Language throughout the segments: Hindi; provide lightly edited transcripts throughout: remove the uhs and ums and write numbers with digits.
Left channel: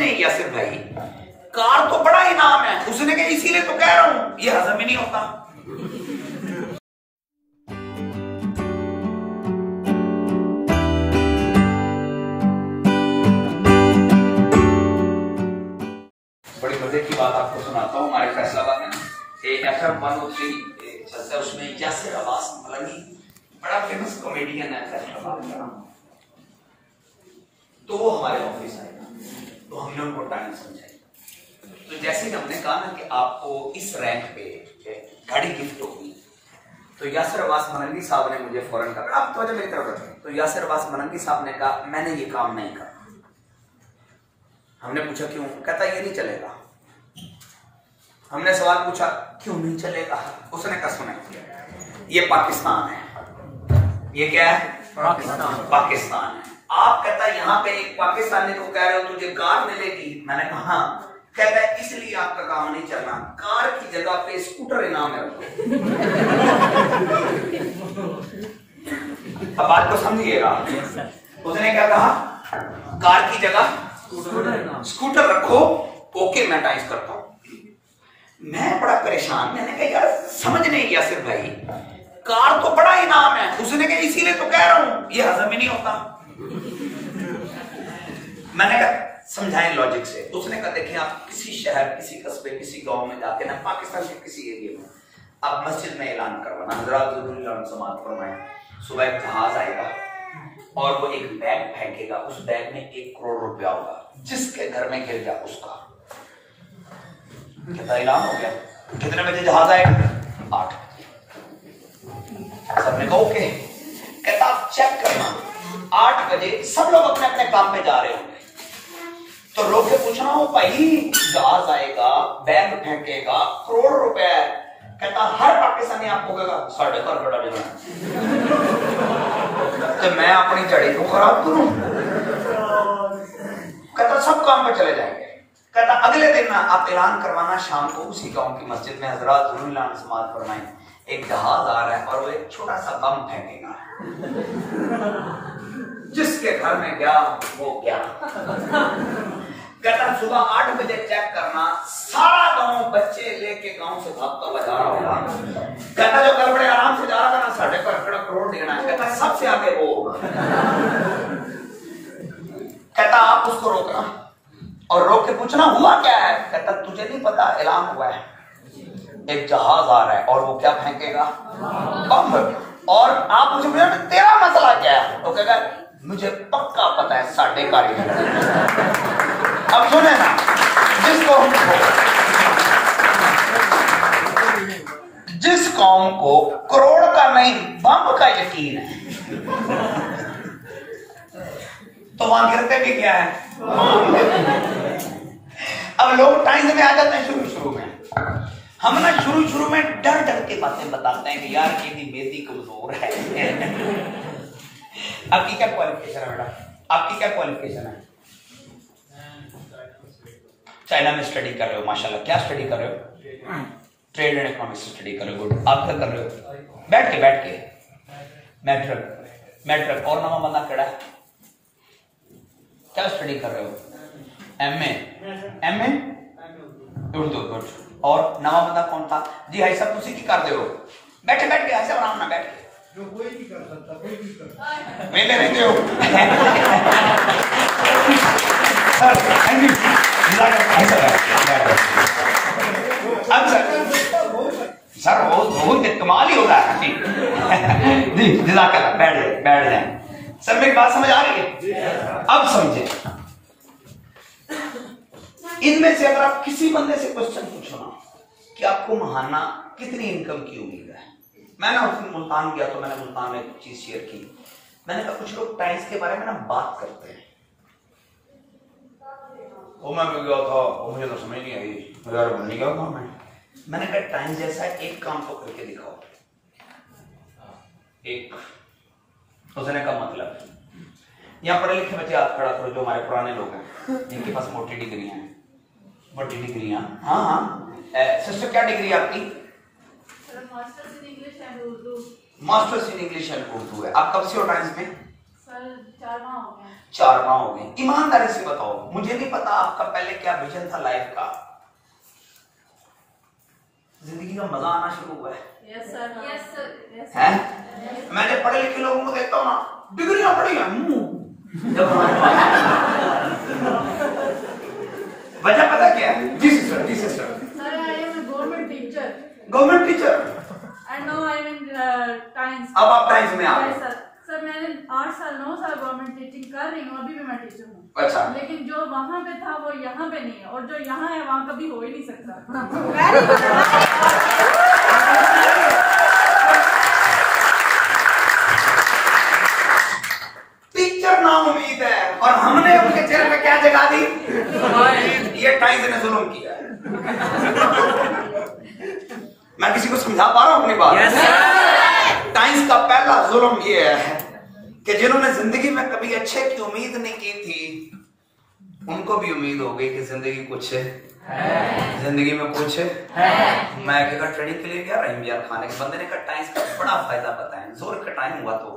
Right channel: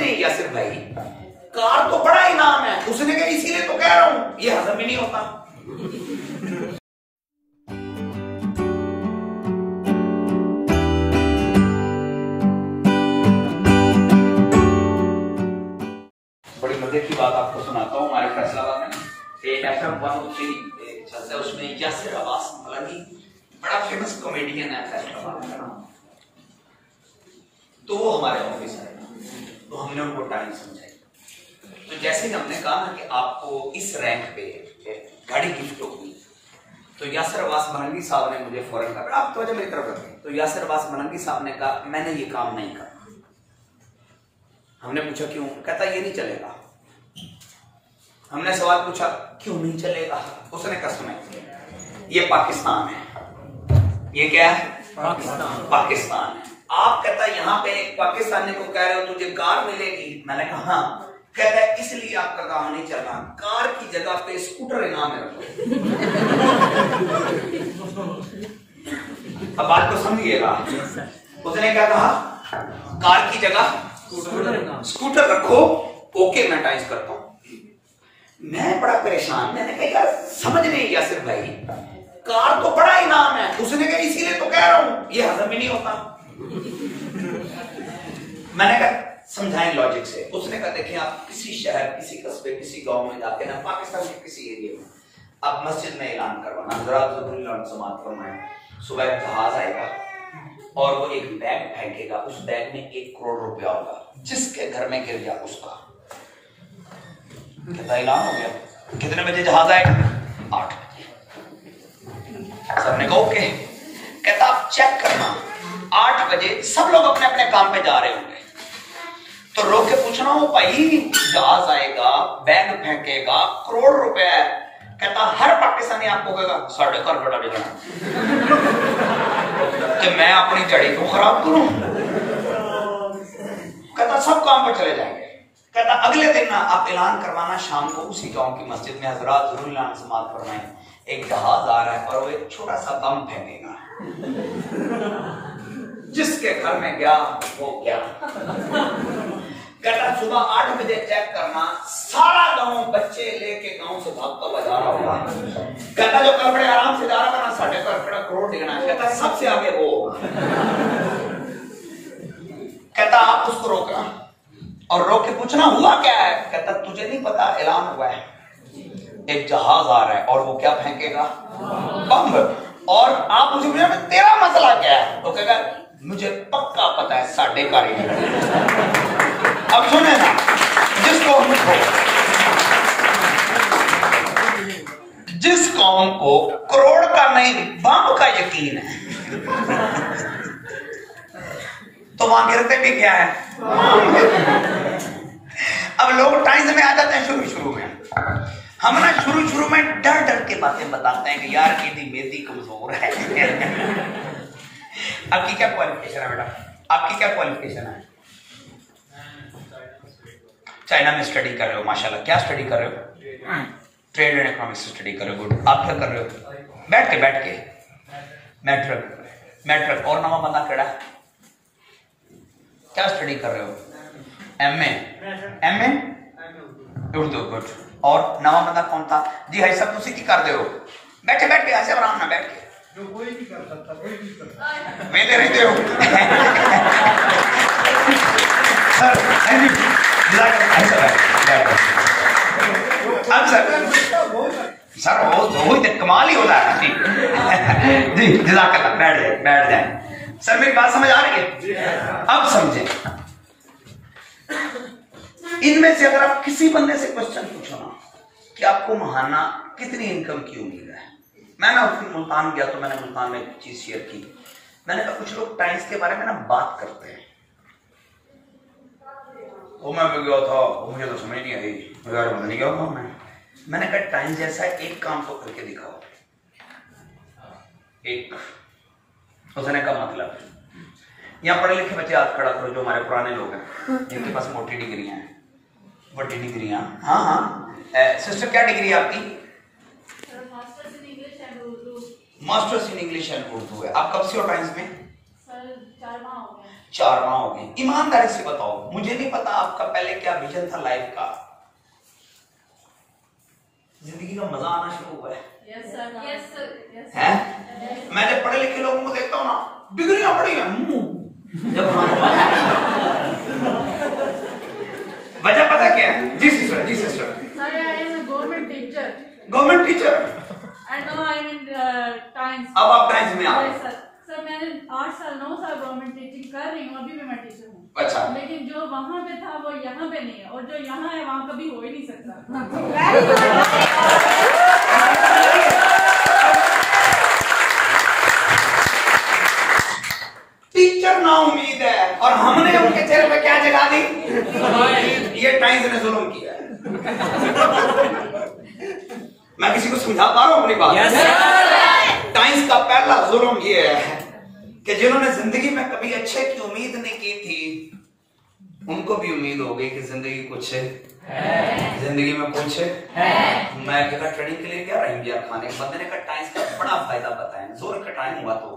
नहीं यासिर भाई, कार तो बड़ा इनाम है। उसने कहा इसीलिए तो कह रहा हूं, ये हजम ही नहीं होता। बड़ी मजे की बात आपको सुनाता हूँ। हमारे फैसलाबाद में एक FM 103 चलता है, उसमें यासिर अब्बास मलंगी बड़ा फेमस कॉमेडियन है फैसलाबाद का। तो वो हमारे ऑफिस आए, तो हमने उनको टाइम समझाई। तो जैसे ही हमने कहा ना कि आपको इस रैंक पे गाड़ी गिफ्ट होगी, तो यासिर अब्बास मलंगी साहब ने मुझे फौरन कहा, आप तो मेरी तरफ रखें। तो यासिर अब्बास मलंगी साहब ने कहा मैंने ये काम नहीं करा। हमने पूछा क्यों? कहता ये नहीं चलेगा। हमने सवाल पूछा क्यों नहीं चलेगा? उसने कहा सुने, ये पाकिस्तान है। ये क्या है? पाकिस्तान है। आप कहता यहाँ पे एक पाकिस्तानी को कह रहे हो तुझे कार मिलेगी? मैंने कहा हाँ। कहता है इसलिए आपका काम नहीं चलना, कार की जगह पे स्कूटर इनाम है। अब बात को समझिएगा। उसने क्या कहा? कार की जगह स्कूटर रखो। ओके मैं टाइम करता हूं। मैं बड़ा परेशान, मैंने कहा यार समझ नहीं यासिर भाई, कार तो बड़ा इनाम है। उसने कहा इसीलिए तो कह रहा हूं, ये हजम ही नहीं होता। मैंने कहा समझाएं लॉजिक से। उसने कहा देखें आप किसी शहर, किसी कस्बे, किसी गांव में जाके ना, पाकिस्तान के किसी एरिया में, आप मस्जिद में ऐलान करवाना हज़रात ज़रूरी समाअत फरमाएं, सुबह एक जहाज आएगा और वो एक बैग फेंकेगा, उस बैग में 1 करोड़ रुपया होगा, जिसके घर में गिर गया उसका। कितना ऐलान हो गया? कितने बजे जहाज आएगा? 8 बजे। सबने कहा ओके। कहता आप चेक करना 8 बजे सब लोग अपने अपने काम पे जा रहे होंगे, तो रोक के पूछना हो भाई जहाज आएगा, बैग फेंकेगा, करोड़ रुपए है। कहता हर पाकिस्तानी आपको कहेगा साढ़े घर बड़ा बिगड़ा कि मैं अपनी जड़ी को खराब करूं। कहता सब काम पे चले जाएंगे। कहता अगले दिन ना आप ऐलान करवाना शाम को उसी गांव की मस्जिद में हज़रात ज़रूरी समाअत फरमाएं, एक जहाज आ रहा है और वो एक छोटा सा बम फेंकेगा, जिसके घर में गया वो क्या। कहता सुबह 8 बजे चेक करना, सारा गांव बच्चे लेके गांव से भागता बजा रहा होगा। कहता जो कल बड़े आराम से जा रहा था ना, साढ़े पर करोड़ देना। कहता सबसे आगे वो होगा। कहता आप उसको रोकना और रोक के पूछना हुआ क्या है। कहता तुझे नहीं पता, ऐलान हुआ है एक जहाज आ रहा है और वो क्या फेंकेगा? बम। और आप मुझे तेरा मसला क्या है? तो कहेगा मुझे पक्का पता है, साढ़े कारीगर। अब सुने ना, जिस कौम को करोड़ का नहीं बम का यकीन है, तो वहां गिरते भी क्या है? अब लोग टाइम में आ जाते हैं शुरू में। हम ना शुरू में डर डर के बातें बताते हैं कि यार मेरी मेदी कमजोर है। आपकी क्या क्वालिफिकेशन है बेटा? आपकी क्या क्वालिफिकेशन है? चाइना में स्टडी कर रहे हो, माशाल्लाह। क्या स्टडी कर रहे हो? ट्रेड एंड इकोनॉमिक्स स्टडी कर रहे हो। गुड। आप क्या कर रहे हो? बैठ के मैट्रिक। और नवा बंदा केड़ा क्या स्टडी कर रहे हो? एमए उर्दू। गुड। और नवा बंदा कौन था? जी हाई साहब तुसी की कर रहे हो? बैठे ऐसे आराम ना बैठ के, जो कोई भी कर सकता, कोई भी कर सकता। वेले रहते हो सर वो कमाल ही होता है। जी जज़ाकल्लाह। बैठ जाए। सर मेरी बात समझ आ रही है? अब समझे। इनमें से अगर आप किसी बंदे से क्वेश्चन पूछो ना कि आपको महाना कितनी इनकम की उम्मीद है। मैं ना मुल्तान गया तो मैंने मुल्तान में एक चीज शेयर की। मैंने कहा कुछ लोग टाइम्स के बारे में ना बात करते हैं। वो मैं गया था, मुझे तो समझ नहीं आई, नहीं गया था मैंने कहा टाइम्स जैसा एक काम तो करके दिखाओ। एक उसने का मतलब यहाँ पढ़े लिखे बच्चे हाथ खड़ा करो, जो हमारे पुराने लोग हैं जिनके पास मोटी डिग्रियां हैं, बड़ी डिग्रियां। हाँ सिस्टर क्या डिग्री है आपकी? Masters in English and Urdu है। आप कब से हो टाइम्स में? 4 माह हो गए। 4 माह हो गए। ईमानदारी से बताओ, मुझे नहीं पता आपका पहले क्या विजन था लाइफ का, जिंदगी का मजा आना शुरू हुआ है। Yes, sir. Yes, sir. Yes, है? मैं जब पढ़े लिखे लोगों को देखता हूँ ना, डिग्रियां पढ़ी है, वजह पता क्या है? जी सिस्टर, जी sister. Sir, I am a government teacher. Government teacher. And now I am in Times. अब आप टाइम्स में आ गए। Yes, sir. सर मैंने 8 साल 9 साल गवर्नमेंट टीचिंग कर रही हूँ, अभी भी मैं टीचर हूँ। अच्छा। लेकिन जो वहाँ पे था वो यहाँ पे नहीं है, और जो यहाँ है वहाँ कभी हो ही नहीं सकता। टीचर ना उम्मीद है, और हमने उनके चेहरे पे क्या जगा दी? ये टाइम्स ने जुल्म किया है। मैं किसी को समझा पा रहा हूँ अपनी बात? टाइम्स का पहला जुल्म ये है कि जिन्होंने जिंदगी में कभी अच्छे की उम्मीद नहीं की थी, उनको भी उम्मीद हो गई कि जिंदगी कुछ है, जिंदगी में कुछ है। मैं एक जगह ट्रेनिंग के लिए गया, रहीम यार खाने के बंदे ने कहा टाइम्स का बड़ा फायदा बताएं, जोर का टाइम हुआ तो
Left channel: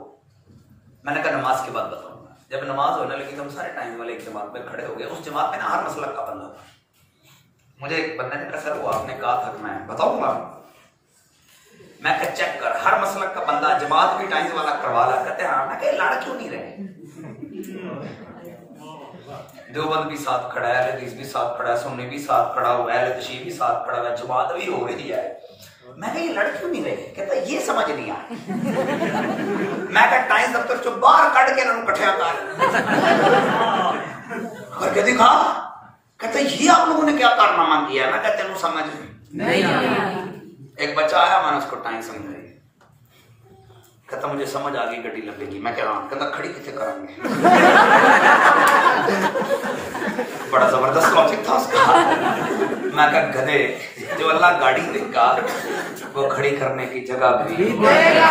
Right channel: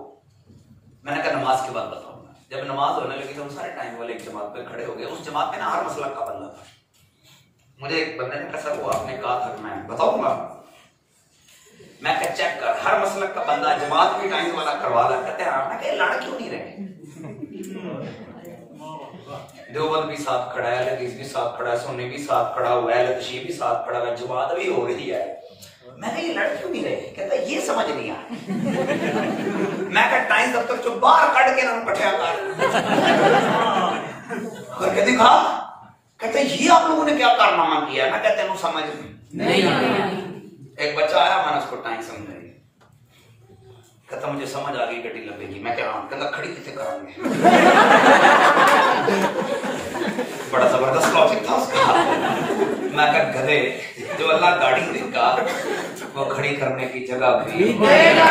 मैंने कहा नमाज के बाद बताऊंगा। जब नमाज होने लगी तो हम सारे टाइम वाले एक जमात में खड़े हो गए। उस जमात में ना हर मसला का बंदा था। मुझे एक बंदे ने कहा सर वो आपने कहा था मैं बताऊंगा। मैं कहा चेक कर, हर मसला का बंदा जमात भी टाइम वाला करवा रहा। कहते हाँ। मैं कहा लड़ क्यों नहीं रहे? देवबंद भी साथ खड़ा है, हदीस भी साथ खड़ा है, सुन्नी भी साथ खड़ा हुआ है, तशरीफ भी साथ खड़ा हुआ है, जमात भी हो रही है। मैं ये लड़ क्यों नहीं रहे? कहता ये समझ नहीं आया। मैं कहा टाइम दफ्तर चो बाहर कट के ना कठिया करके दिखा। कहता ये आप लोगों ने क्या कारनामा किया? मैं कहते हैं समझ नहीं। एक बच्चा आया, मैंने उसको टाइम समझाई। कहता मुझे समझ आ गई, गड्डी लगेगी। मैं कह रहा हूं, कहता खड़ी कितने करांगे? बड़ा जबरदस्त लॉजिक था उसका। मैं कहा गधे, जो अल्लाह गाड़ी देगा वो खड़ी करने की जगह भी देगा।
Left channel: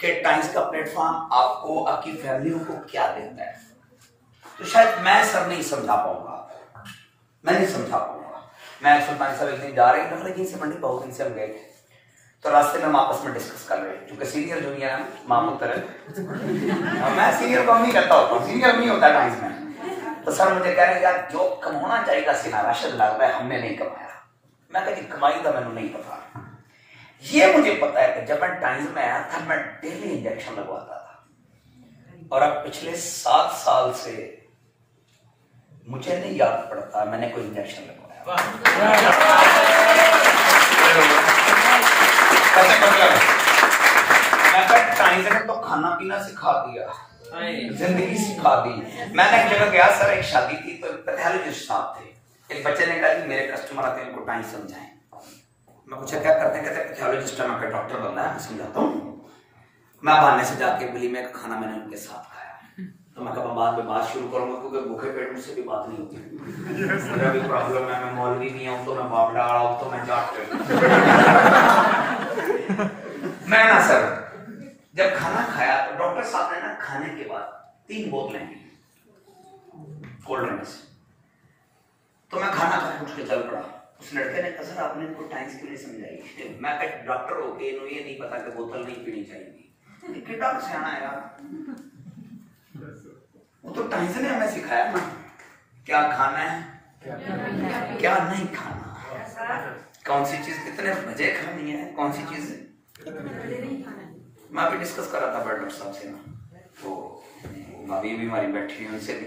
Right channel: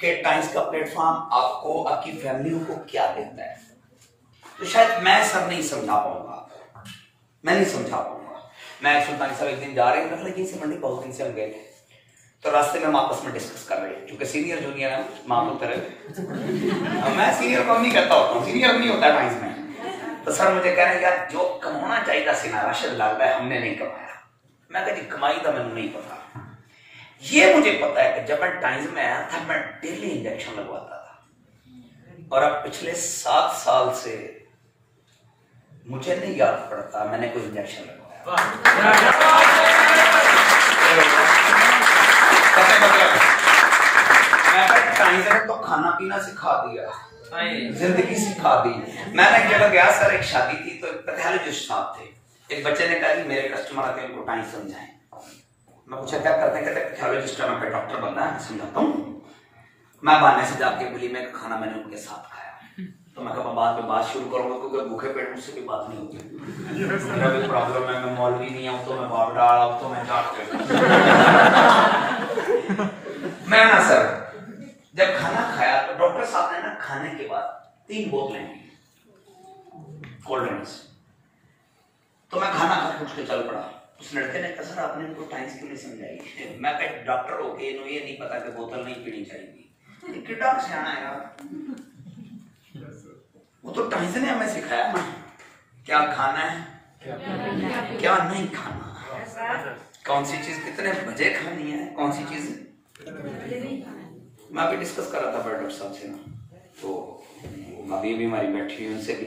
कि टाइम्स का प्लेटफॉर्म आपको, आपकी फैमिलियों को क्या देता है, तो शायद मैं सब नहीं समझा पाऊंगा, मैं नहीं समझा पाऊंगा। मैं सुल्तान साहब एक दिन जा रहे हैं, लेकिन से मंडी बहुत दिन से हम गए थे, तो रास्ते में हम आपस में डिस्कस कर रहे हैं, क्योंकि सीनियर जूनियर है, माँ पुत्र है। मैं सीनियर को नहीं कहता होता हूँ, सीनियर नहीं होता टाइम्स में। तो सर मुझे कह रहे हैं यार जो कमाना चाहिए सीना राशिद लगता है, हमने नहीं कमाया। मैं कहा जी कमाई का मैंने नहीं पता। ये मुझे पता है कि जब मैं टाइम्स में आया था मैं डेली इंजेक्शन लगवाता था, और अब पिछले 7 साल से मुझे नहीं याद पड़ता मैंने कोई इंजेक्शन लगवाया। मैं टाइम्स ने तो खाना पीना सिखा दिया, जिंदगी सिखा दी। मैंने एक जगह गया सर, एक शादी थी, तो पैथोलॉजिस्ट साहब थे। एक बच्चे ने कहा कि मेरे कस्टमर आते हैं, उनको टाइम समझाएं। मैं पूछा क्या करते हैं? कहते पैथोलॉजिस्ट है, मैं डॉक्टर बनना है, मैं समझाता हूँ। मैं बहाने से जाके बोली मैं खाना मैंने उनके साथ खाया, तो मैं कहा बाद में बात शुरू करूंगा, क्योंकि भूखे पेट मुझसे भी बात नहीं होती। मेरा भी प्रॉब्लम है, मैं मौलवी नहीं हूं, तो मैं बाप डाला हूं, तो मैं जाट कर मैं ना सर जब खाना खाया तो डॉक्टर साहब ने ना खाने के बाद 3 बोतलें कोल्ड ड्रिंक्स, तो मैं खाना खा के उठ के चल पड़ा। उस लड़के ने कहा सर आपने इनको टाइम्स के लिए समझाई। मैं कहा डॉक्टर हो गए ये नहीं पता कि बोतल नहीं पीनी चाहिए, कितना सियाना है यार। वो तो टाइम्स ने हमें सिखाया ना क्या खाना है, क्या नहीं खाना, कौन सी चीज कितने बजे खानी है, कौन सी चीज। मैं अभी डिस्कस कर रहा था डॉक्टर साहब से ना, तो अभी भी हमारी बैठी हुई उनसे भी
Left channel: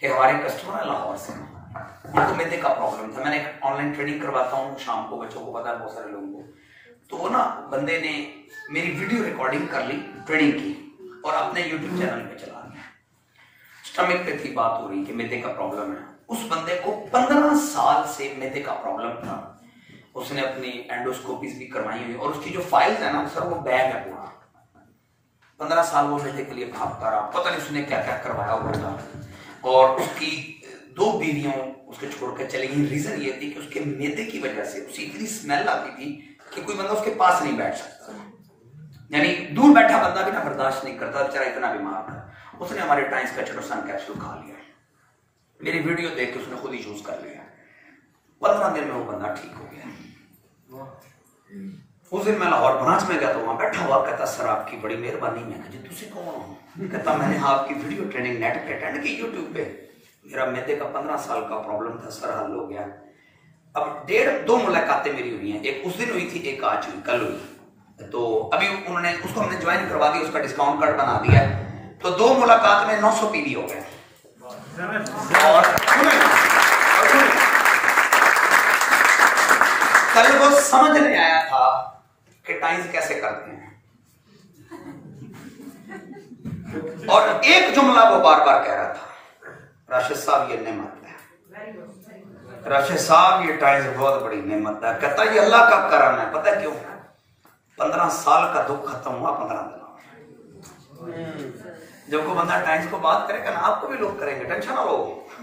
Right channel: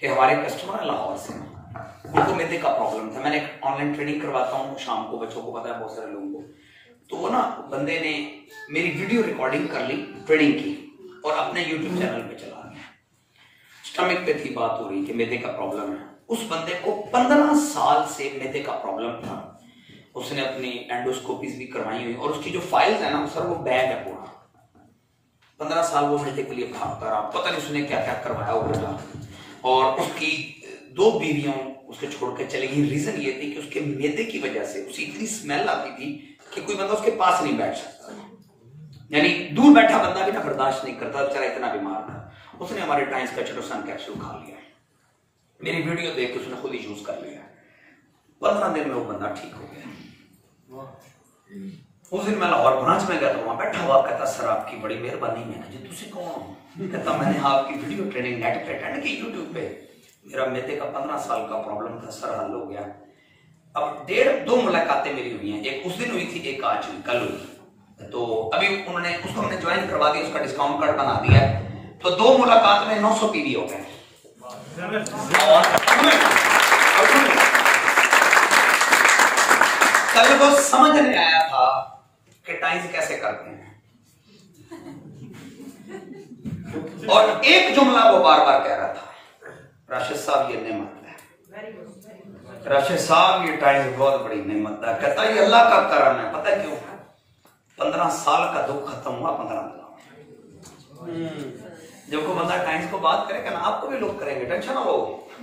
कि हमारे कस्टमर है लाहौर से, उनको मैदे का प्रॉब्लम था। मैंने एक ऑनलाइन ट्रेनिंग करवाता हूँ शाम को, बच्चों को पता है बहुत सारे लोगों को। तो ना बंदे ने मेरी वीडियो रिकॉर्डिंग कर ली ट्रेनिंग की और अपने यूट्यूब चैनल पे चला दिया। स्टमक पे थी बात हो रही कि मैदे का प्रॉब्लम है। उस बंदे को 15 साल से मैदे का प्रॉब्लम था। उसने अपनी एंडोस्कोपीज भी करवाई हुई और उसकी जो फाइल्स है ना सर वो बैग है पूरा। 15 साल वो मैदे के लिए भागता रहा, पता नहीं उसने क्या क्या करवाया हुआ था। और उसकी 2 बीवियों उसके छोड़ कर चली गई। रीजन ये थी कि उसके मैदे की वजह से उसे इतनी स्मेल आती थी कि कोई बंदा उसके पास नहीं बैठ सकता, यानी दूर बैठा बंदा भी ना बर्दाश्त नहीं करता, बेचारा इतना बीमार था। उसने हमारे टाइम्स का चटोसान कैप्सूल खा लिया, मेरी वीडियो देख के उसने खुद ही यूज कर लिया। 15 दिन में वो बंदा ठीक हो गया। उस दिन मैं लाहौर ब्रांच में गया तो वहां बैठा हुआ, कहता सर आपकी बड़ी मेहरबानी। मैंने जी तुसी कौन? कहता मैंने आपकी वीडियो ट्रेनिंग नेट पे अटेंड की यूट्यूब पे, मेरा मैदे का 15 साल का प्रॉब्लम था सर, हल हो गया। अब 1.5-2 मुलाकातें मेरी हुई हैं, एक उस दिन हुई थी, एक आज हुई, कल हुई। तो अभी उन्होंने उसको हमने ज्वाइन करवा दिया, उसका डिस्काउंट कार्ड बना दिया, तो 2 मुलाकात में 900 पीवी हो गए। और कल को समझ नहीं आया था कि टाइम्स कैसे करते हैं, और एक जुमला वो बार बार कह रहा था, राशिद साहब ये नेमत है, राशिद साहब ये टाइम्स बहुत बड़ी नेमत है। कहता ये अल्लाह का करम है, पता है क्यों? 15 साल का दुख खत्म हुआ 15 दिन। जब को बंदा टाइम्स को बात करेगा ना, आपको भी लोग करेंगे, टेंशन ना लो।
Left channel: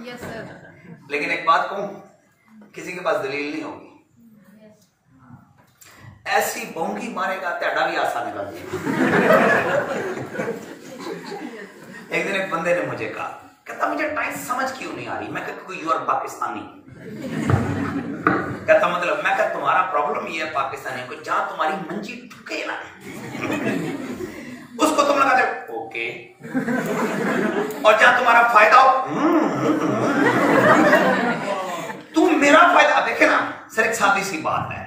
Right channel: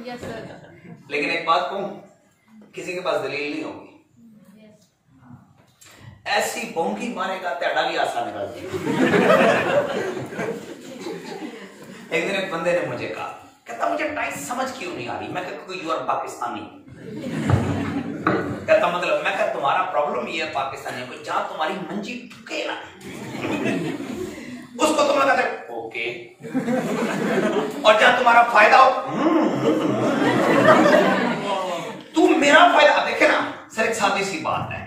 Yes sir. लेकिन एक बात कहूं, किसी के पास दलील नहीं होगी, ऐसी बोंगी मारेगा तेड़ा भी आसान निकल जाएगा। एक दिन एक बंदे ने मुझे कहा, कहता मुझे टाइम्स समझ क्यों नहीं आ रही। मैं कहता यू आर पाकिस्तानी। कहता मतलब? मैं कहता तुम्हारा प्रॉब्लम ये है पाकिस्तानियों को, जहां तुम्हारी मंजी ठुके ना उसको तुम लगा दे ओके, और जहां तुम्हारा फायदा हो तू मेरा फायदा देखे ना। सर एक सादी सी बात है,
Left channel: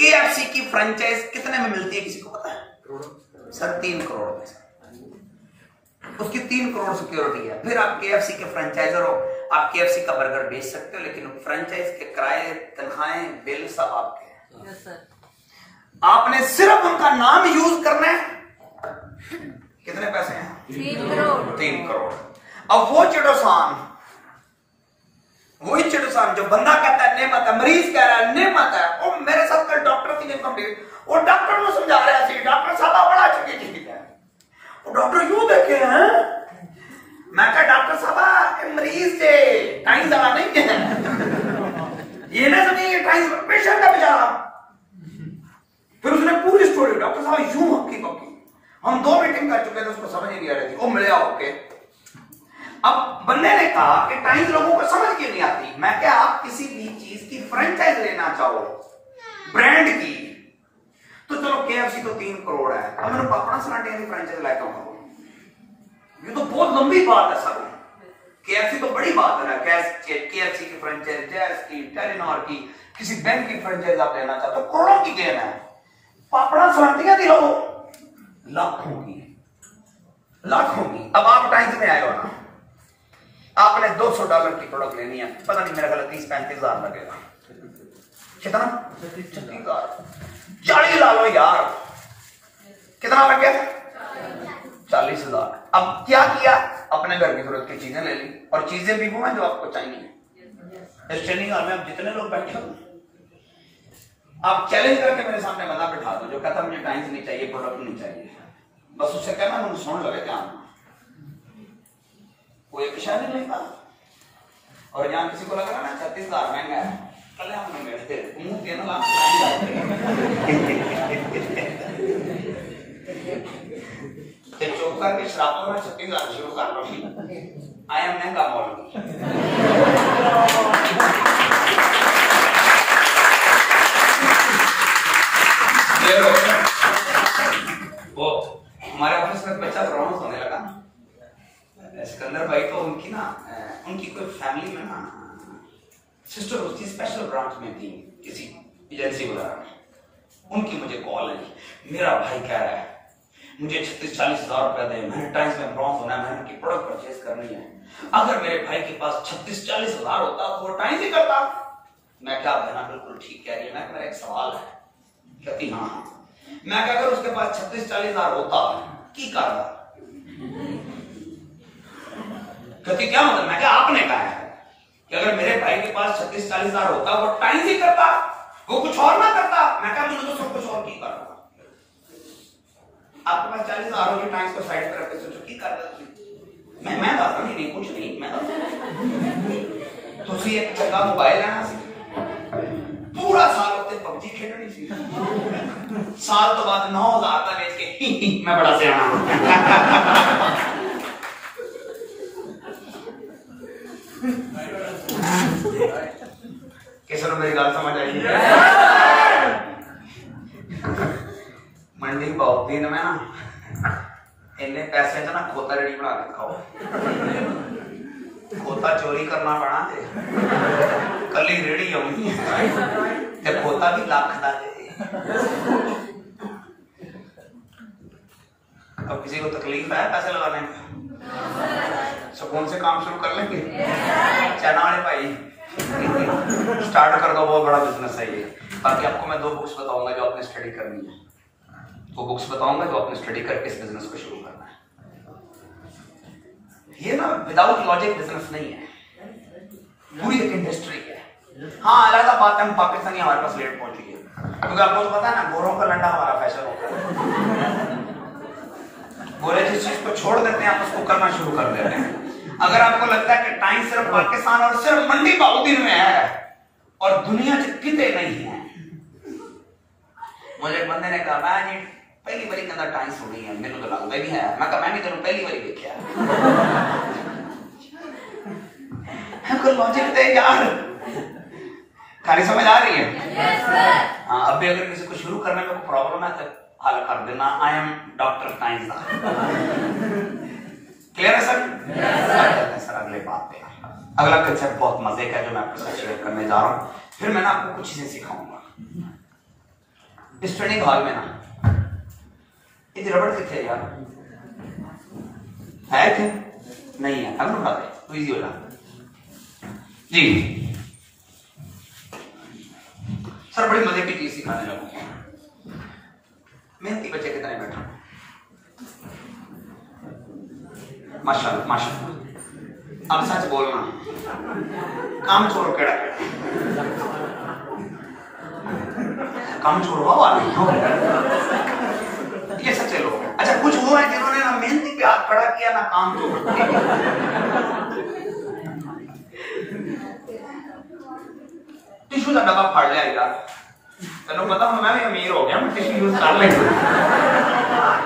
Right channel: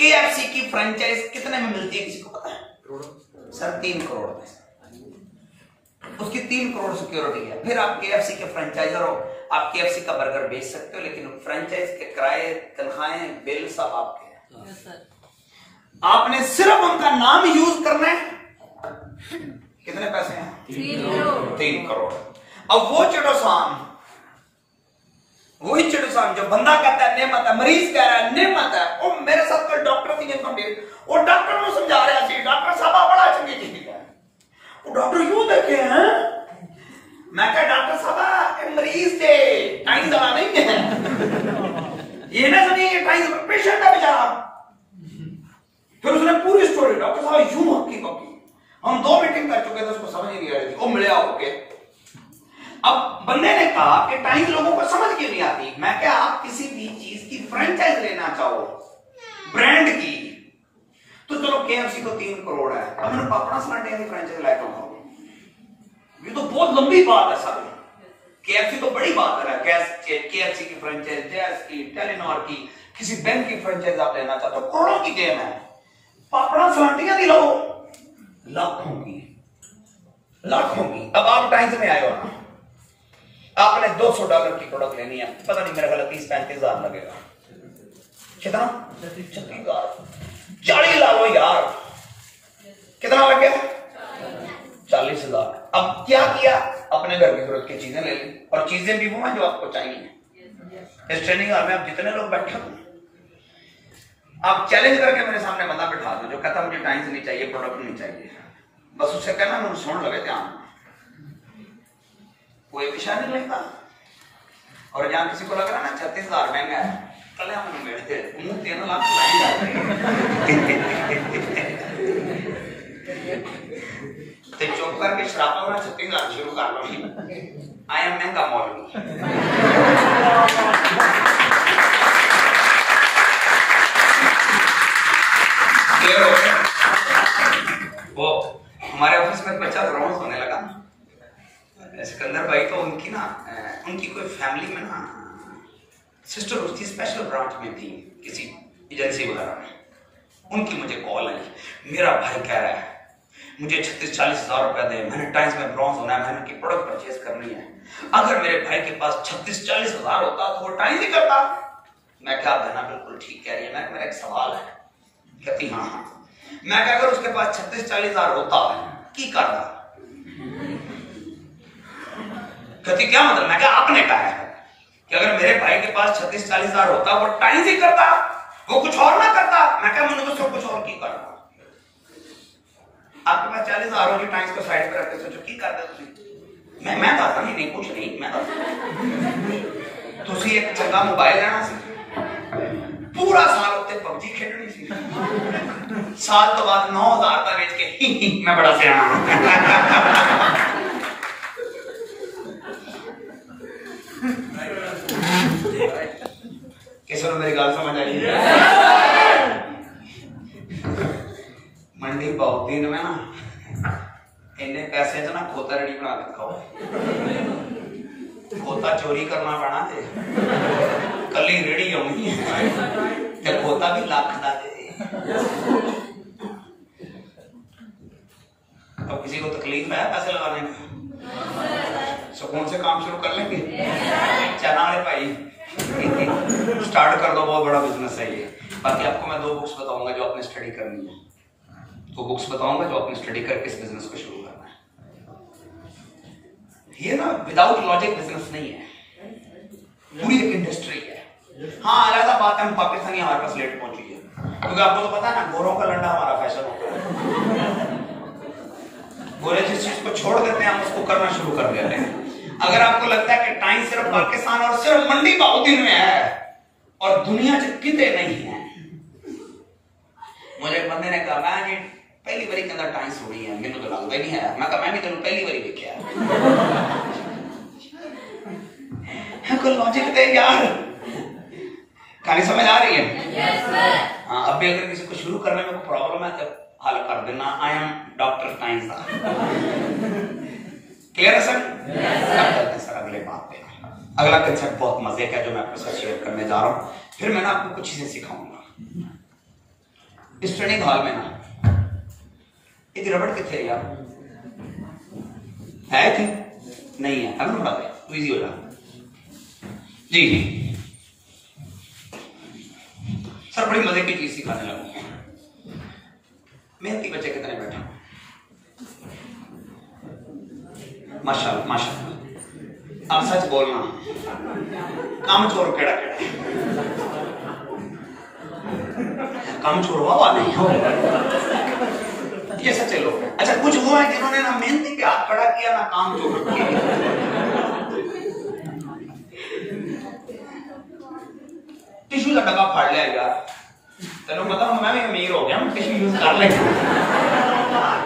KFC की फ्रेंचाइज कितने में मिलती है किसी को पता है? सर 3 करोड़ में, उसकी 3 करोड़ सिक्योरिटी है। फिर आप KFC के फ्रेंचाइजर हो, आप KFC का बर्गर बेच सकते हो, लेकिन फ्रेंचाइज के किराए, तनख्वाहें, बिल सब आपके हैं। Yes sir. आपने सिर्फ उनका नाम यूज करना है। कितने पैसे हैं? 3 करोड़। अब वो चिड़ोसान, वही चिड़ोसान जो बंदा कहता है नेमत है, मरीज कह रहा है नेमत है, और मेरे साथ कोई डॉक्टर थी कंप्लीट, वो डॉक्टर को समझा रहे थे, डॉक्टर साहब बड़ा चुकी ठीक है, वो डॉक्टर यूं देखे हैं। मैं कहा डॉक्टर साहब मरीज से टाइम ज्यादा नहीं है, ये ना समझिए टाइम पेशेंट है बेचारा। फिर उसने पूरी स्टोरी डॉक्टर साहब यूं हकी बकी, हम 2 मीटिंग कर चुके थे, उसको समझ ही नहीं आ रही थी, वो मिले होके। अब बंदे ने कहा कि टाइम लोगों को समझ क्यों नहीं आती। मैं क्या, आप किसी भी चीज की फ्रेंचाइज लेना चाहो ब्रांड की, तो चलो KFC तो 3 करोड़ है, अब मैंने पापड़ा सरांठे की फ्रेंचाइज लेकर आऊंगा, ये तो बहुत लंबी बात है सर। KFC तो बड़ी बात है, KFC की फ्रेंचाइज, जैस की, टेलीनॉर की, किसी बैंक की फ्रेंचाइज आप लेना चाहते हो, करोड़ों की गेम है। पापड़ा सरांठियां दी लो लाखों की, लाखों की। अब आप टाइम्स में आए हो ना, आपने $200 की प्रोडक्ट लेनी है, पता नहीं मेरा ख्याल 30-35 हजार लगेगा, कितना? 36,000। 40 ला लो यार, कितना लग गया? 40,000। अब क्या किया, अपने घर की जरूरत की चीजें ले ली, और चीजें भी वो हैं जो आपको चाहिए। इस ट्रेनिंग हॉल में आप जितने लोग बैठे हो, आप चैलेंज करके मेरे सामने बंदा बैठा दो जो कहता मुझे टाइम्स नहीं चाहिए, प्रोडक्ट नहीं चाहिए, बस उससे कहना मुझे सुन लगे ध्यान, कोई विषय नहीं लेता। और जहां किसी को लग रहा ना 36,000 महंगा है, कल हम बैठे मुंह 3 लाख तो चुप करके शराब में 36,000 शुरू कर लो। आई एम महंगा मॉडल। वो हमारे ऑफिस में बच्चा रोमांस होने लगा, सिकंदर भाई, तो उनकी ना उनकी कोई फैमिली में ना सिस्टर उसकी स्पेशल ब्रांच में थी किसी एजेंसी वगैरह में, उनकी मुझे कॉल है, मेरा भाई कह रहा है मुझे 36-40 हजार रुपए दे, मैंने टाइम्स में ब्रॉन्ज होना है, मैंने की प्रोडक्ट परचेज करनी है। अगर मेरे भाई के पास 36-40 हजार होता तो वो टाइम ही करता। मैं क्या देना, बिल्कुल ठीक कह रही है। मेरा एक सवाल है। कहती हाँ। मैं क्या, अगर उसके पास 36-40 हजार होता की करता? कहती क्या मतलब? मैं क्या, आपने कहा है कि अगर मेरे भाई के पास 36-40 हजार होता वो टाइम ही करता, वो कुछ और ना करता। मैं क्या, मैंने तो सब कुछ और की करता। आपके पास 40 हजार होगी, टाइम्स को साइड पर रख के सोचो की करते तुम? मैं दस नहीं कुछ नहीं, मैं दस तुसी एक चंगा मोबाइल लेना सी, पूरा साल उत्ते पबजी खेलनी सी, साल तो बाद 9,000 का बेच के मैं बड़ा सियाना। किसी को मेरी गल समझ आई? मंडी बहुत दिन में ना इन्ने पैसे च ना खोता रेडी बना रखा हो, खोता चोरी करना पड़ा थे, कली रेडी आनी ते खोता भी लाख दा दे। अब किसी को तकलीफ है पैसे लगाने में, सुकून से काम शुरू कर लेंगे। चाइना वाले भाई स्टार्ट कर दो, बहुत बड़ा बिजनेस है ये। बाकी आपको मैं 2 बुक्स बताऊंगा जो आपने स्टडी करनी है, 2 बुक्स बताऊंगा जो आपने स्टडी करके इस बिजनेस को शुरू करना है। ये ना विदाउट लॉजिक बिजनेस नहीं है, पूरी एक इंडस्ट्री है। हाँ अलग बात है हम पाकिस्तानी हमारे पास लेट पहुंची है, क्योंकि आपको तो पता है ना गोरों का लंडा हमारा फैशन होता है। गोरे जिस चीज को छोड़ देते हैं हम उसको करना शुरू कर देते हैं। अगर आपको लगता है कि टाइम सिर्फ पाकिस्तान और सिर्फ मंडी बाउद्दीन में है और दुनिया से किते नहीं है। मुझे एक बंदे ने कहा मैं जी पहली बारी के अंदर टाइम सुनी है, मैंने तो लगता नहीं है। मैं कहा मैं भी तेन पहली बारी देखा है। कोई लॉजिक दे यार, कहानी समझ आ रही है? हाँ अब भी अगर किसी को शुरू करने में कोई प्रॉब्लम है तो हल कर देना। I am doctor times. Clear है सर? सर अगले बात पे अगला कंसेप्ट बहुत मजे का है जो मैं आपके साथ शेयर करने जा रहा हूं। फिर मैं ना आपको कुछ चीजें सिखाऊंगा। इस ट्रेनिंग हॉल में ना एक रबड़ कितने यार है थे नहीं है, अगली बात है तो इजी हो जाए जी। सर बड़ी मजे की चीज सिखाने लगूंगा। मेहनती बच्चे कितने बैठे माशाल्लाह माशाल्लाह। अब सच बोलना, काम छोड़ केड़ा काम छोड़वा वाले ये सच्चे लोग हैं। अच्छा कुछ वो हैं जिन्होंने ना मेहनती पे हाथ खड़ा किया ना काम छोड़ किया। टिश्यू का डब्बा फाड़ लिया यार, तेनों पता मैं भी अमीर हो गया, मैं टिश्यू यूज कर लेगा।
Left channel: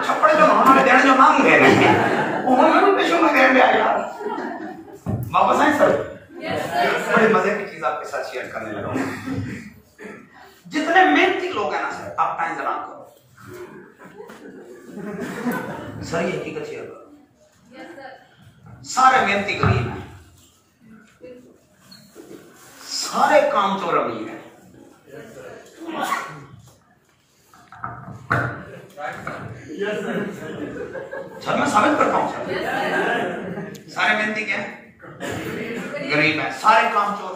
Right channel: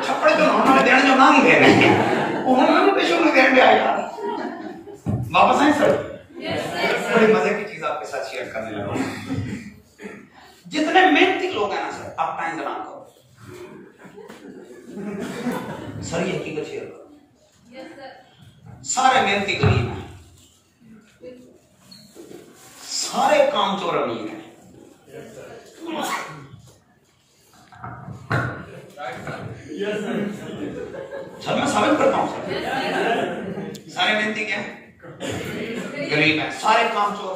छप्पड़ जो उन्होंने देने जो मांग देने उन्होंने टिश्यू में देने दिया यार। वापस आए सर? बड़ी मजे की चीज आपके साथ शेयर करने लगा। जितने मेहनती लोग हैं ना सर, आप टाइम जरा करो सर, ये हकीकत शेयर करो। सारे मेहनती गरीब हैं, सारे काम चोर अमीर हैं। सर मैं साबित करता हूं सर, सारे मेहनती क्या है? गरीब है, सारे काम चोर।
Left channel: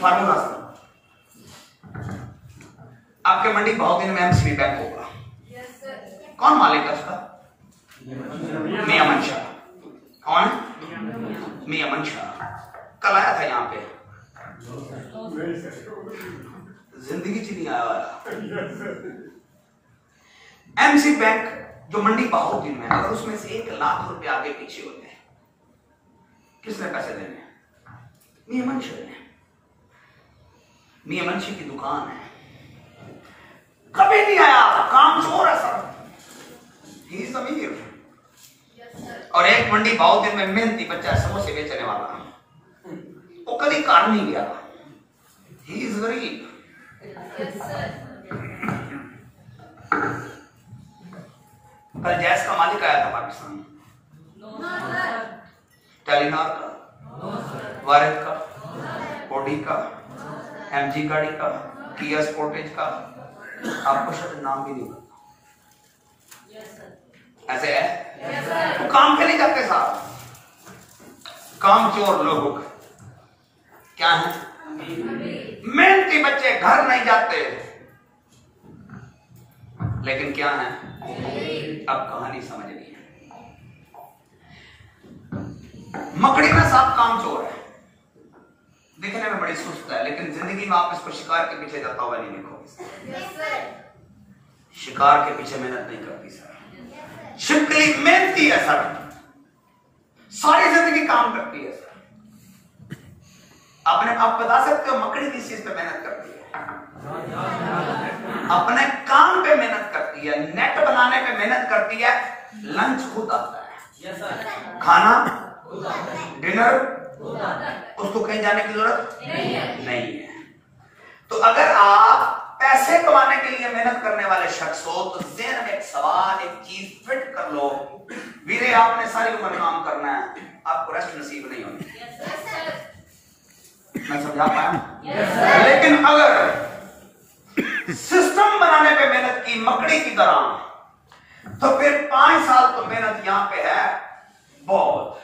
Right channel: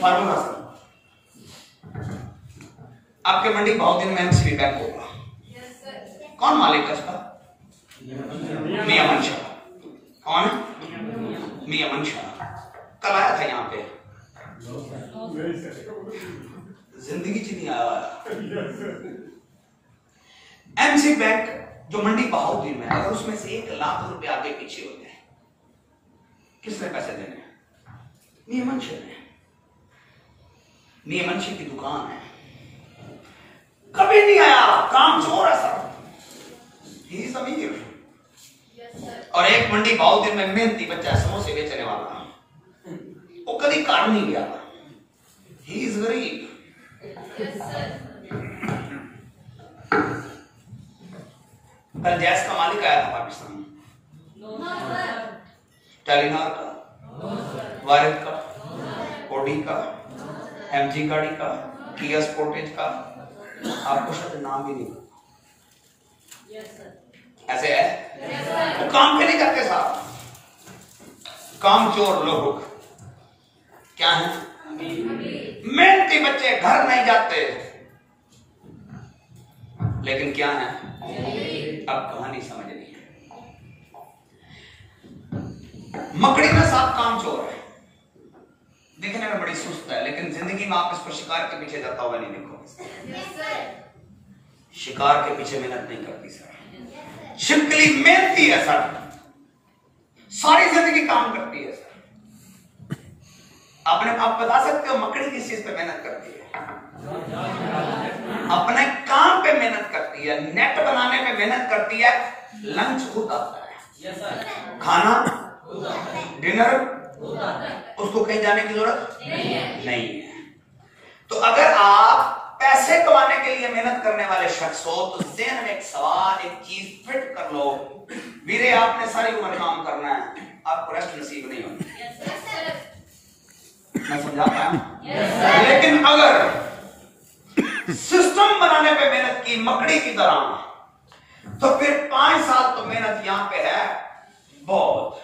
फार्मूला सर, आपके मंडी बहुत दिन में एमसीबी बैंक होगा। कौन मालिक है उसका? मियां मनशा। कौन है? मियां मनशा। कल आया था यहाँ पे, जिंदगी च नहीं आया। एमसी बैंक जो मंडी बहुत दिन में, अगर उसमें से 1 लाख रुपए आगे पीछे होते हैं, किसने पैसे देने? मियां मनशा ने। मियां मनशा की दुकान है, कभी नहीं आया, काम चोर है सर। ही अमीर। और एक मंडी बहुत दिन में मेहनती बच्चा समोसे बेचने वाला, वो कभी काम नहीं गया। ही इज गरीब। कल जैस का मालिक आया था पाकिस्तान में, टेलीनॉर का, वारिद का, ओडी का, एमजी गाड़ी का, किया स्पोर्टेज का, आपको शायद नाम भी नहीं पता। ऐसे है वो काम पे नहीं करते साहब, काम चोर लोग क्या है? मेहनती बच्चे घर नहीं जाते, लेकिन क्या है? अब कहानी समझनी है। मकड़ी में सांप काम चोर है, दिखने में बड़ी सुस्त है, लेकिन जिंदगी में आप इसको शिकार के पीछे जाता हुआ नहीं देखोगे। शिकार के पीछे मेहनत नहीं करती सर, सिंपली मेहनती है सर, सारी जिंदगी काम करती है सर। आप बता सकते हो मकड़ी किस चीज पे मेहनत करती है? अपने काम पे मेहनत करती है, नेट बनाने पे मेहनत करती है। लंच खुद आता है, खाना डिनर उसको कहीं जाने की जरूरत नहीं है। तो अगर आप पैसे कमाने के लिए मेहनत करने वाले शख्स हो तो ज़हन में एक सवाल, एक चीज फिट कर लो, वीरे आपने सारी उम्र काम करना है, आपको रेस्ट नसीब नहीं होनी। मैं समझा पाया? लेकिन अगर सिस्टम बनाने पे मेहनत की मकड़ी की तरह, तो फिर 5 साल तो मेहनत यहां पे है बहुत,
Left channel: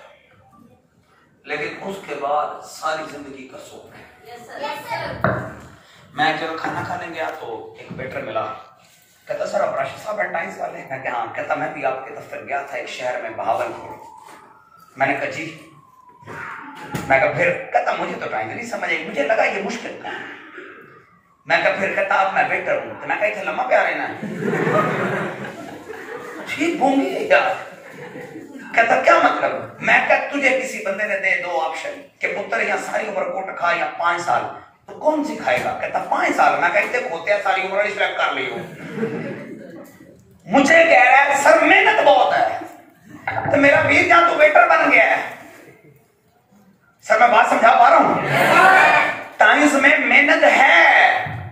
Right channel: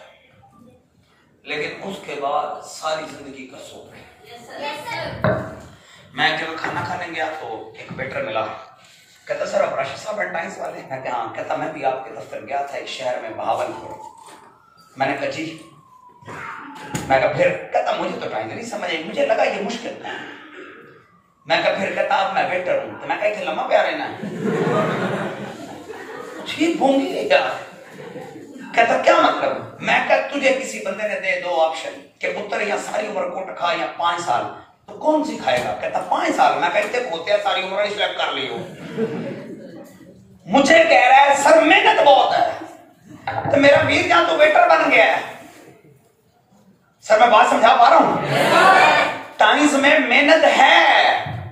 लेकिन उसके बाद सारी जिंदगी का सोच है। मैं एक जगह खाना खाने गया तो एक वेटर मिला, कहता सर आप राशिद साहब एंटाइंस वाले हैं? मैं कहा हाँ। कहता मैं भी आपके दफ्तर गया था एक शहर में बहावलपुर। मैंने कहा जी। मैं कहा फिर? कहता मुझे तो टाइम नहीं समझ आई, मुझे लगा ये मुश्किल था। मैं कहा फिर? कहता आप मैं वेटर हूं। तो मैं कहा इतना लम्बा प्यार है ना ठीक होंगी यार। कहता क्या मतलब? मैं क्या तुझे किसी बंदे ने दे 2 ऑप्शन कि पुत्र या सारी उम्र कोट खा या 5 साल, तो कौन सी खाएगा? कहता 5 साल। मैं कहते होते हैं सारी उम्र सिलेक्ट कर ली हो। मुझे कह रहा है सर मेहनत बहुत है। तो मेरा वीर जहां तो वेटर बन गया है। सर मैं बात समझा पा रहा हूं? टाइम्स में मेहनत है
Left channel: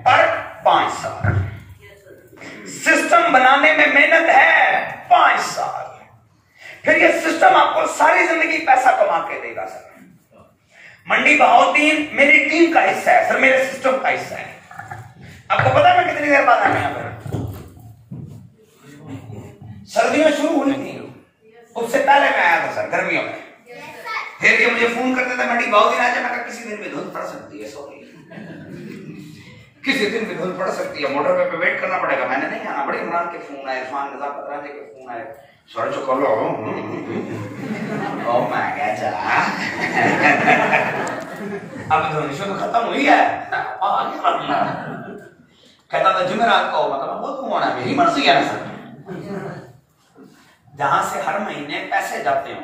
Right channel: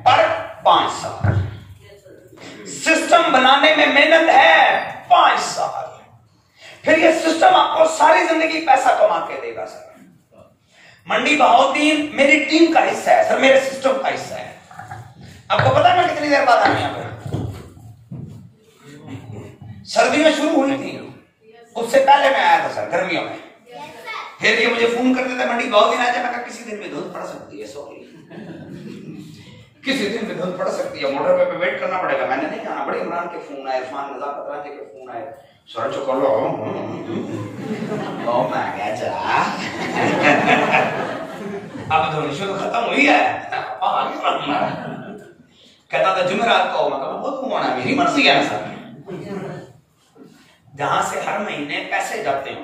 पर 5 साल, सिस्टम बनाने में मेहनत है 5 साल, फिर ये सिस्टम आपको सारी जिंदगी पैसा कमा के देगा। सर मंडी बहाउद्दीन मेरी टीम का हिस्सा है सर, मेरे सिस्टम का हिस्सा है। आपको पता है मैं कितनी देर बाद आया यहाँ पे? सर्दी में शुरू हुई थी, उससे पहले मैं आया था सर गर्मियों में। फिर ये मुझे फोन करते थे मंडी बहाउद्दीन आ जाए। मैं कहा किसी दिन में धुंध पड़ सकती है, सॉरी किसी दिन भी धुंध पड़ सकती है, मोटर पे वेट करना पड़ेगा, मैंने नहीं आना। बड़े इमरान के फोन आए, उस्मान रजा पतरानी के फोन आए, सर जो करो ओ माय गॉड अब धोनी शो तो खत्म हुई है। कहता था जुमेरात को, मतलब बहुत घुमाना है, मेरी मर्जी है ना सर। जहां से हर महीने पैसे जाते हो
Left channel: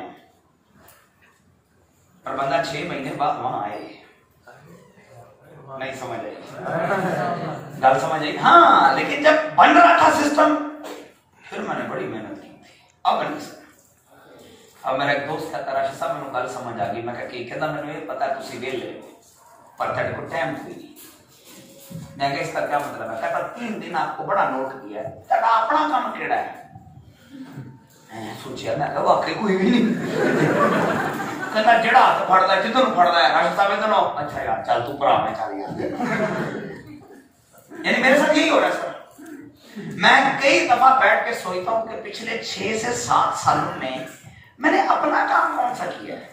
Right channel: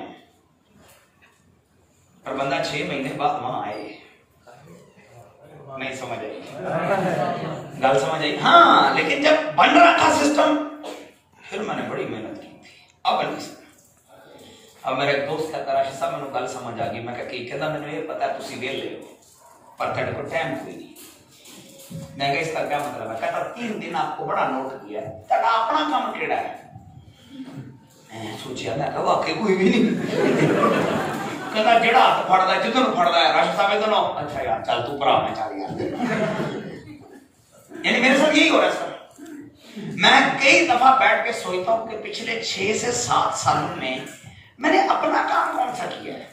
और बंदा 6 महीने बाद वहां आए, नहीं समझ आई? गल समझ आई? हाँ, लेकिन जब बन रहा था सिस्टम फिर मैंने बड़ी मेहनत की थी, अब नहीं समझ। अब मेरा एक दोस्त कहता राशिद साहब मैंने गल समझ आ गई। मैं कहता मैंने ये पता तुसी वेले पर तेरे को टाइम कोई नहीं। मैं कहा इसका क्या मतलब है? कहता 3 दिन आपको बड़ा नोट किया है, तेरा अपना काम केड़ा है? सोचिया मैं कहा वाकई कोई भी नहीं। कहता जेड़ा हाथ फड़दा जिधर फड़दा है राशिद साहब इधर। अच्छा यार चल तू भरा मैं चल यार। यानी मेरे साथ यही हो रहा है सर। मैं कई दफा बैठ के सोचता हूं कि पिछले 6 से 7 सालों में मैंने अपना काम कौन सा किया है?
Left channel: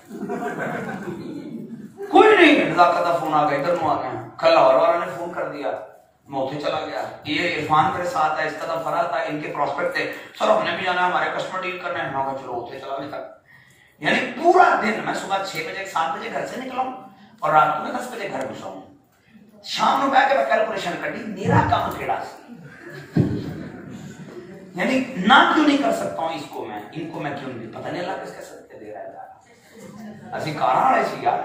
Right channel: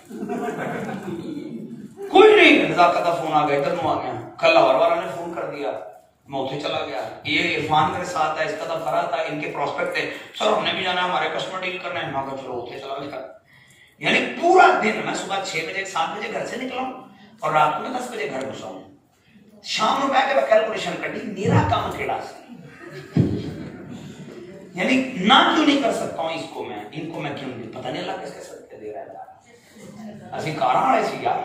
कोई नहीं। नजाकत का फोन आ गया, इधर आ गया, कल लाहौर वालों ने फोन कर दिया, मैं उठे चला गया। ये इरफान मेरे साथ है, इसका तो फराज था, इनके प्रोस्पेक्ट थे, सर हमने भी जाना है, हमारे कस्टमर डील करने हैं। मैं चलो उठे चला गया। यानी पूरा दिन मैं सुबह 6 बजे 7 बजे घर से निकला और रात को 10 बजे घर घुसा हूं। शाम में बैठ के मैं कैलकुलेशन करी मेरा काम केड़ा सी, यानी ना क्यों नहीं कर सकता हूं इसको मैं, इनको मैं क्यों नहीं, पता नहीं अल्लाह किसके सदके दे रहा है यार। असि कारा वाले सी यार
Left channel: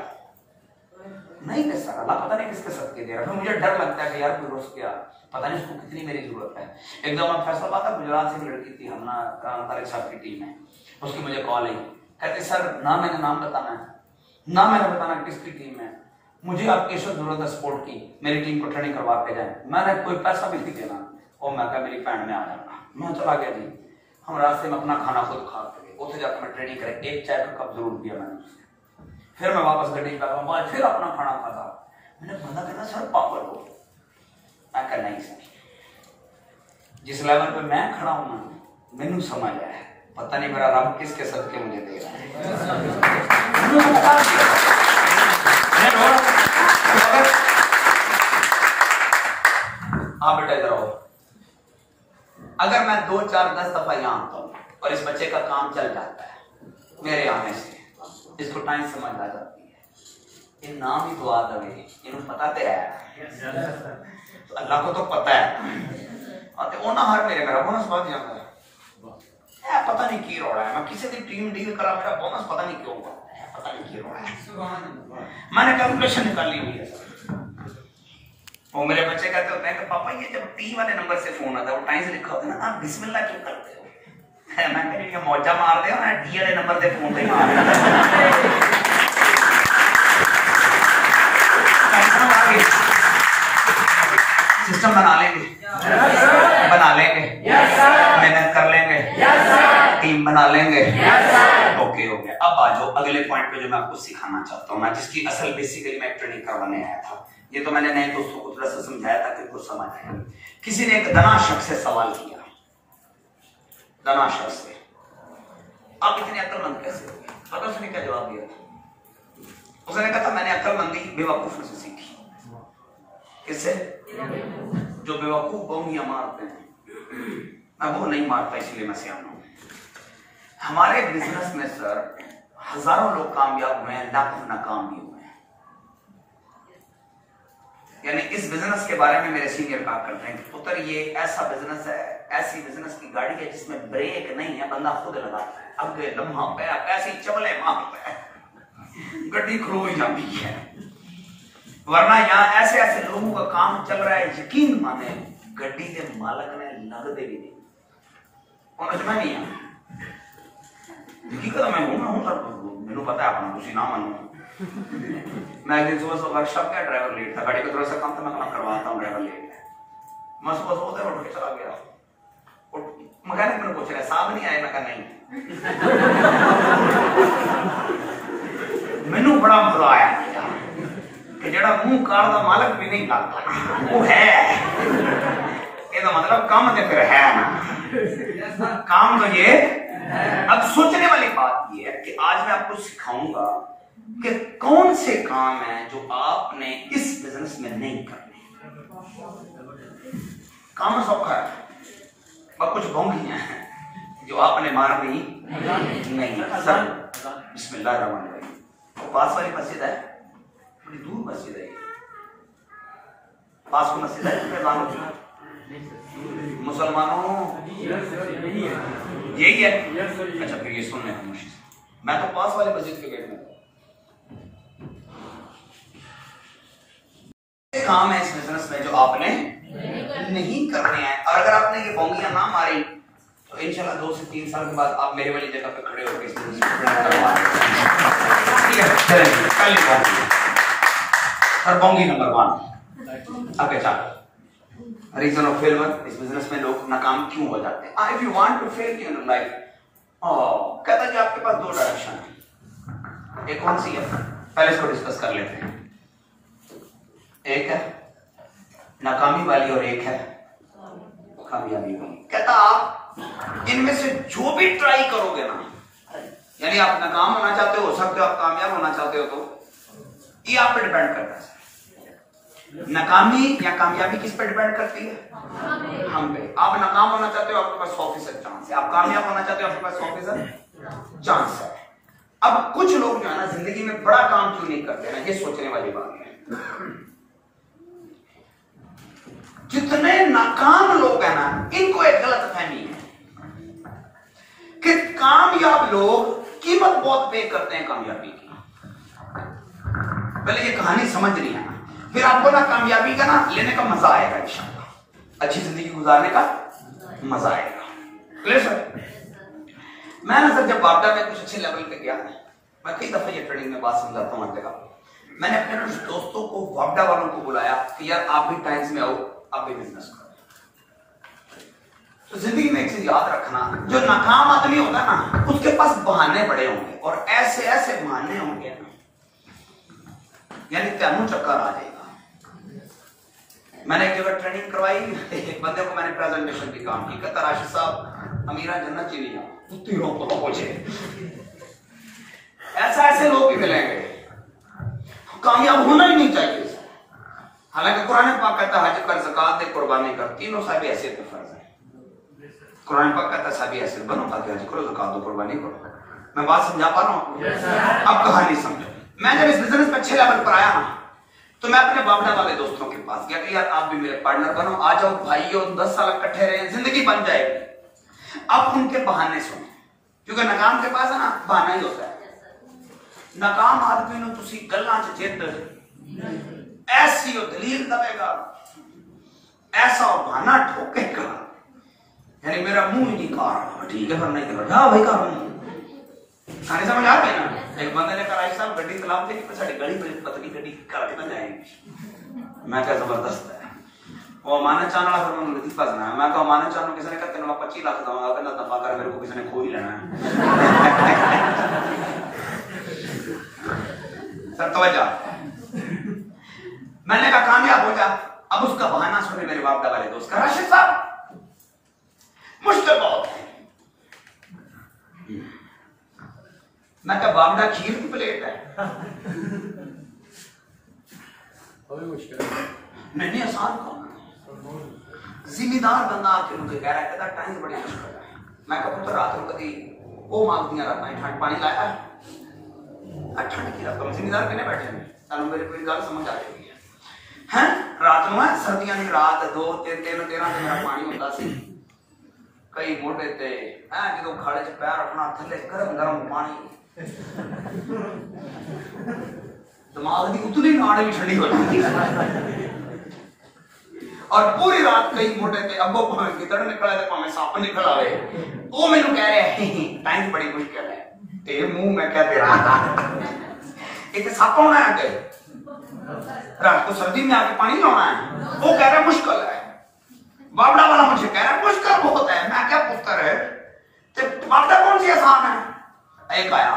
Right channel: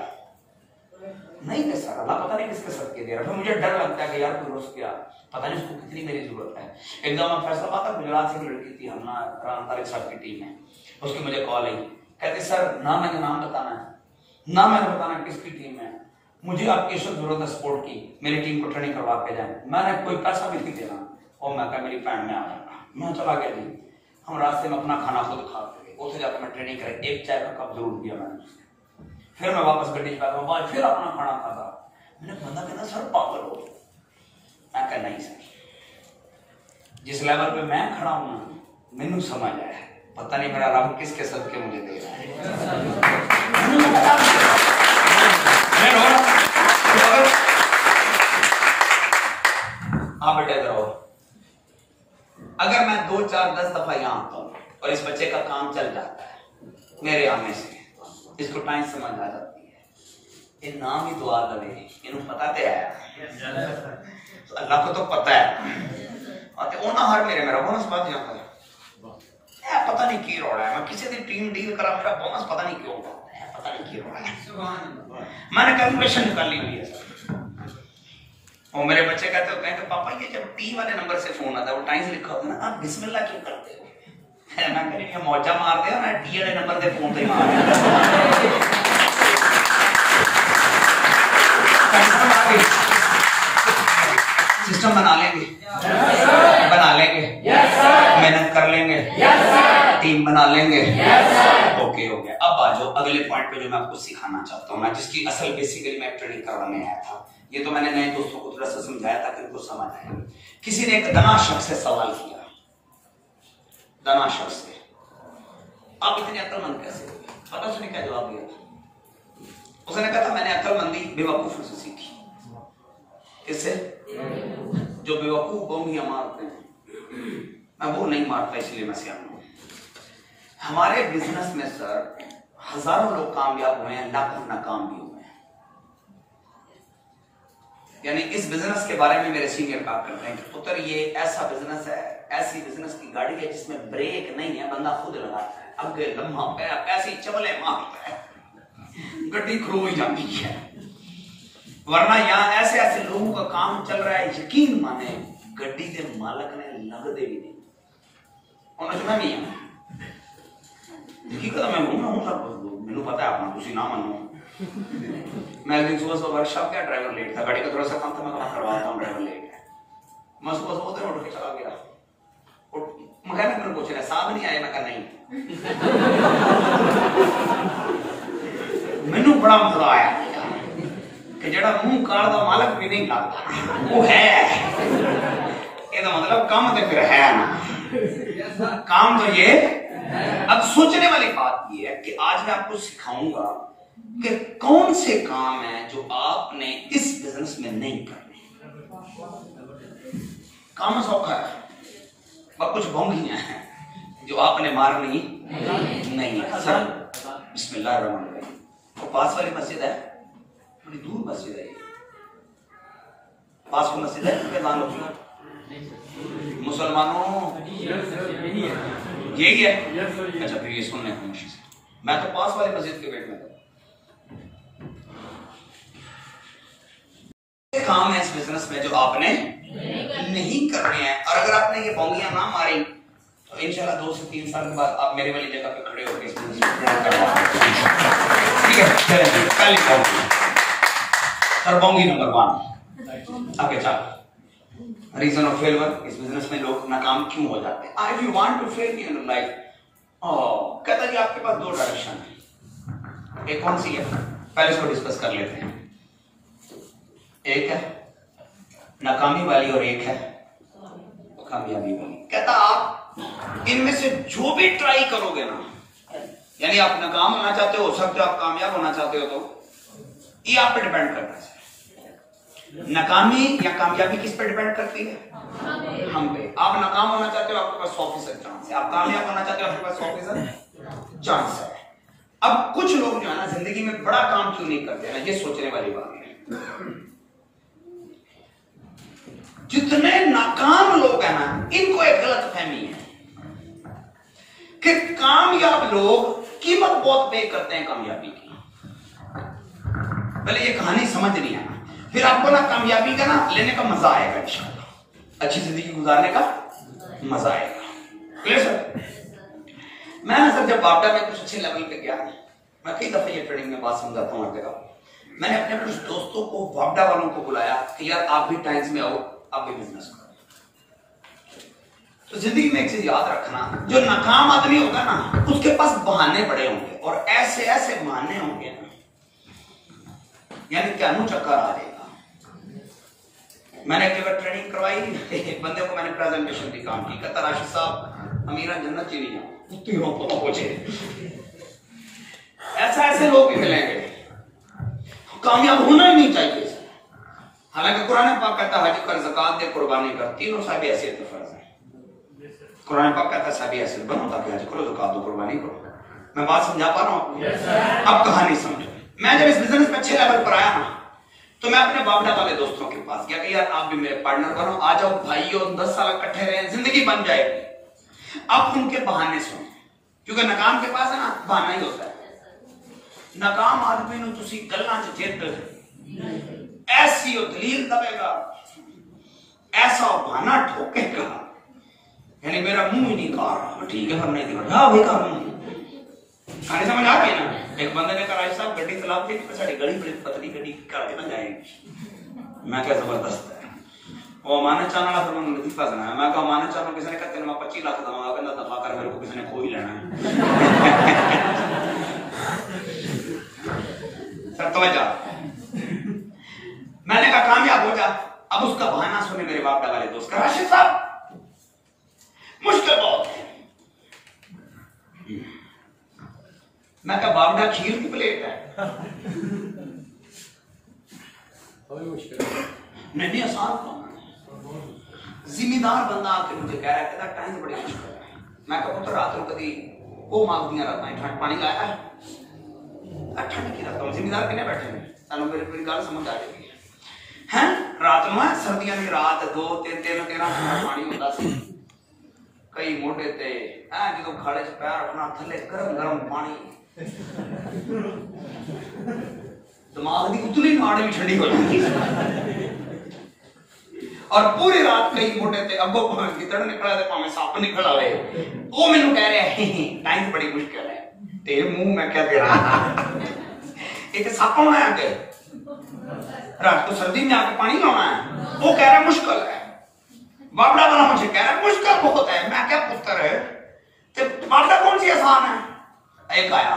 नहीं दे सर, अल्लाह पता नहीं किसके सदके दे रहा है। मुझे डर लगता है कि यार कोई रोज गया, पता नहीं उसको कितनी मेरी जरूरत है। एकदम फैसलाबाद था, गुजरात से एक लड़की थी, हमना राम तारिक साहब की टीम है, उसकी मुझे कॉल आई, कहते सर ना मैंने नाम बताना है ना मैंने बताना किसकी टीम है, मुझे आपकी जरूरत है सपोर्ट की, मेरी टीम को ट्रेनिंग करवा के जाए, मैंने कोई पैसा भी नहीं देना। और मैं कहा मेरी फ्रेंड में आ जाना, मैं चला गया जी। हम रास्ते में अपना खाना खुद खा के उसे जाकर मैं ट्रेनिंग करे, एक चाय का कप जरूर दिया मैंने उससे। फिर मैं वापस गड्डी बैठा, बाद फिर अपना खाना खाता। मैंने बंदा कहना सर पागल हो? मैं कहना नहीं सर, जिस लेवल पे मैं खड़ा हूं मैनू समझ आया, पता नहीं मेरा रब किसके सदके मुझे दे रहा है। हाँ बेटा इधर आओ। अगर मैं 2 4 10 दफा यहाँ आता हूँ और इस बच्चे का काम चल जाता है मेरे आने से, इसको टाइम समझ आ जाती है, ये नाम ही दुआ दे, इन्होंने पता तो है, अल्लाह को तो पता है, और ना हर मेरा बोनस बात जाता है, पता नहीं की रोड़ा है। मैं किसी दिन टीम डील करा, मेरा बोनस पता नहीं क्यों है, पता नहीं की रोड़ा है, मैंने कैलकुलेशन निकाली हुई है सर। वो मेरे बच्चे कहते होते हैं कि पापा ये जब टी वाले नंबर से फोन आता है वो टाइम से लिखा होता है ना, आप बिस्मिल्लाह क्यों करते हो? मैं कह रही मौजा मार दे ना, टी वाले नंबर से फोन पे मार सिस्टम बना लेंगे, बना बना लेंगे, मेहनत कर लेंगे, टीम बना लेंगे, ओके हो गया। अब आ जाओ अगले पॉइंट पे जो मैं आपको सिखाना चाहता हूँ ना, जिसकी असल बेसिकली मैं ट्रेनिंग करवाने आया था। ये तो मैंने नए दोस्तों को थोड़ा सा समझाया ताकि उनको समझ आए। किसी ने एक दना शख्स से सवाल किया, दना शख्स से, आप इतने अक्लमंद कैसे हो? पता उसने क्या जवाब दिया? उसने कहा था मैंने अक्लमंदी बेवकूफों से सीखी। किससे? जो बेवकूफ बोंगियां मारते हैं, मैं वो नहीं मारता, इसलिए मैं सियाना हूं। हमारे बिजनेस में सर हजारों लोग कामयाब हुए हैं, लाखों नाकाम भी हुए हैं। यानी इस बिजनेस के बारे में मेरे सीनियर बात करते हैं कि पुत्र ये ऐसा बिजनेस है, ऐसी बिजनेस की गाड़ी है जिसमें ब्रेक नहीं है, बंदा खुद लगाता है, अगे लम्हा पे पैसे चवले मारता है, गड्डी खड़ो ही जाती है। वरना यहाँ ऐसे ऐसे लोगों का काम चल रहा है, यकीन माने गड्डी के मालक ने लगते भी नहीं, उन्होंने नहीं है हकीकत मैं हूं सर, मैंने पता है आपको, तुसी ना मानो। मैं एक दिन सुबह वर्कशॉप गया, ड्राइवर लेट था, गाड़ी का थोड़ा सा काम था, मैं करवाता हूँ, ड्राइवर लेट है। मैं सुबह उठ के चला गया, मैकेनिक मैंने पूछ रहा साहब नहीं आए, मैं कहा नहीं। मैनू बड़ा मजा आया कि जेड़ा मुंह काल का मालक भी नहीं लगता वो है, इसका मतलब काम तो फिर है ना, काम तो ये। अब सोचने वाली बात ये है कि आज मैं आपको सिखाऊंगा कि कौन से काम है जो आपने इस बिजनेस में नहीं करने। काम सौखा है, पर कुछ भोंगियां हैं जो आपने मारनी नहीं है। सर बिस्मिल्लाहिर्रहमानिर्रहीम। तो पास वाली मस्जिद है, थोड़ी दूर मस्जिद है, पास को मस्जिद है मुसलमानों, यही है। अच्छा फिर ये सुनने खामोशी से, मैं तो पास वाले मस्जिद के गेट में था। काम है इस बिजनेस में जो आपने नहीं करने हैं, और अगर आपने ये बोंगियां ना मारी तो इंशाल्लाह 2 से 3 साल के बाद आप मेरे वाली जगह पे खड़े होकर इस बिजनेस में, ठीक है? चलेंगे पहली बोंगी, और बोंगी नंबर 1 आगे चल रीजन ऑफ फेलियर। इस बिजनेस में लोग नाकाम क्यों हो जाते हैं? If you want to fail in life, कहता है कि आपके पास 2 डायरेक्शन है, एक कौन सी है? पहले इसको डिस्कस कर लेते हैं। एक है नाकामी वाली और एक है कामयाबी वाली। कहता आप इनमें से जो भी ट्राई करोगे ना, यानी आप नाकाम होना चाहते हो सकते हो, आप कामयाब होना चाहते हो, तो ये आप पे डिपेंड करता है। नाकामी या कामयाबी किस पे डिपेंड करती है? हम पे। आप नाकाम होना चाहते हो, आपके पास 100% चांस है, आप कामयाब होना चाहते हो, आपके पास 100% चांस है। अब कुछ लोग जो है ना जिंदगी में बड़ा काम क्यों नहीं करते ना, ये सोचने वाली बात है। जितने नाकाम लोग हैं ना, इनको एक गलत फहमी है कि कामयाब लोग कीमत बहुत पे करते हैं कामयाबी की। पहले ये कहानी समझनी है, फिर आपको ना कामयाबी का ना लेने का मजा आएगा, इंशाल्लाह अच्छी जिंदगी गुजारने का मजा आएगा। Clear sir? मैं ना सर जब वापडा में कुछ अच्छे लेवल पे गया, मैं कई दफे ये ट्रेनिंग में बात समझाता हूँ हर जगह, मैंने अपने कुछ दोस्तों को, वापडा वालों को बुलाया कि यार आप भी टाइम्स में आओ, आप भी बिजनेस करो। तो जिंदगी में एक चीज याद रखना, जो नाकाम आदमी होगा ना उसके पास बहाने बड़े होंगे, और ऐसे ऐसे बहाने होंगे ना, यानी क्या मुंह चक्कर आ जाएगा। मैंने एक ट्रेनिंग करवाई, एक बंदे को मैंने प्रेजेंटेशन भी काम की, कहता राशिद साहब अमीरा जन्नत चली जाओ, तीनों को पहुंचे। ऐसा ऐसे लोग भी मिलेंगे, कामयाब होना ही नहीं चाहिए। हालांकि कुरान पाक कहता है हज कर, ज़कात दे, कुर्बानी कर, तीनों साहब हैसियत पे फर्ज है। कुरान पाक कहता है साहब हैसियत बनो ताकि हज करो, ज़कात दो, कुर्बानी करो। मैं बात समझा पा रहा हूं आपको? अब कहानी समझो। मैं जब इस बिजनेस में अच्छे लेवल पर आया ना, तो मैं अपने वापडा वाले दोस्तों के पास गया कि यार आप भी मेरे पार्टनर बनो, आ जाओ भाइयों, 10 साल इकट्ठे रहे, जिंदगी बन जाएगी। अब उनके बहाने सुनो, क्योंकि नाकाम के पास है ना बहाना ही होता है। नाकाम आदमी ने तुसी गल्लां च जिद ऐसी दलील दबेगा, ऐसा बहाना ठोकेगा, यानी मेरा मुंह ही नहीं खा रहा, ठीक है पर नहीं कर रहा भाई, कर खाने समझ आ रहा है ना। एक बंदे ने कहा साहब गड्डी तलाब के साड़ी गड़ी बड़ी पतली गड्डी करके ना जाएगी। मैं क्या जबरदस्त है, वो अमानत चाहने वाला फिर मैंने लतीफा सुनाया। मैं कहा अमानत चाहने किसी ने कहते मैं 25 लाख दूंगा, कहना दफा कर, मेरे को किसी ने खो ही लेना है। सर तवज्जो, मैंने कहा कामयाब हो जा। अब उसका बहाना सुने मेरे बाप वाले दोस्त का, राशिद साहब मुश्किल बहुत है। मैं कहा बाबड़ा खीर की प्लेट है, नहीं आसान काम। जिम्मेदार बंदा आके मुझे कह रहा है, कहता टाइम से बड़ी मुश्किल है। मैं कहूँ तो रात को कभी वो मांग दिया रात में ठंड पानी लाया, ठंड की रात में जिम्मेदार कितने बैठे हैं, चलो मेरे पूरी गल समझ आ जाएगी हैं। रात में सर्दियों की रात 2 3 13 पानी होता सी, कई मोटे ते जो खड़े च पैर रखना थले गरम गरम पानी, दिमाग की उतनी नाड़ भी ठंडी हो जाती। और पूरी रात कई मोटे थे अगो भावे गिदड़ निकला ते भावे सप निकल आवे, वो मेनू कह रहे हैं टाइम बड़ी मुश्किल है। तेरे मुंह में क्या दे रहा एक सप होना है आगे, रात को सर्दी में आके पानी लाना है। वो कह रहे मुश्किल है, बाबड़ा वाला मुझे कह रहा है मुश्किल बहुत है। मैं क्या पुत्र है ते बाबड़ा कौन सी आसान है। एक आया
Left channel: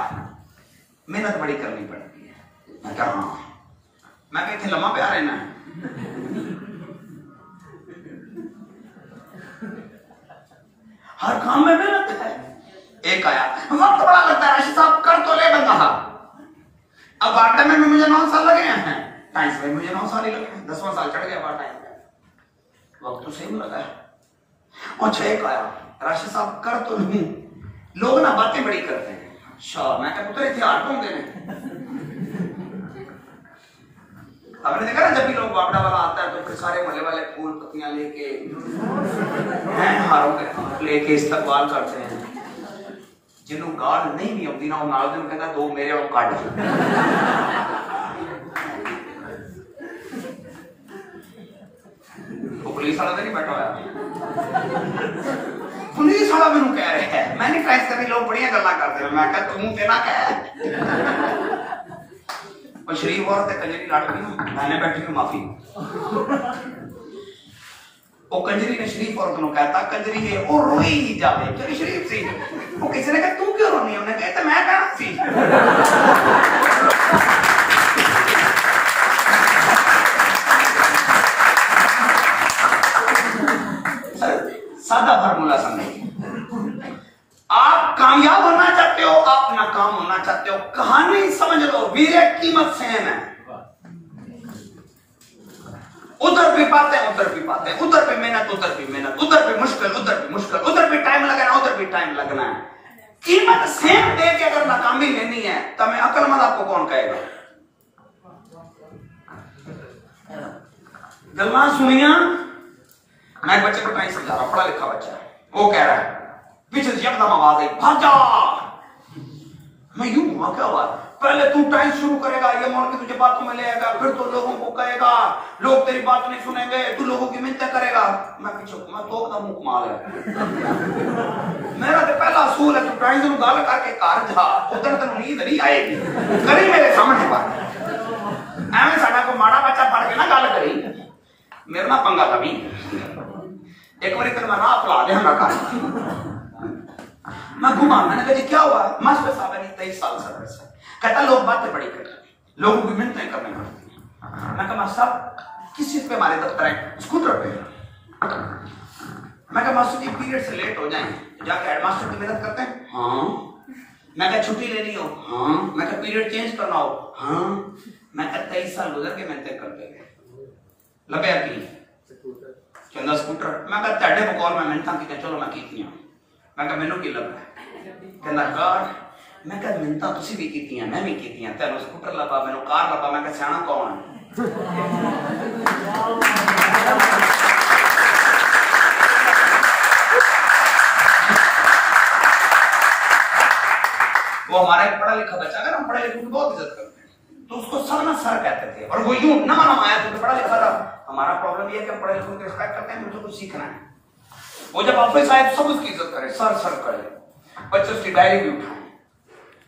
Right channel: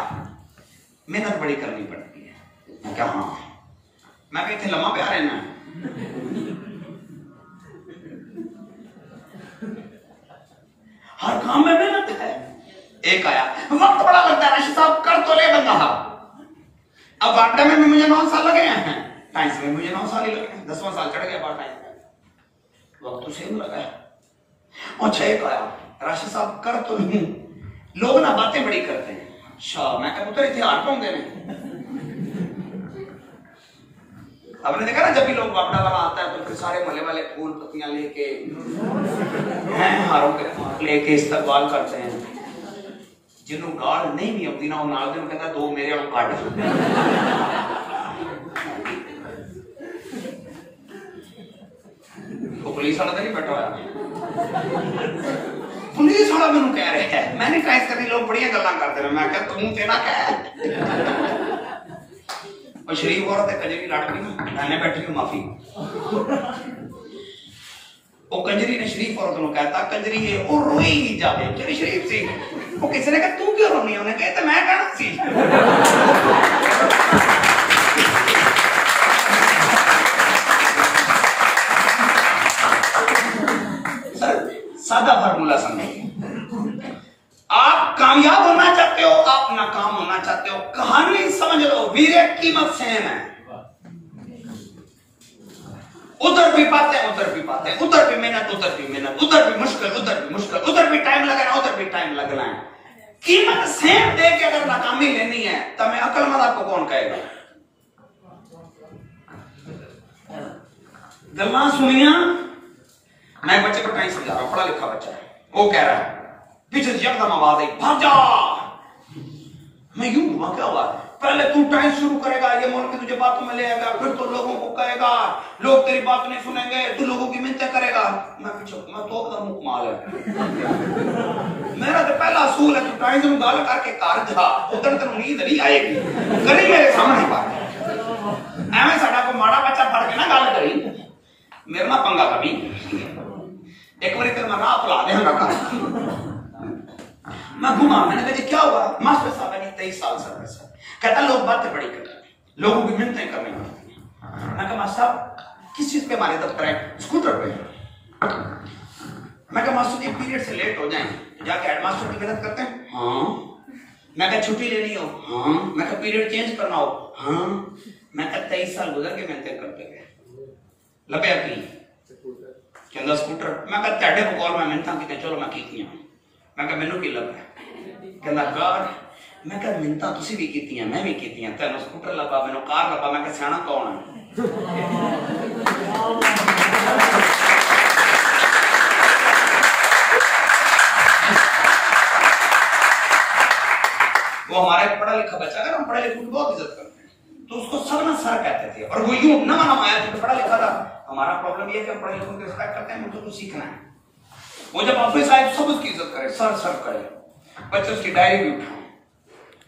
मेहनत बड़ी करनी पड़ती है। मैं क्या हाँ, मैं क्या इतने लम्हा प्यार है ना, हर काम में मेहनत है। एक आया वक्त बड़ा लगता है, राशिद साहब कर तो ले बंदा। अब बाटे में भी मुझे 9 साल लगे हैं, साइंस में मुझे 9 साल ही लगे, 10वां साल चढ़ गया बार टाइम में, वक्त तो सेम लगा है। और 6 आया राशिद साहब कर तो नहीं, लोग ना बातें बड़ी करते हैं। अच्छा मैं क्या पुत्र इतिहास होंगे आपने देखा ना, जब भी लोग बाबड़ा वाला आता है तो फिर सारे मोहल्ले वाले फूल पत्तियां लेके हारों के लेके इस्तकबाल करते हैं। जिन्हों गाल नहीं भी आती ना, नाल दिन कहता 2 मेरे और काट। वो पुलिस वाला तो नहीं बैठा हुआ, पुलिस वाला मैंने कह रहे हैं, मैंने कहा इस तरह लोग बढ़िया गल्ला करते हैं। मैं क्या तुम तेना क्या और शरीफ औरत है कंजरी लड़की मैंने बैठी हूँ माफी। वो कंजरी ने शरीफ औरत को कहता कंजरी है वो रोई ही जावे चली शरीफ सी। वो किसी ने कहा तू क्यों रोनी, उन्हें कहता मैं कहना सी। सादा फार्मूला समझिए, आप कामयाब होना चाहते हो, आप नाकाम होना चाहते हो, कहानी समझ लो, वीरे कीमत सेम है। उधर भी पाते हैं उधर भी पाते हैं, उधर भी मेहनत उधर भी मेहनत, उधर भी मुश्किल उधर भी मुश्किल, उधर भी टाइम लगना उधर भी टाइम लगना है। कीमत सेम दे के अगर नाकामी लेनी है तो मैं अकलमंद आपको कौन कहेगा। गल्ला सुनिया, मैं बच्चे को टाइम समझा रहा, पढ़ा लिखा बच्चा है, वो कह रहा है पीछे एकदम आवाज आई भाग जा। मैं यूं घुमा क्या आवाज, पहले तू टाइम शुरू करेगा, ये मोड़ के तुझे बातों में ले आएगा, फिर तो लोगों को कहेगा, लोग तेरी बात नहीं सुनेंगे, तू लोगों की मिन्नतें करेगा। मैं पीछे मैं तो एकदम मुख माल है। मेरा तो पहला असूल है तू टाइम शुरू गाल करके कार जा, उधर तेन नींद नहीं आएगी, करी मेरे सामने बात एवं साडा को माड़ा बच्चा फड़ के ना गल करी, मेरे ना पंगा कभी एक बार तेरे मैं राह भुला देंगा। मैं घुमा, मैंने कहा क्या हुआ, मास्टर साहब ने 23 साल सर्विस है, कहता लोग बातें बड़ी करते हैं, लोगों की मिन्नतें करने पड़ती हैं। मैं कहा मास्टर साहब किस चीज पे हमारे दफ्तर है, स्कूटर पे। मैं कहा मास्टर जी पीरियड से लेट हो जाए जाके हेडमास्टर की मदद करते हैं। हाँ। मैं कहा छुट्टी लेनी हो। हाँ। मैं कहा पीरियड चेंज करना हो। हाँ। मैं कहा 23 साल गुजर के मिन्नतें करते गए, लगे की कहता स्कूटर। मैं कहा तेरे बकौल मैं मिन्नतां कीतियां, चलो मैं कीतियां। मैं कहा मैनू की लगा, कहना कार। मैं कहा मिन्नतां तुसीं भी कीतियां मैं भी कीतियां, तेनू स्कूटर लगा मैनू कार लगा। मैं कहा सियाणा कौन है। वो हमारा एक पढ़ा लिखा बच्चा, अगर हम पढ़े लिखे को बहुत इज्जत करते हैं तो उसको सब ना सर कहते थे, और वो यूं ना आया तो पढ़ा लिखा था। हमारा प्रॉब्लम ये है कि हम पढ़े लिखों की रिस्पेक्ट करते हैं, मुझे कुछ सीखना है। वो जब ऑफिस आए तो सब उसकी इज्जत करे, सर सर करे, बच्चे उसकी डायरी भी उठाए,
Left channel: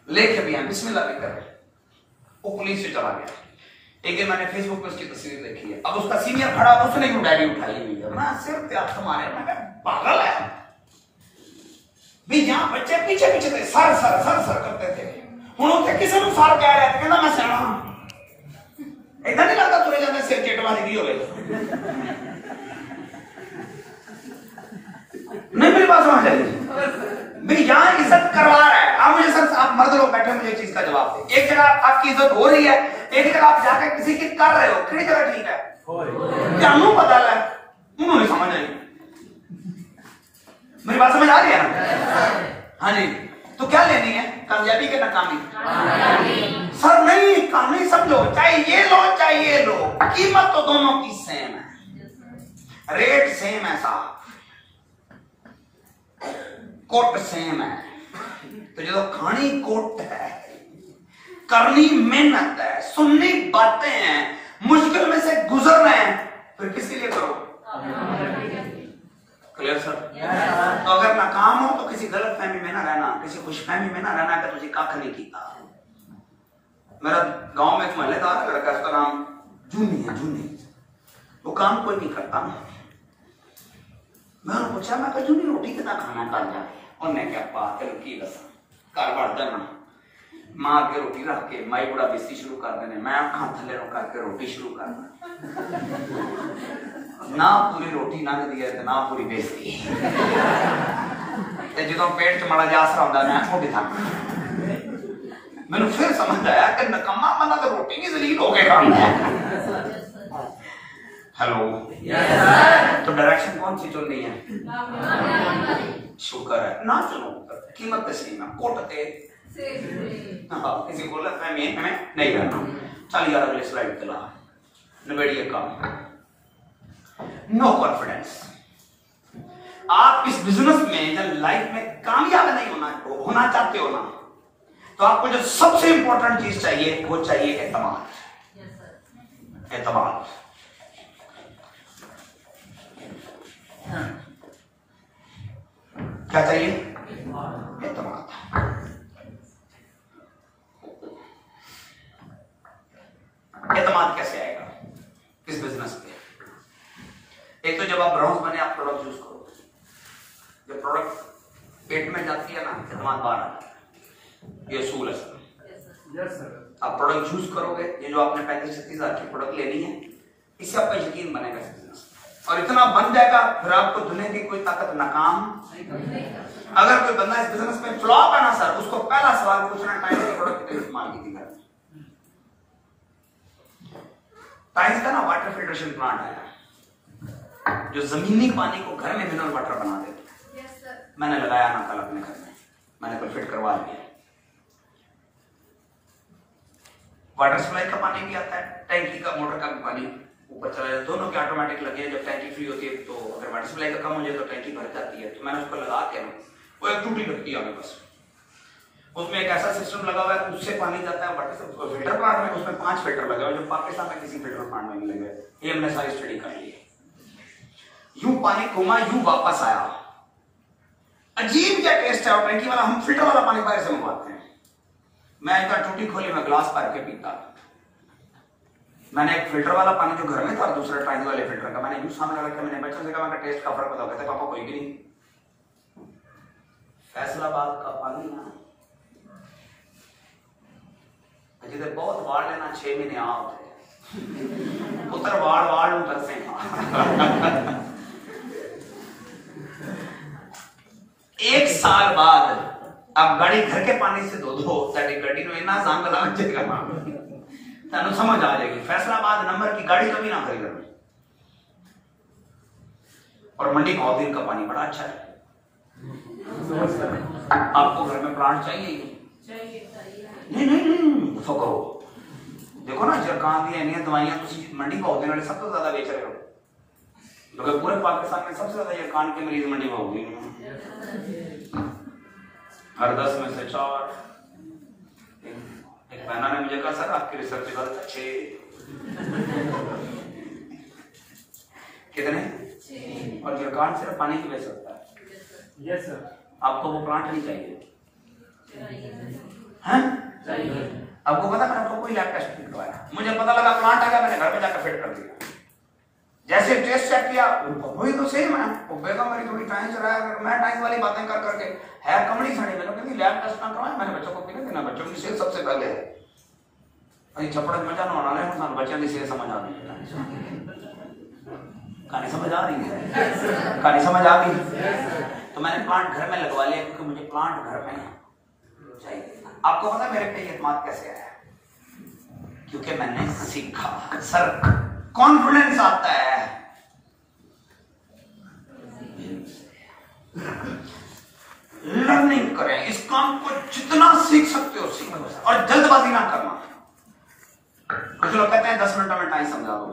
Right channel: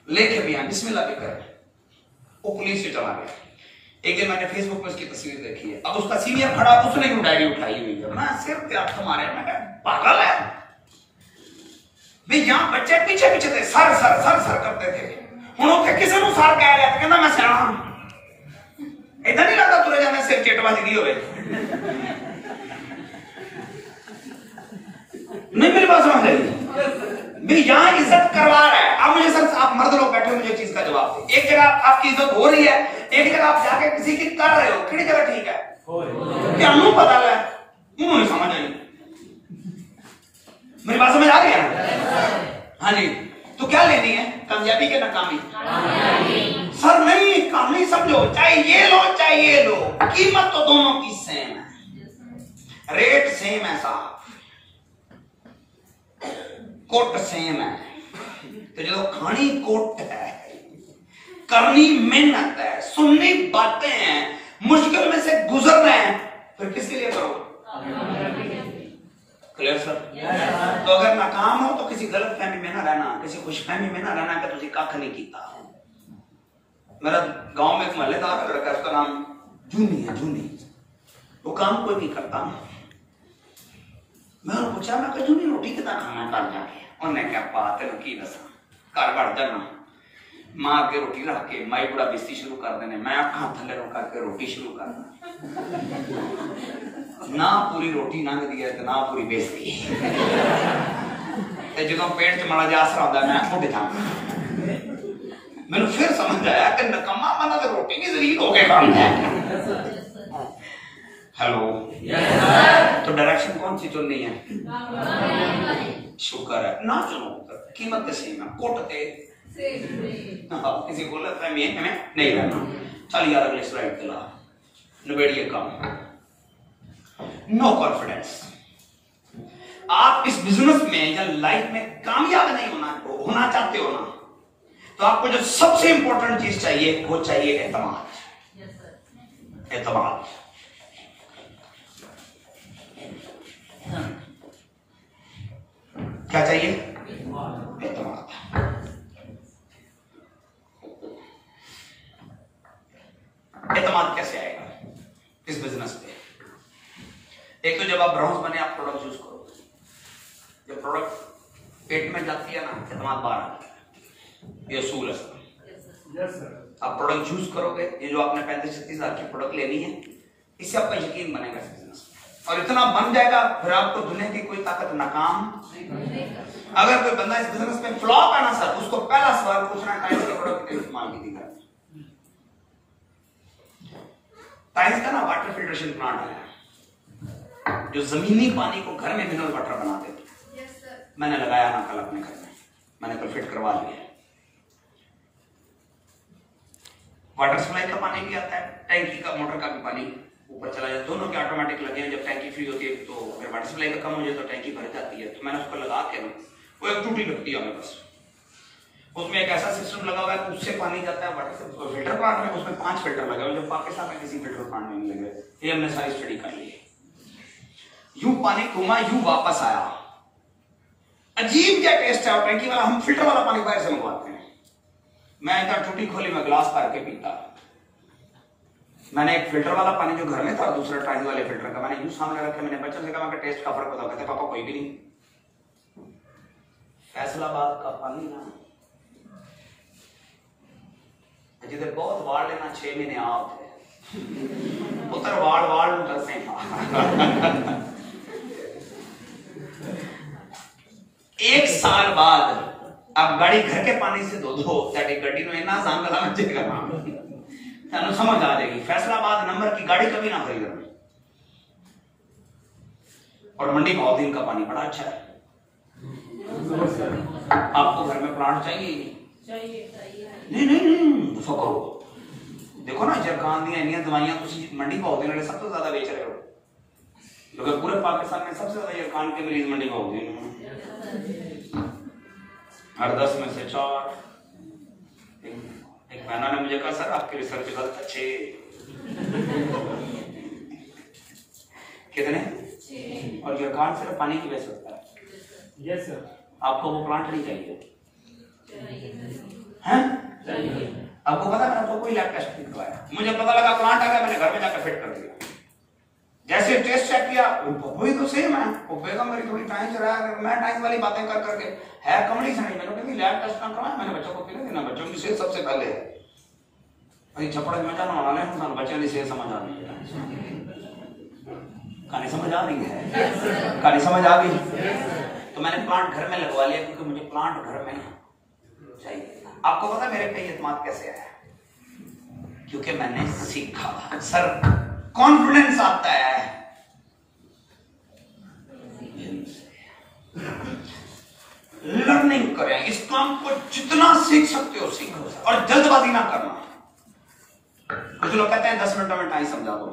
लेके भी आए, बिस्मिल्लाह भी करे। वो पुलिस से चला गया। एक दिन मैंने फेसबुक पे उसकी तस्वीर देखी है, अब उसका सीनियर खड़ा, उसने भी डायरी उठाई हुई है, मैं सिर पे हाथ मारे, मैं कहा पागल है भाई, यहाँ बच्चे पीछे पीछे थे, सर सर सर सर करते थे, उन्होंने किसी को सर कह रहे थे, कहना मैं सर इतना नहीं लगता तुरे जाने सिर चेटवा लगी हुए नहीं, मेरी बात समझ आई भाई, यहाँ इज्जत करवा रहा है। आप मुझे सर, आप मर्द लोग बैठे, मुझे चीज का जवाब दे, एक जगह आपकी इज्जत हो रही है, एक जगह आप जाके किसी की कर रहे हो, किसी जगह ठीक है क्या मुंह पता है, उन्होंने समझ नहीं, मेरी बात समझ आ रही है ना? हाँ जी, तो क्या लेनी है, कामयाबी के नाकामी? सर नहीं, कामयाबी समझो, चाहे ये लो चाहे ये लो, कीमत तो दोनों की सेम है, रेट सेम है साहब, कोट सेम है, तो जो खानी कोट है, करनी मेहनत है, सुननी बातें हैं, मुश्किल में से गुजर रहे हैं, फिर किसके लिए करो? Clear sir? तो अगर नाकाम हो तो किसी गलत फहमी में ना रहना, किसी खुशफहमी में ना रहना कि तुझे कख नहीं किया। मेरा गांव में एक महल्लेदार है, लड़का, उसका नाम जूनी है, जूनी, वो काम कोई नहीं करता। मैंने पूछा, मैं जूनी रोटी कितना खाना कर जाके, उन्हें क्या बात है की दसा घर बढ़ जाना, मां के रोटी रख के माई बुढ़ा बेस्ती शुरू कर देने, मैं अखा थले रो करके रोटी शुरू करना, ना पूरी रोटी लंघ दी है ना पूरी बेस्ती जो पेट च माड़ा जा आसरा होंदा मैं ठोडी था। मैंने फिर समझ आया कि नकम्मा मना तो रोटी की जलील हो गए काम है। हेलो, तो डायरेक्शन कौन सी चुननी है? शुक्र है ना, चुनो कीमत सेम है, कोटते किसी गलत फहमी में नहीं रहना। चल यार अगले स्लाइड चला, निबेड़िए काम। No confidence. आप इस बिजनेस में या लाइफ में कामयाब नहीं होना चाहते हो ना, तो आपको जो सबसे इंपॉर्टेंट चीज चाहिए वो चाहिए एतमाद। एतमाद क्या चाहिए? एतमाद। एतमाद कैसे आएगा इस बिजनेस पे? एक तो जब आप ब्राउन्स बने, आप प्रोडक्ट यूज करो, जब प्रोडक्ट पेट में जाती है ना, एतमाद बाहर आता है, ये असूल है सर। आप प्रोडक्ट यूज करोगे, ये जो आपने 35-36 हजार की प्रोडक्ट लेनी है, इससे आपका यकीन बनेगा इस बिजनेस में, और इतना बन जाएगा फिर आपको दुनिया की कोई ताकत नाकाम नहीं। अगर कोई बंदा इस बिजनेस में फ्लॉप है ना सर, उसको पहला सवाल पूछना है प्रोडक्ट कितने इस्तेमाल की थी। टाइम्स का ना वाटर फिल्ट्रेशन प्लांट है जो जमीनी पानी को घर में मिनरल वाटर बना देता है। मैंने लगाया ना कल अपने घर में, मैंने कल फिट करवा लिया। वाटर सप्लाई का पानी भी आता है, टैंकी का, मोटर का भी पानी ऊपर चला जाता है, दोनों के ऑटोमेटिक लगे हैं। जब टैंकी फ्री होती है तो अगर वाटर सप्लाई का कम हो जाए तो टैंकी भर जाती है, तो मैंने उसको लगा के ना, वो एक टूटी लगती है बस, उसमें एक ऐसा सिस्टम लगा हुआ है, उससे पानी जाता है वाटर से फिल्टर प्लांट में, उसमें 5 फिल्टर लगे हुए जो पाकिस्तान में किसी फिल्टर प्लांट में नहीं लगे। ये हमने सारी स्टडी कर ली। यूं पानी घूमा, यूं वापस आया, अजीब क्या टेस्ट है। और टैंकी वाला, हम फिल्टर वाला पानी बाहर से मंगवाते हैं। मैं इतना टूटी खोली, मैं गिलास भर के पीता। मैंने एक फिल्टर वाला पानी जो घर में था, दूसरा टैंकी वाले फिल्टर का, मैंने यूं सामने रखा, मैंने बच्चों से कहा मैं टेस्ट का फर्क बताओ, कहते पापा कोई भी नहीं। फैसलाबाद का पानी ना जिधर बहुत वार्ड है ना, 6 महीने आते पुत्र वार्ड उधर से एक साल बाद आप गाड़ी घर के पानी से धो दो, गड्डी में इतना आसान बना तेन समझ आ जाएगी। फैसलाबाद नंबर की गाड़ी कभी ना खरीदना। और मंडी बहुत का पानी बड़ा अच्छा है। आपको घर में प्लांट चाहिए ही नहीं सो करो। देखो ना जरकान दी इन्नी दवाइयां मंडी भाव वाले सब तो ज्यादा बेच रहे हो, क्योंकि पूरे पाकिस्तान में सबसे ज्यादा जरकान के मरीज मंडी भाव हर 10 में से 4। एक बहना ने मुझे कहा सर आपकी रिसर्च गलत है, 6 कितने? और जरकान सिर्फ पानी की वजह होता है। Yes sir. आपको वो प्लांट नहीं चाहिए हैं? आपको पता मैंने आपको कोई लैब टेस्ट नहीं करवाया, मुझे पता लगा प्लांट आ गया, मैंने घर पे जाकर फिट कर दिया। जैसे टेस्ट चेक किया वही तो सेम है, वो बेगम मेरी थोड़ी टाइम से रहा, मैं टाइम वाली बातें कर करके है कमली सड़ी लगा, कहती लैब टेस्ट करवाया मैंने, बच्चों को पीने देना, बच्चों की सेहत सबसे पहले है। अरे छपड़ मजा ना आना ले, हम बच्चों की सेहत समझ आ रही है, कहानी समझ आ रही है, कहानी समझ आ गई। तो मैंने प्लांट घर में लगवा लिया क्योंकि मुझे प्लांट घर में चाहिए। आपको पता मेरे पे एतमाद कैसे आया? क्योंकि मैंने सीखा। सर कॉन्फिडेंस आता है लर्निंग करें, इस काम को जितना सीख सकते हो सीखो और जल्दबाजी ना करना। कुछ लोग कहते हैं 10 मिनट में टाइम समझा दो।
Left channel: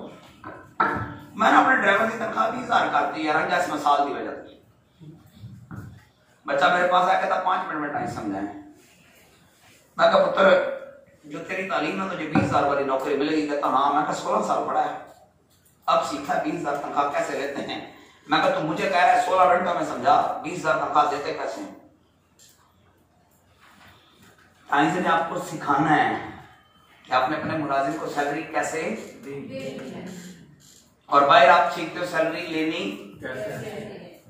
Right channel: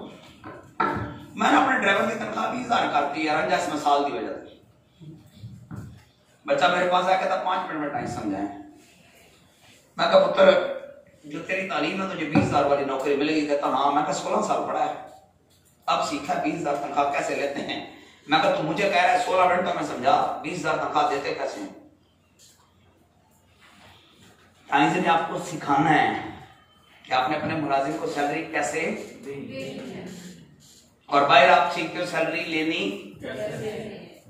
मैंने अपने ड्राइवर की तनख्वाह 20,000 कर दी यार, अंजास मसाल की वजह से। बच्चा मेरे पास आया कहता 5 मिनट में टाइम समझाएं। मैं कहा पुत्र जो तेरी तालीम है तुझे 20,000 वाली नौकरी मिलेगी? कहता हाँ। मैं कहा 16 साल पढ़ा है, अब सीखा 20,000 तनख्वाह कैसे लेते हैं। मैं कहा तू मुझे कह रहा है 16 घंटा में समझा, 20,000 तनख्वाह देते कैसे हैं? टाइम्स ने आपको सिखाना है कि आपने अपने मुलाजिम को सैलरी कैसे देनी, और बाहर आप सीखते हो सैलरी लेनी।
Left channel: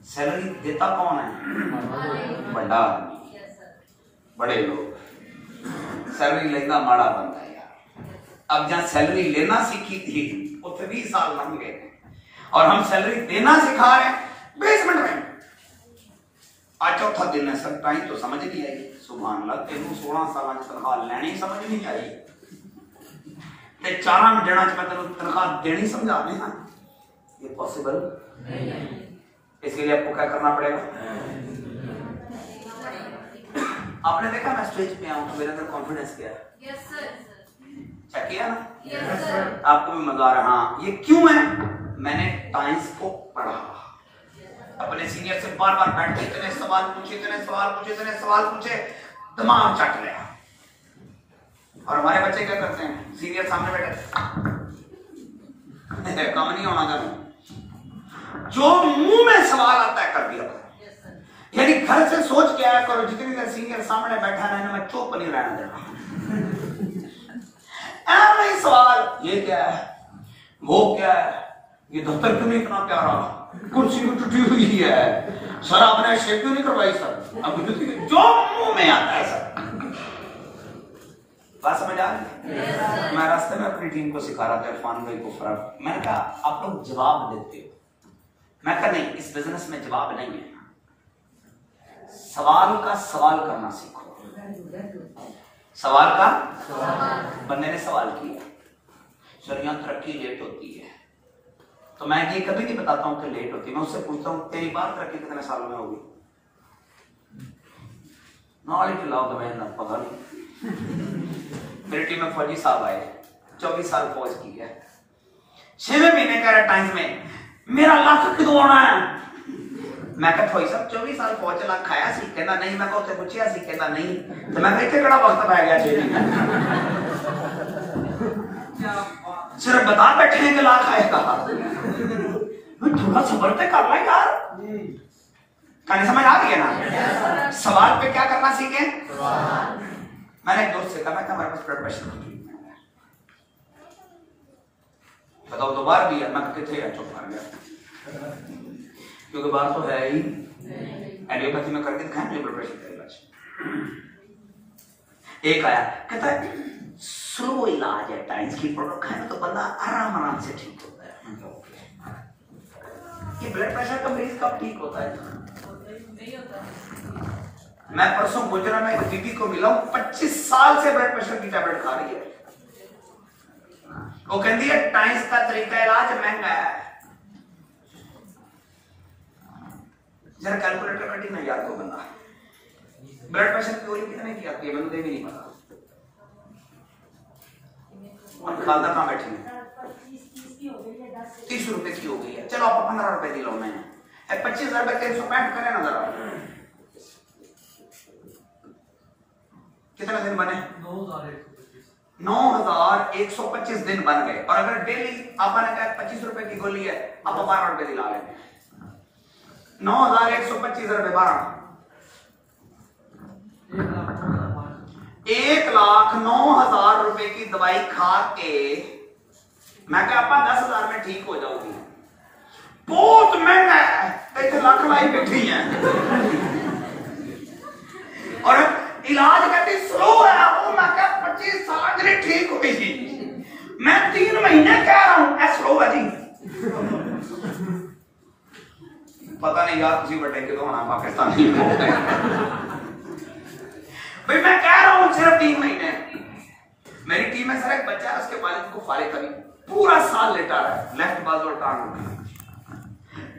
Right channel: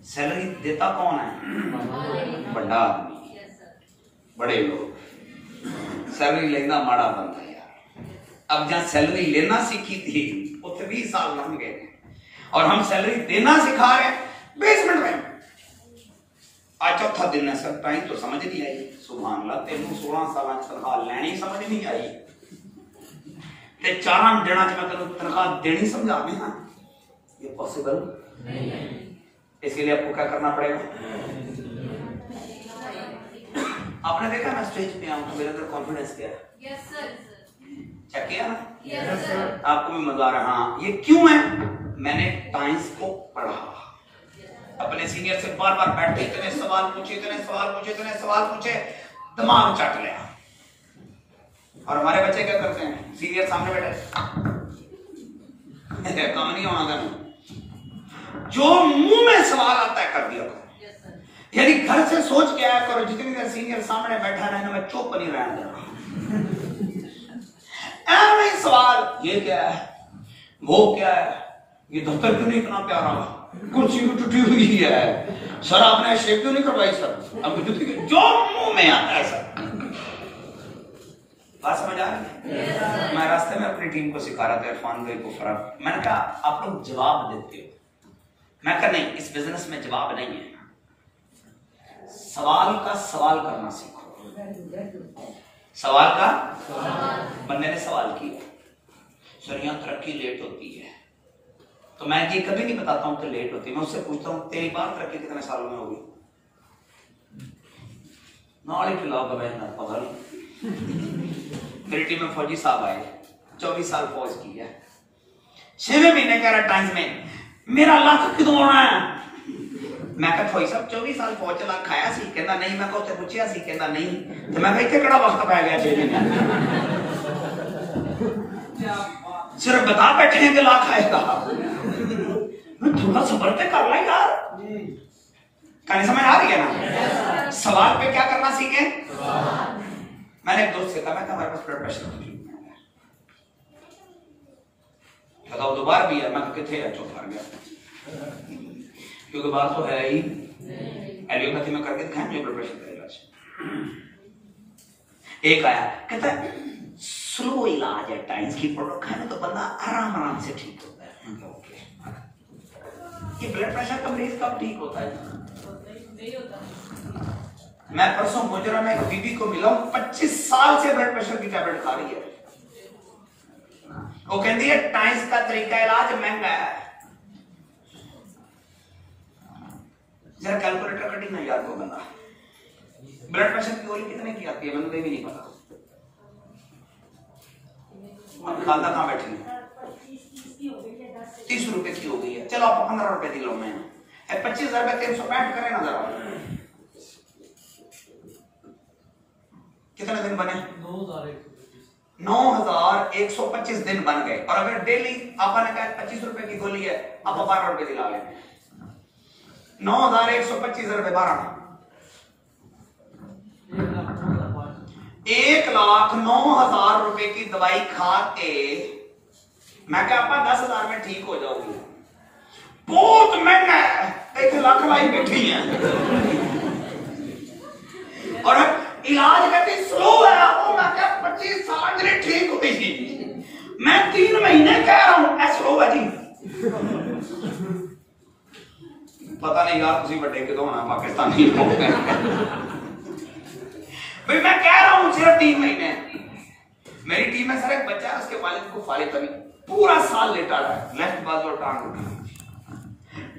सैलरी देता कौन है? बड़ा आदमी, बड़े लोग। सैलरी लेना माड़ा बंदा है यार। अब जहां सैलरी लेना सीखी थी उसे 20 साल लग गए, और हम सैलरी देना सिखा रहे हैं 20 मिनट में। आज चौथा दिन है सर, टाइम तो समझ नहीं आई। सुभान अल्लाह, तेन 16 साल तनख्वाह लेनी समझ नहीं आई ते 4 दिनों में तेन तनख्वाह देनी समझा रहे हैं, ये पॉसिबल नहीं। इसलिए आपको क्या करना पड़ेगा? आपने देखा मैं स्टेज पे आऊं तो मेरे अंदर कॉन्फिडेंस क्या है? Yes sir. चेक किया ना? Yes sir. आपको भी मजा आ रहा? हाँ। ये क्यों है? मैंने टाइम्स को पढ़ा, अपने सीनियर से बार बार बैठ के इतने सवाल पूछे, इतने सवाल पूछे, इतने सवाल पूछे, दिमाग चट लिया। और हमारे बच्चे क्या करते हैं? सीनियर सामने बैठे कम नहीं होना था, जो मुंह में सवाल आता है कर दिया। यानी घर से सोच के आया करो, जितनी देर सीनियर सामने बैठा रहने में चुप नहीं रहना देना। ऐसे सवाल, ये क्या है, वो क्या है, ये दफ्तर क्यों नहीं इतना प्यारा, कुर्सी भी टूटी हुई है, सर आपने शेव क्यों नहीं करवाई सर, अब जो मुंह में आता है सर। बात समझ आ गई? मैं रास्ते में अपनी टीम को सिखा रहा था, इरफान भाई को फराक, मैंने कहा आप लोग जवाब देते हो। मैं कहा नहीं, इस बिजनेस में जवाब नहीं है, सवाल का सवाल करना सीखो। सवाल का बंदे ने सवाल किया, सर यहाँ तरक्की लेट होती है, तो मैं ये कभी नहीं बताता हूं कि लेट होती है। मैं उससे पूछता हूं तेरी बात तरक्की कितने साल में होगी? नॉलेज खिलाओगे मैं ना पगल। मेरी टीम में फौजी साहब आए, 24 साल फौज की है, 6वें महीने कह रहा टाइम्स में मेरा लाख कितों होना है। मैं कहा फौजी साहब 24 साल फौज च लाख खाया सी? कहता नहीं। मैं उत्थे पूछिया सी? कहता नहीं। तो मैं कहा केड़ा वक्त पै गया 6 महीने? सिर्फ बता बैठे हैं कि लाख आएगा, थोड़ा सब्र पे कर ला यार। कहानी समझ आ रही है ना? सवाल पे क्या करना सीखे। मैंने एक दोस्त से कहा, मैं हमारे पास ब्लड प्रेशर की ट्रीटमेंट है, बताओ तो बार भी है। मैं कितने है? चुप मार गया, क्योंकि बार तो है ही। एलियोपैथी में करके दिखाया मुझे ब्लड प्रेशर का इलाज। एक आया कहता है स्लो इलाज है, टाइम्स की प्रोडक्ट खाने तो बंदा आराम आराम से ठीक होता है। ये ब्लड प्रेशर का मरीज कब ठीक होता है? मैं परसों गुजरा में एक बीबी को मिला हूं, 25 साल से ब्लड प्रेशर की टैबलेट खा रही है। वो कहती है टाइम्स का तरीका इलाज महंगा है। जरा कैलकुलेटर कटी ना याद को बंदा, ब्लड प्रेशर की गोली कितने की आती है मुझे भी नहीं पता। खालदा कहां बैठी है? 30 रुपए की हो गई है, चलो आप 15 रुपए दी लो। मैं 25,000 रुपए 365 करें ना जरा, कितने दिन बने? 9,125 दिन बन गए। और अगर डेली आपने कहा 25 रुपए की गोली है, आप 12 रुपए दिला लेंगे, 9,125 रुपए 12 1,09,000 रुपए की दवाई खा के मैं क्या आपा 10,000 में ठीक हो जाऊंगी, बहुत महंगा है, 1 लाख लाई बैठी है और इलाज कहते स्लो है, वो मैं क्या 25 साल के लिए ठीक हुई थी, मैं 3 महीने कह रहा हूं स्लो है जी। पता नहीं यार किसी बड़े के तो होना पाकिस्तानी भाई मैं कह रहा हूं सिर्फ 3 महीने। मेरी टीम में सर एक बच्चा है, उसके वालिद को फालिद कभी पूरा साल लेटा रहा है, लेफ्ट बाजू और टांग,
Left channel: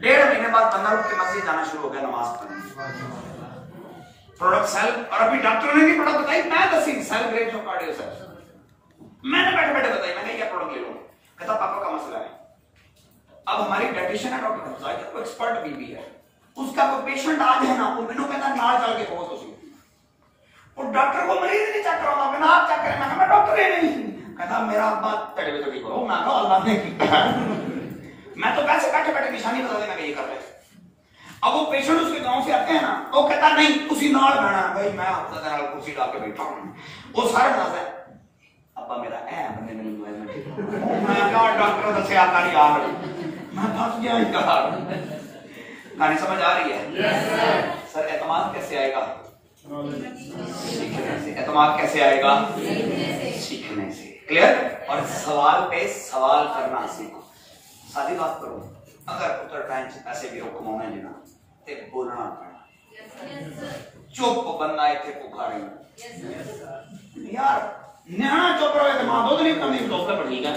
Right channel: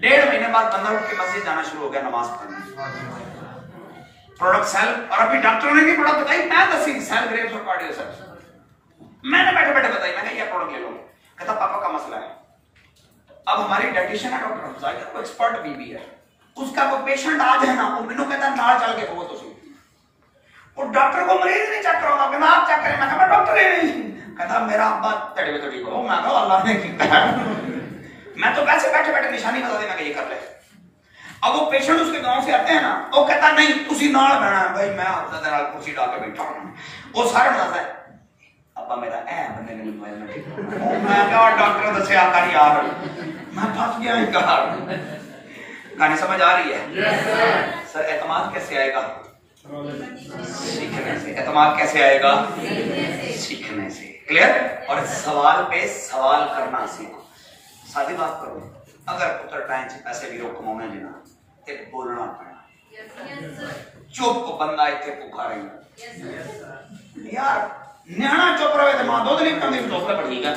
1.5 महीने बाद 15 रुपए के मस्जिद जाना शुरू हो गया नमाज पढ़ने। प्रोडक्ट सेल, और अभी डॉक्टर ने नहीं प्रोडक्ट बताई, मैं दसी सेल ग्रेप्स और कार्डियो सेल, मैंने बैठे बैठे बताई, मैंने ये प्रोडक्ट ले लो, कहता पापा का मसला है। अब हमारी डाइटिशियन है डॉक्टर जाहिर को एक्सपर्ट बीबी है, उसका वो पेशेंट आज है ना, वो मैंने कहता नाला चल के बहुत उसी, और डॉक्टर को मरीज नहीं चेक कराऊंगा, कहना आप चेक करें, मैं डॉक्टर ही नहीं, कहता मेरा अब्बा तड़े तड़ी को, मैं कहा अल्लाह ने किया, मैं तो वैसे बैठे बैठे निशानी बता देना कि ये कर ले। अब वो पेशेंट उसके गांव से आते हैं ना, वो कहता नहीं उसी नाल बना है भाई, मैं हफ्ता नाल कुर्सी डाल के बैठा हूं, वो सारा बताता है अब्बा मेरा मैंने मोबाइल में ठीक मैं कहा डॉक्टर दसे आकर यार मैं फंस गया यार। कहानी समझ आ रही है? yes, सर एतमाद कैसे आएगा? सीखने से। एतमाद कैसे आएगा? सीखने से। क्लियर? और सवाल पे सवाल करना सीखो। सादी बात करो, अगर पुत्र टाइम से पैसे भी रोक कमाने लेना ते बोलना पड़ना, चुप बंदा इतने पुकारे यार, न्याणा चुप रहे तो मां दूध नहीं कमी चुप रह ठीक है,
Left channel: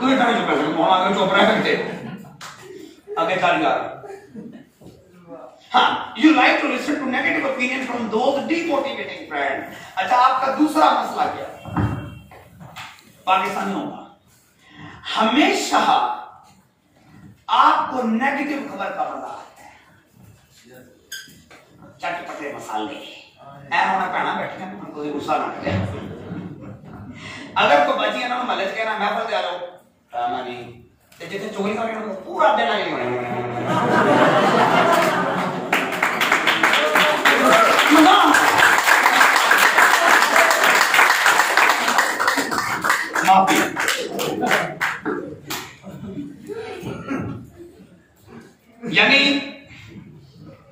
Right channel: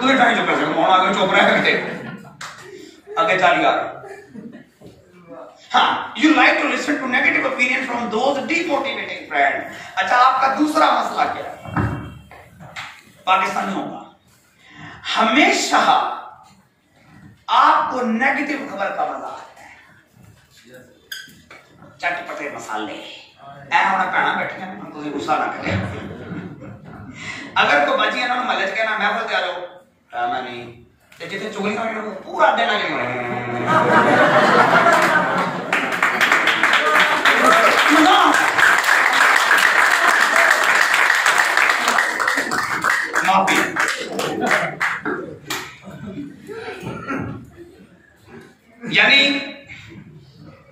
तू इतना चुप रहे मोहन आगे चुप रह करते आगे चल यार। हाँ, you like to listen to negative opinion from those demotivating friends। अच्छा, आपका दूसरा मसला क्या है? पाकिस्तानियों का हमेशा आपको नेगेटिव खबर का मजा आता है, चटपटे मसाले होना कहना बैठे हैं, कोई गुस्सा ना करे। अगर कोई बची है ना मलज के ना मैं बोल दिया लो मैं नहीं ते जिथे चुगली होनी पूरा दिन लगे माफी। यानी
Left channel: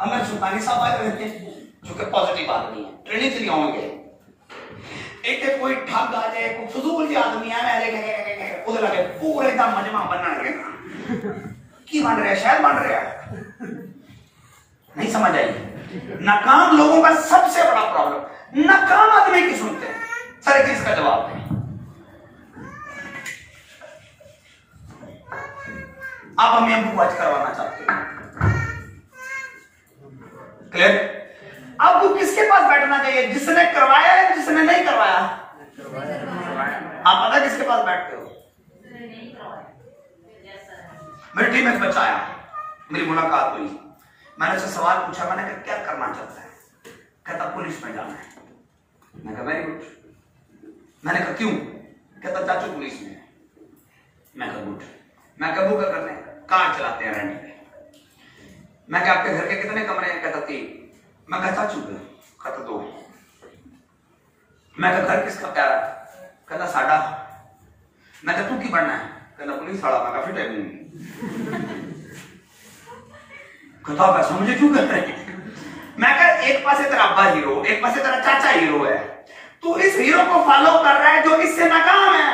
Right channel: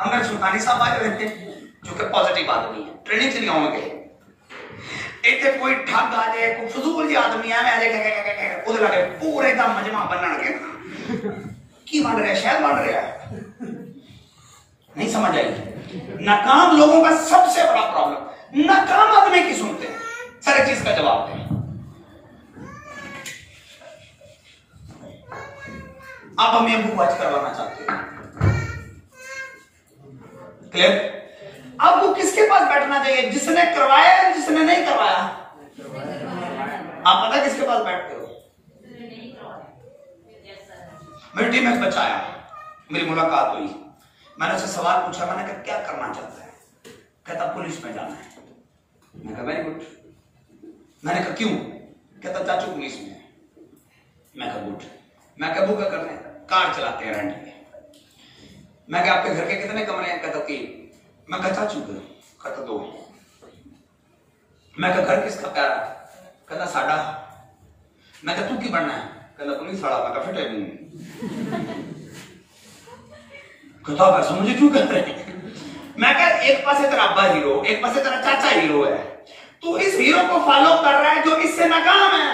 अगर सुल्तानी साहब आए रहते जो कि पॉजिटिव आदमी है, ट्रेनिंग से होंगे, एक कोई ठग आ जाए, कोई फजूल जी आदमी है मैं उधर लगे पूरे का मजमा बनने लगे की बन रहा है, शायद बन रहा है, नहीं समझ आई। नाकाम लोगों का सबसे बड़ा प्रॉब्लम, नाकाम आदमी की सुनते हैं। सर एक चीज का जवाब दें, आप हमें अबू वाच करवाना चाहते हैं, क्लियर? अब वो किसके पास बैठना चाहिए, जिसने करवाया है जिसने नहीं करवाया? आप पता किसके पास बैठते हो? मेरी टीम में बच्चा आया, मेरी मुलाकात हुई, मैंने उससे सवाल पूछा, मैंने कहा क्या करना चाहता है? कहता पुलिस में जाना है। मैंने कहा वेरी गुड। मैंने कहा क्यों? कहता चाचू पुलिस में। मैं कहा गुड। मैं कहा वो क्या करते हैं? कार चलाते हैं रेंट पे। मैं कहा आपके घर के कितने कमरे हैं? कहता 3। मैं कहा चाचू के? कहता 2। मैं कहा घर किसका प्यारा? कहता साडा। मैं कहा तू की बनना है? कहता पुलिस वाला। मैं कहा फिर कहता पैसा मुझे क्यों कहते हैं? मैं कहा एक पासे तेरा अब्बा हीरो, एक पासे तेरा चाचा हीरो है, तू इस हीरो को फॉलो कर रहा है जो इससे नाकाम है।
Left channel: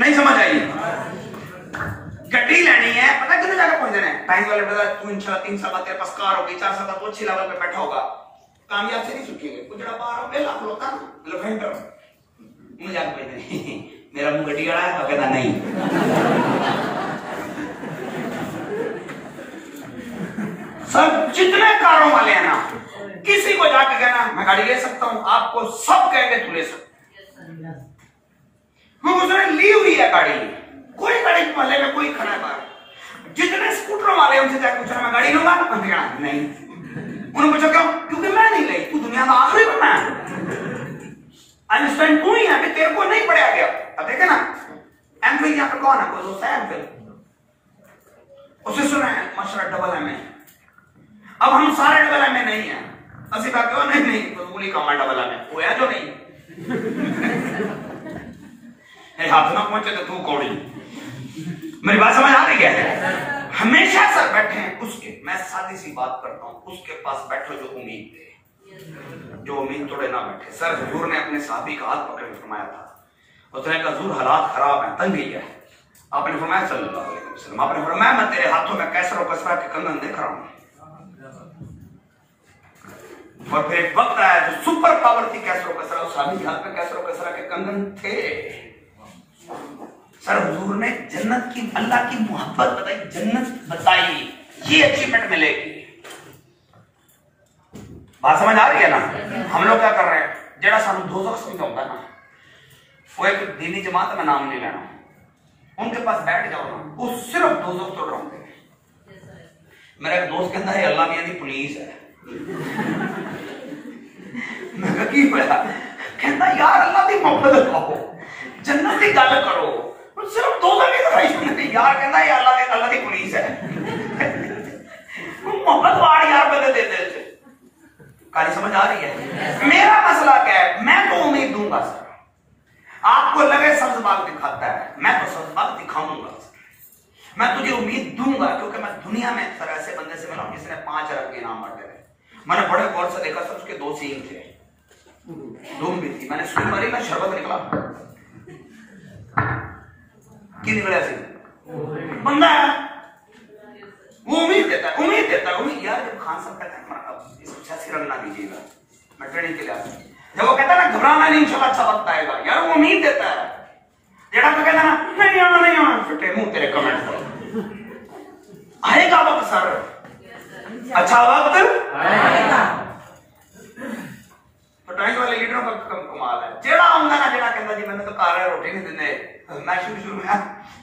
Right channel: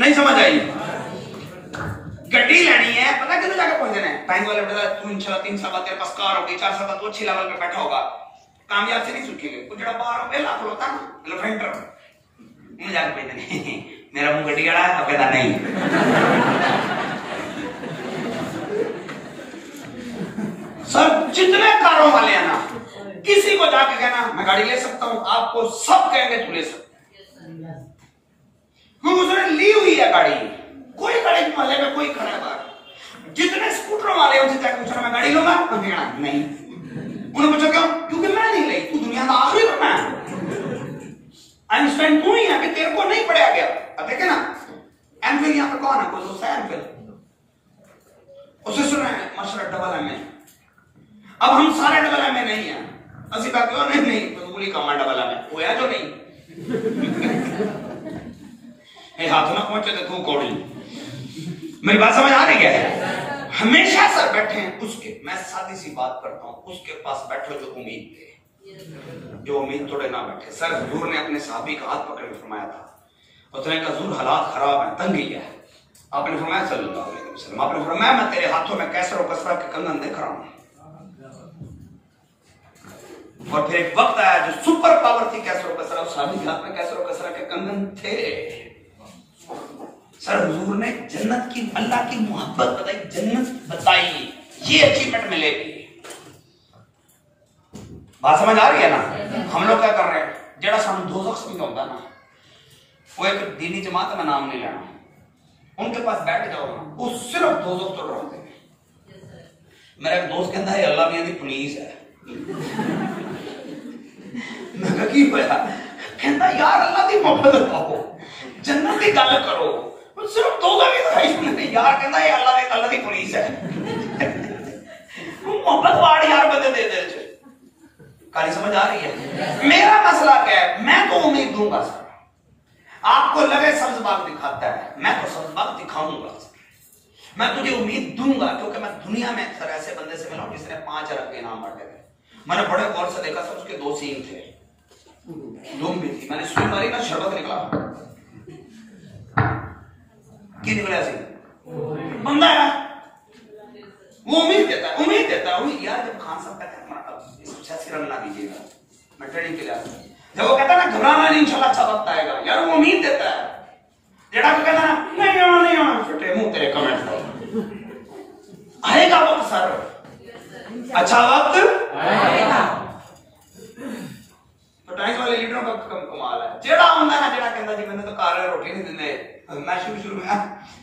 नहीं समझ आई? गड्डी लेनी है, पता कितने जगह पहुंचने हैं? टाइम वाले बता तू इंशाल्लाह 3 साल बाद तेरे पास कार होगी, 4 साल बाद तो अच्छी लेवल पे बैठा होगा, कामयाब से नहीं सूखेंगे। कुछ जड़ा बाहर लाख होता ना लेफेंटर मुझे जाके भेजने मेरा मुंह गड्डी गड़ा है तो कहता नहीं। सर जितने कारों वाले हैं ना, किसी को जाके कहना मैं गाड़ी ले सकता हूं, आपको सब कहेंगे तू ले सकता, क्योंकि उसने ली हुई है गाड़ी। कोई गाड़ी मोहल्ले में कोई खड़ा है, जितने स्कूटर वाले उनसे जाके पूछना मैं गाड़ी लूंगा, नहीं। उन्होंने पूछा क्यों? क्योंकि मैं नहीं ली, तू दुनिया का आखिरी बना है, आइंस्टाइन तू ही है कि तेरे को नहीं पढ़ाया गया। अब देखे ना एमफिल यहाँ पे कौन है? कोई दोस्त है एमफिल? उसे सुना है माशाल्लाह डबल एमए। अब हम सारे डबल एमए नहीं है, असि बाकी नहीं नहीं फजूली काम डबला में होया जो नहीं हाथ ना पहुंचे तो तू कौड़ी। मेरी बात समझ आ रही है? हमेशा सर बैठे हैं उसके, मैं सादी सी बात करता हूँ, उसके पास बैठो जो उम्मीद दे, जो उम्मीद तोड़े ना बैठे। सर हुजूर ने अपने साहबी का हाथ पकड़ के फरमाया था, उसने कहा हुजूर हालात खराब है, तंगी है। आपने फरमाया सल्लल्लाहु अलैहि वसल्लम, आपने फरमाया मैं तेरे हाथों में कैसर और कसरा के कंगन देख रहा हूं। और फिर एक वक्त आया जो सुपर पावर थी कैसर और कसरा, उस साहबी के हाथ में कैसर और कसरा के कंगन थे। सर हुजूर ने जन्नत की, अल्लाह की मोहब्बत बताई, जन्नत बताई, ये अचीवमेंट मिलेगी। बात समझ आ रही है ना? हम लोग क्या कर रहे हैं, जेड़ा सानू दोज़ख समझाता है ना, वो एक दीनी जमात में नाम नहीं लेना, उनके पास बैठ जाओ ना, वो सिर्फ दोज़ख तो डराते हैं। मेरा एक दोस्त कहता है अल्लाह मियां दी पुलिस है। मैं कहा की होया? कहता यार अल्लाह दी मोहब्बत पाओ, जन्नत दी गल करो, सिर्फ दोज़ख की दिखाई नहीं यार। कहता है अल्लाह दी पुलिस है। मोहब्बत वाड़ यार बंदे दे दे। कहानी समझ आ रही है? मेरा मसला क्या है, मैं तो उम्मीद दूंगा सर, आपको लगे सब्ज बाग दिखाता है, मैं तो सब्ज बाग दिखाऊंगा सर, मैं तुझे उम्मीद दूंगा, क्योंकि मैं दुनिया में सर ऐसे बंदे से मिला जिसने 5 अरब के इनाम बांटे थे। मैंने बड़े गौर से देखा सर, उसके 2 सींग थे, लूम भी थी, मैंने सुई मारी ना, शरबत निकला। की निकला सी बंदा है, वो उम्मीद देता है, उम्मीद देता है, उम्मीद। यार जब खान साहब कहता है ना दीजिएगा, मैं ट्रेनिंग के लिए जब वो कहता है ना घबराना नहीं, इंशाल्लाह अच्छा वक्त आएगा, यार वो उम्मीद देता है। जेड़ा तो कहता है ना नहीं आना फिटे मुंह तेरे कमेंट पर, आएगा वक्त सर, अच्छा वक्त आएगा। तो टाइम वाले लीडरों का कमाल है, जेड़ा आंदा ना, जेड़ा कहता जी मैंने तो घर है रोटी नहीं देने। मैं शुरू में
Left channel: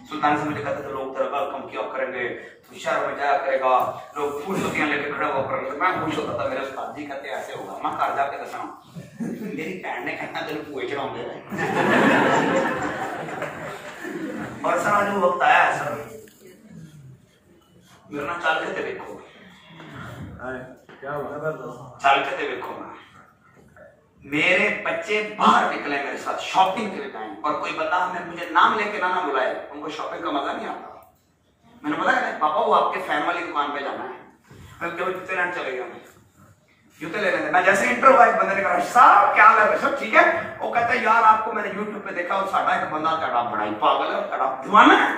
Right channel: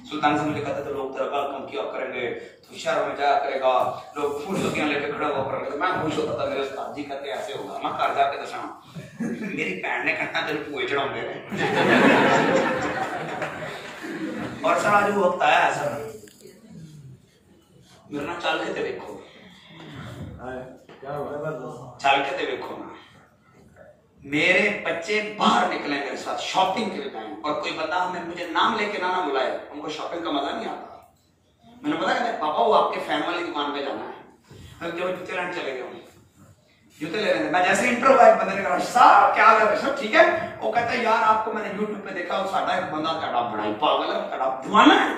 सुल्तान से मुझे कहते थे लोग तेरा वेलकम किया करेंगे, तो शहर में जाया करेगा, लोग फूल लेके खड़े हुआ करेंगे। तो मैं खुश होता था, मेरे उस्ताद जी कहते ऐसे होगा, मैं घर जाके दसा मेरी भैन ने कहना तेरे कुएं चढ़ाऊंगे। और सर आज वो वक्त आया है सर, मेरे ना चल के देखो, चल के देखो ना, मेरे बच्चे बाहर निकले मेरे साथ शॉपिंग के टाइम, और कोई बंदा हमें मुझे नाम लेके ना बुलाए, उनको शॉपिंग का मजा नहीं आता। मैंने पता कहते पापा वो आपके फैन वाली दुकान पे जाना है, मैं जब जूते लेने चले गए, जूते लेने थे, मैं जैसे इंटर हुआ एक बंदे ने कहा साहब क्या कर रहे सब ठीक है? वो कहता है यार आपको मैंने यूट्यूब पे देखा, साडा एक बंदा तेरा बड़ा ही पागल है, तेरा दीवाना है,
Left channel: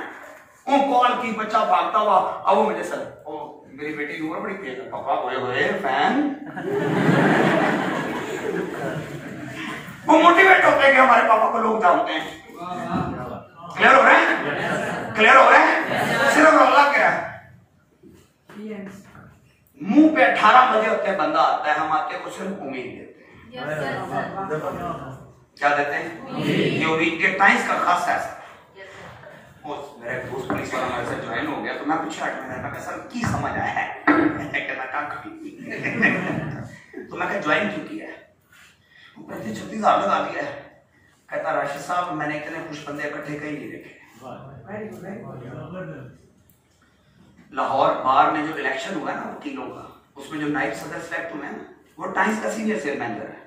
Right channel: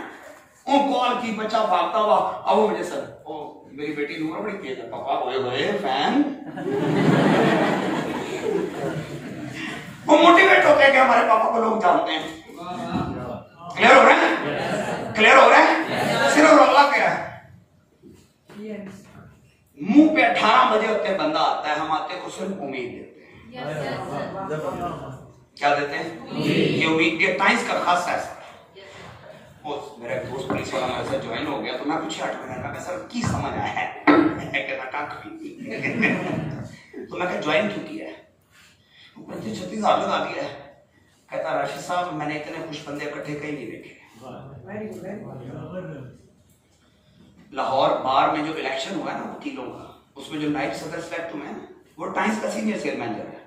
वो कॉल की बच्चा भागता हुआ, अब वो मुझे सर ओ मेरी बेटी नूर बड़ी तेज है, पापा होए होए फैन। वो मोटिवेट होते हैं कि हमारे पापा को लोग जानते हैं। क्लियर हो रहा है? क्लियर हो रहा है? सिर्फ अल्लाह कह रहा है, मुंह पे 18 बजे होते हैं बंदा आता है, हम आते हैं सिर्फ उम्मीद देते हैं। क्या देते हैं? ये उम्मीद, ये टाइम्स का खास है। मेरा एक दोस्त पुलिस वाला मेरे से ज्वाइन हो गया, तो मैं कुछ 8 महीने का सर की समझ आया है तो मैं ज्वाइन क्यों किया है? 36 साल लगा दिया है। कहता राशिद साहब मैंने इतने खुश बंदे इकट्ठे कहीं नहीं देखे। लाहौर बार में जो इलेक्शन हुआ है ना वकीलों का, उसमें जो नाइट सदर सेलेक्ट हुए हैं वो टाइम्स का सीनियर सेल मैनेजर है।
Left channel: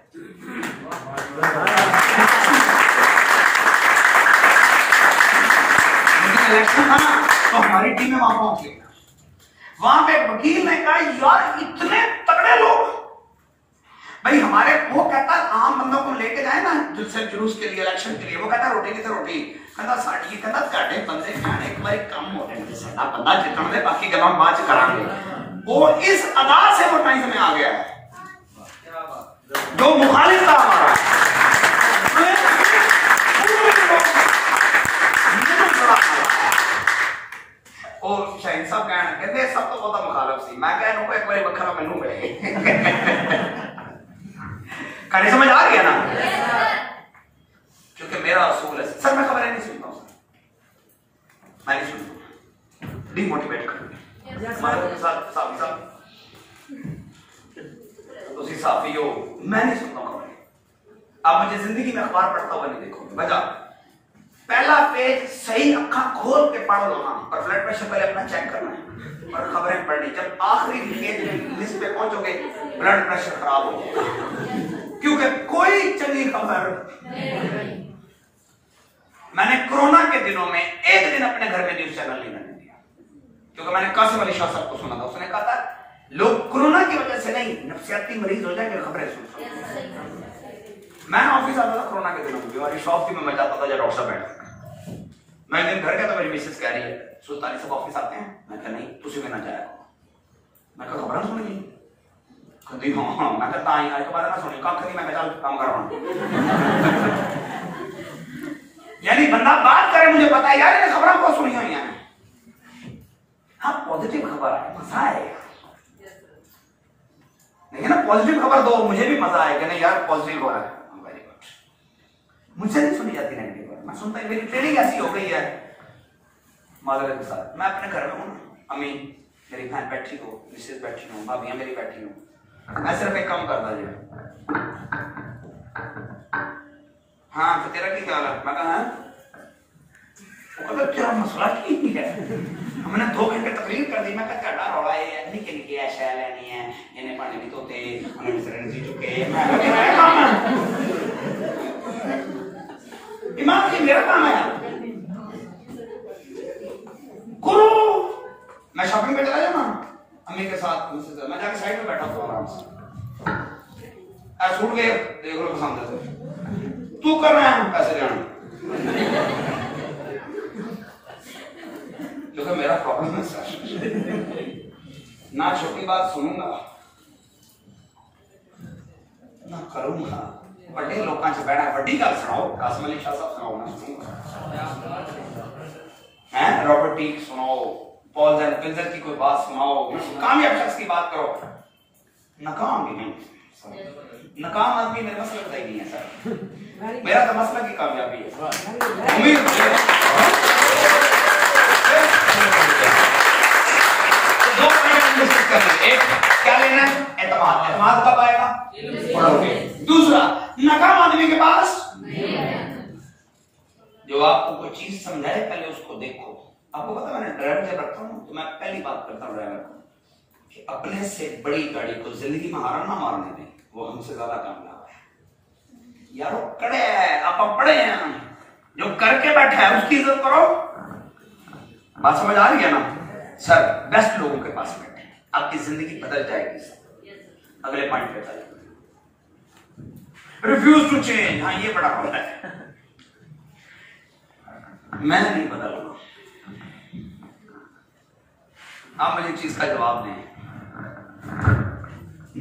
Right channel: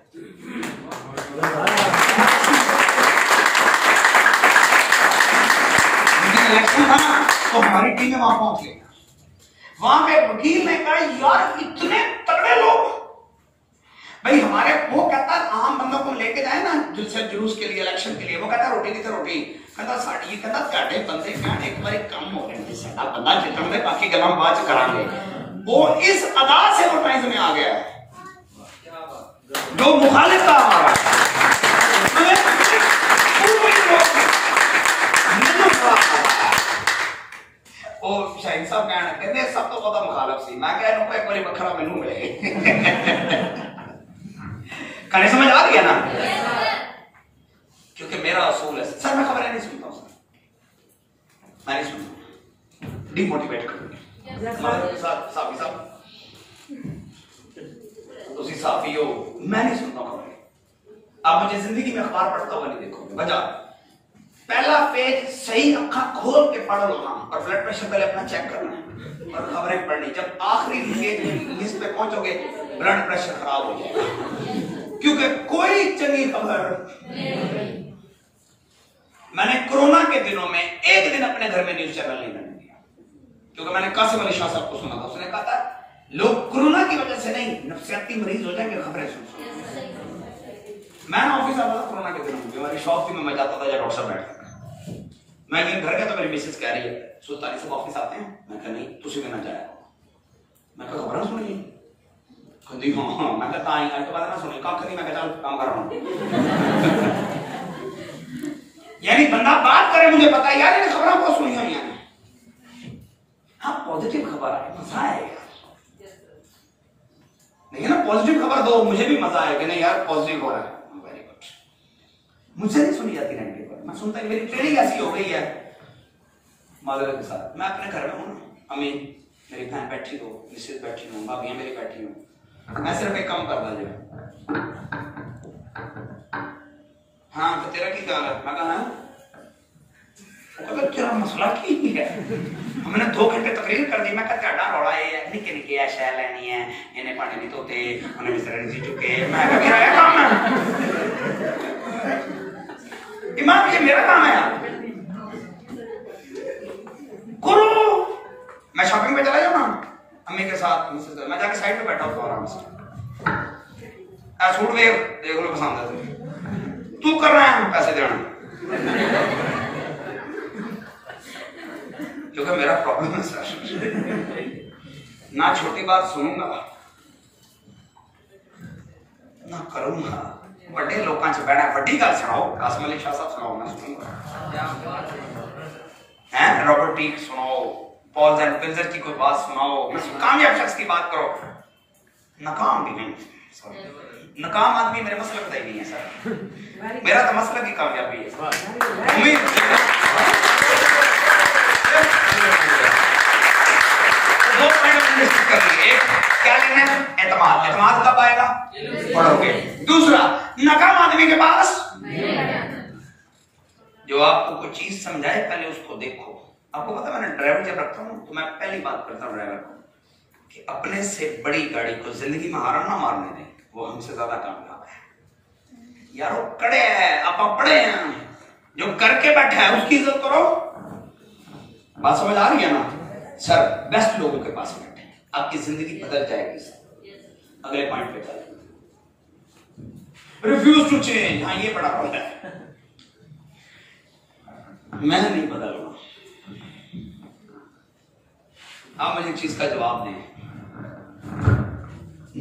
इलेक्शन था ना तो हमारी टीम में वहां पहुंच गई, वहां पे वकील ने कहा यार इतने तगड़े लोग भाई हमारे, वो कहता है आम बंदों को लेके जाए ना जुलूस के लिए, इलेक्शन के लिए, वो कहता रोटी नहीं तो रोटी, कहता साड़ी, कहता साढ़े बंदे क्या एक बार काम हो रहे हैं, बंदा जितना दे बाकी गला बाद च करांगे। वो इस अदा से वो टाइम्स में आ गया है जो मुखालिफ था हमारा। शाहीन साहब कहते सब तो बहुत मुखालिफ सी, मैं कह एक बार बखरा मैनू मिले। कहानी समझ आ रही है ना? क्योंकि मेरा असूल है सर, मैं खबरें नहीं सुनता हूं, मैं नहीं सुनता, डिमोटिवेट करूंगी। साफी साहब तुसी साफी हो, मैं नहीं सुनता खबरें। आप मुझे जिंदगी में अखबार पढ़ता हुआ नहीं देखोगे, वजह पहला पेज सही अखा खोल के पढ़ लो ना, और ब्लड प्रेशर पहले अपना चेक करना है और खबरें पढ़नी। जब आखिरी लिस्ट पे पहुंचोगे ब्लड प्रेशर खराब हो जाएगा, क्योंकि कोई चंगी खबर। मैंने कोरोना के दिनों में एक दिन अपने घर में न्यूज चैनल नहीं करने दिया, क्योंकि मैंने कासिम अली शाह साहब को सुना था, उसने कहा था लोग कोरोना की वजह से नहीं नफ्सियाती मरीज हो जाएंगे खबरें सुन। मैं ऑफिस आता था कोरोना के दिनों में, बीमारी शॉप थी, मैं जाता था जब डॉक्टर साहब बैठा। मैं दिन घर गया तो मेरी मिसेस कह रही है सुल्तानी सब ऑफिस आते हैं, मैं कहा नहीं तुसी भी ना जाया। मैं कहा खबर सुनी कहती हाँ, मैं कहता आई आज के बाद ना सुनी कख नहीं, मैं चल काम कर रहा हूं। यानी बंदा बात करे मुझे पता है यार, खबर बहुत सुनी हुई है। हाँ पॉजिटिव खबर आए मजा आएगा, नहीं ना पॉजिटिव खबर दो मुझे भी मजा आएगा, नहीं यार पॉजिटिव हो रहा है, वेरी गुड। मुझसे नहीं सुनी जाती नेगेटिव, मैं सुनता ही, मेरी ट्रेनिंग ऐसी हो गई है माधुर्य के साथ। मैं अपने घर में हूँ, अम्मी मेरी बहन बैठी हो, मिसेस बैठी हो, भाभियां मेरी बैठी हो, मैं सिर्फ एक काम कर रहा। हाँ तो तेरा क्या ख्याल है? मैं कहा वो कहता तेरा मसला की है। हमने 2 घंटे तकरीर कर दी, मैं कहता डा रौला है निके निके ऐ शै लेनी है, इन्हें पानी नहीं धोते, उन्हें बिस्तर नहीं चुके। मैं कहा मेरा काम है इमाम, ये मेरा काम है करो। मैं शॉपिंग पे चला जाऊँ ना अम्मी के साथ, मैं जाके साइड पे बैठा हूँ आराम से, सूट देख लो पसंद है तू कर रहा है पैसे देना, क्योंकि मेरा प्रॉब्लम है सर, ना छोटी बात सुनूंगा ना करूंगा, बड़े लोगों से बैठा बड़ी गल सुनाओ, कासिम अली शाह साहब सुनाओ, मैं सुनूंगा, हैं रॉबर्ट टीक सुनाओ, पॉल पिंजर की कोई बात सुनाओ, कामयाब शख्स की बात करो, नाकाम भी नहीं। नाकाम आदमी मेरे मसलक का ही नहीं है सर, मेरा तो मसलक की कामयाबी है। उम्मीद दो पॉइंट डिस्कस कर लेंगे, एक क्या लेना है एतमाद, एतमाद कब आएगा पढ़ोगे। दूसरा नाकाम आदमी के पास जो आपको कोई चीज समझाए पहले उसको देखो। आपको पता है मैंने ड्राइवर जब रखता हूँ तो मैं पहली बात करता हूँ ड्राइवर को कि अपने से बड़ी गाड़ी को जिंदगी में हारन ना मारने दें, वो हमसे ज्यादा कामयाब है। यारो कड़े है आप पड़े हैं, जो करके बैठे हैं उसकी इज्जत करो। बात समझ आ रही है ना सर? बेस्ट लोगों के पास बैठे, आपकी जिंदगी बदल जाएगी सर। अगले पॉइंट पे चले, रिफ्यूज टू चेंज। हाँ ये बड़ा पॉइंट है, मैं नहीं बदलूंगा। आप मुझे चीज का जवाब दें।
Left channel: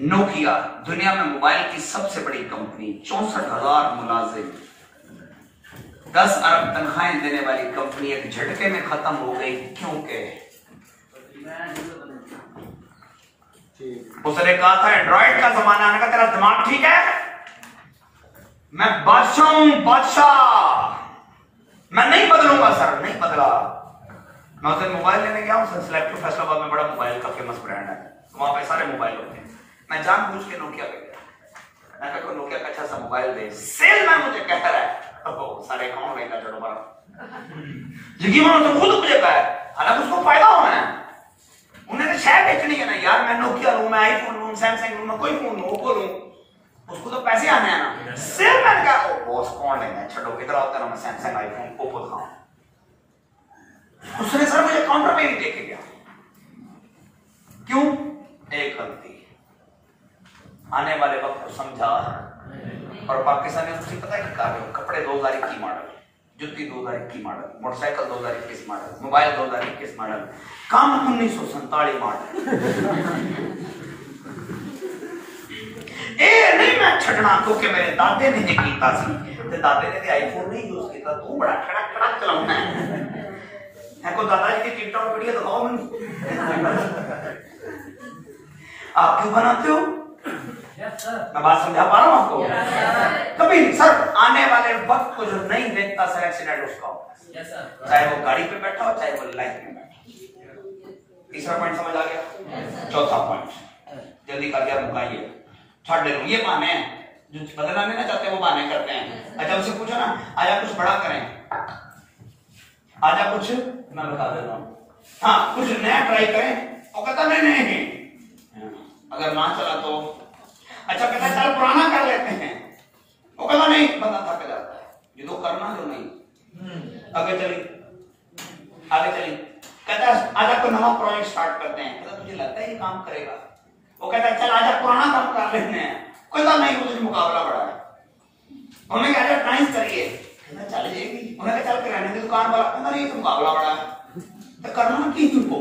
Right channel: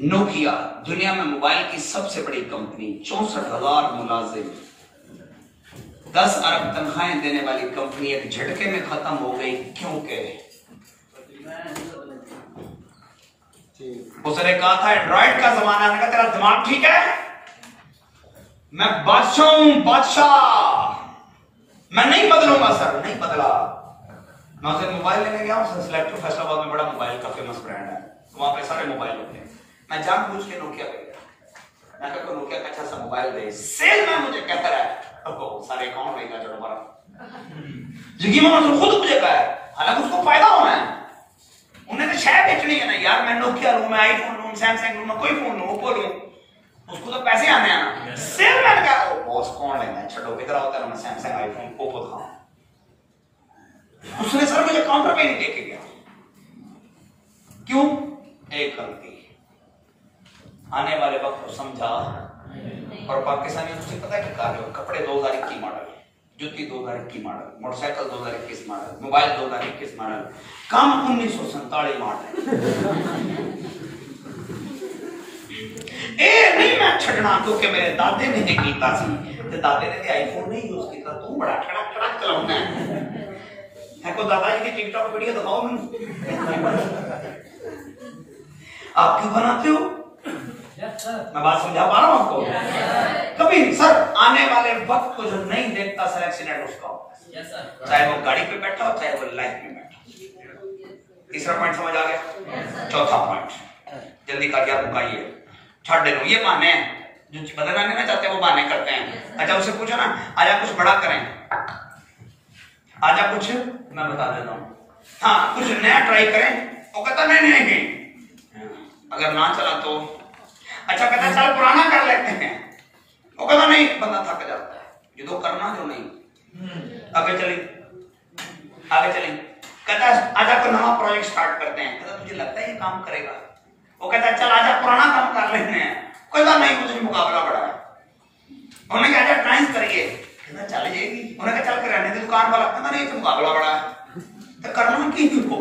नोकिया दुनिया में मोबाइल की सबसे बड़ी कंपनी, 64,000 मुलाजिम, 10 अरब तनख्वाहें देने वाली कंपनी एक झटके में खत्म हो गई, क्योंकि उसने कहा था एंड्रॉइड का जमाना है, तेरा दिमाग ठीक है, मैं बादशाह हूं बादशाह, मैं नहीं बदलूंगा सर। नहीं बदला। मैं उसे मोबाइल लेने गया, उसने सिलेक्टर फैसलाबाद में बड़ा मोबाइल का फेमस ब्रांड है, वहां पे सारे मोबाइल होते हैं। मैं जानबूझ के नोकिया पे गया, मैं कहा नोकिया का अच्छा सा मोबाइल दे। सेलमैन मुझे कहता है सारे कौन लेगा चलो बड़ा यकीन तो खुद मुझे कहा, हालांकि उसको फायदा होना है, उन्हें तो शायद बेचनी है ना यार। मैं नोकिया लूं, मैं आईफोन लूं, सैमसंग लूं, मैं कोई फोन लूं, ओप्पो लूं, उसको तो पैसे आने हैं ना। सेलमैन का बॉस कौन लेगा, छोड़ो इधर आओ, तेरा मैं सैमसंग आईफोन ओप्पो दिखाऊं। उसने सर मुझे काउंटर पे नहीं देके गया, क्यों? एक गलती, आने वाले वक्त को समझा। और पाकिस्तानी उससे पता है क्या, कपड़े 2021 मॉडल, जुत्ती 2021 model, motorcycle 2021 model, mobile 2021 model, काम 1947 मॉडल। ए नहीं मैं छड़ना, क्योंकि मेरे दादे ने कीता सी, ते दादे ने आईफोन नहीं यूज किया, तू बड़ा खड़क खड़क चलाउना है को दादाजी की टिकटॉक वीडियो दिखाओ आप क्यों बनाते हो? मैं बात समझा पा रहा हूं आपको? कभी सर आने वाले वक्त को जो नहीं देखता सर एक्सीडेंट उसका होगा, चाहे वो गाड़ी पे बैठा हो, चाहे वो लाइफ में बैठा। तीसरा पॉइंट समझ आ गया? चौथा पॉइंट जल्दी का क्या मुकाइए, छाड़ दे ये बहाने हैं जो बदलना नहीं ना चाहते, वो बहाने करते हैं। अच्छा उससे पूछो ना आया कुछ बड़ा करें, आजा कुछ मैं बता देता हूँ, हाँ कुछ नया ट्राई करें। वो कहता नहीं, अगर ना चला तो अच्छा, कहता चल पुराना कर लेते हैं। वो कहता नहीं, बंदा थक जाता है, ये तो करना जो नहीं। आगे चली, कहता आजा तो नया प्रोजेक्ट स्टार्ट करते हैं। कहता तुझे लगता है ये काम करेगा? वो कहता चल आजा पुराना काम कर लेते हैं। कहता नहीं, मुझे मुकाबला बड़ा है। उन्होंने कहा आजा टाइम करिए। कहता चल जाएगी। उन्होंने कहा चल किराने की दुकान वाला। कहता नहीं, तो मुकाबला बड़ा है, तो करना की तुमको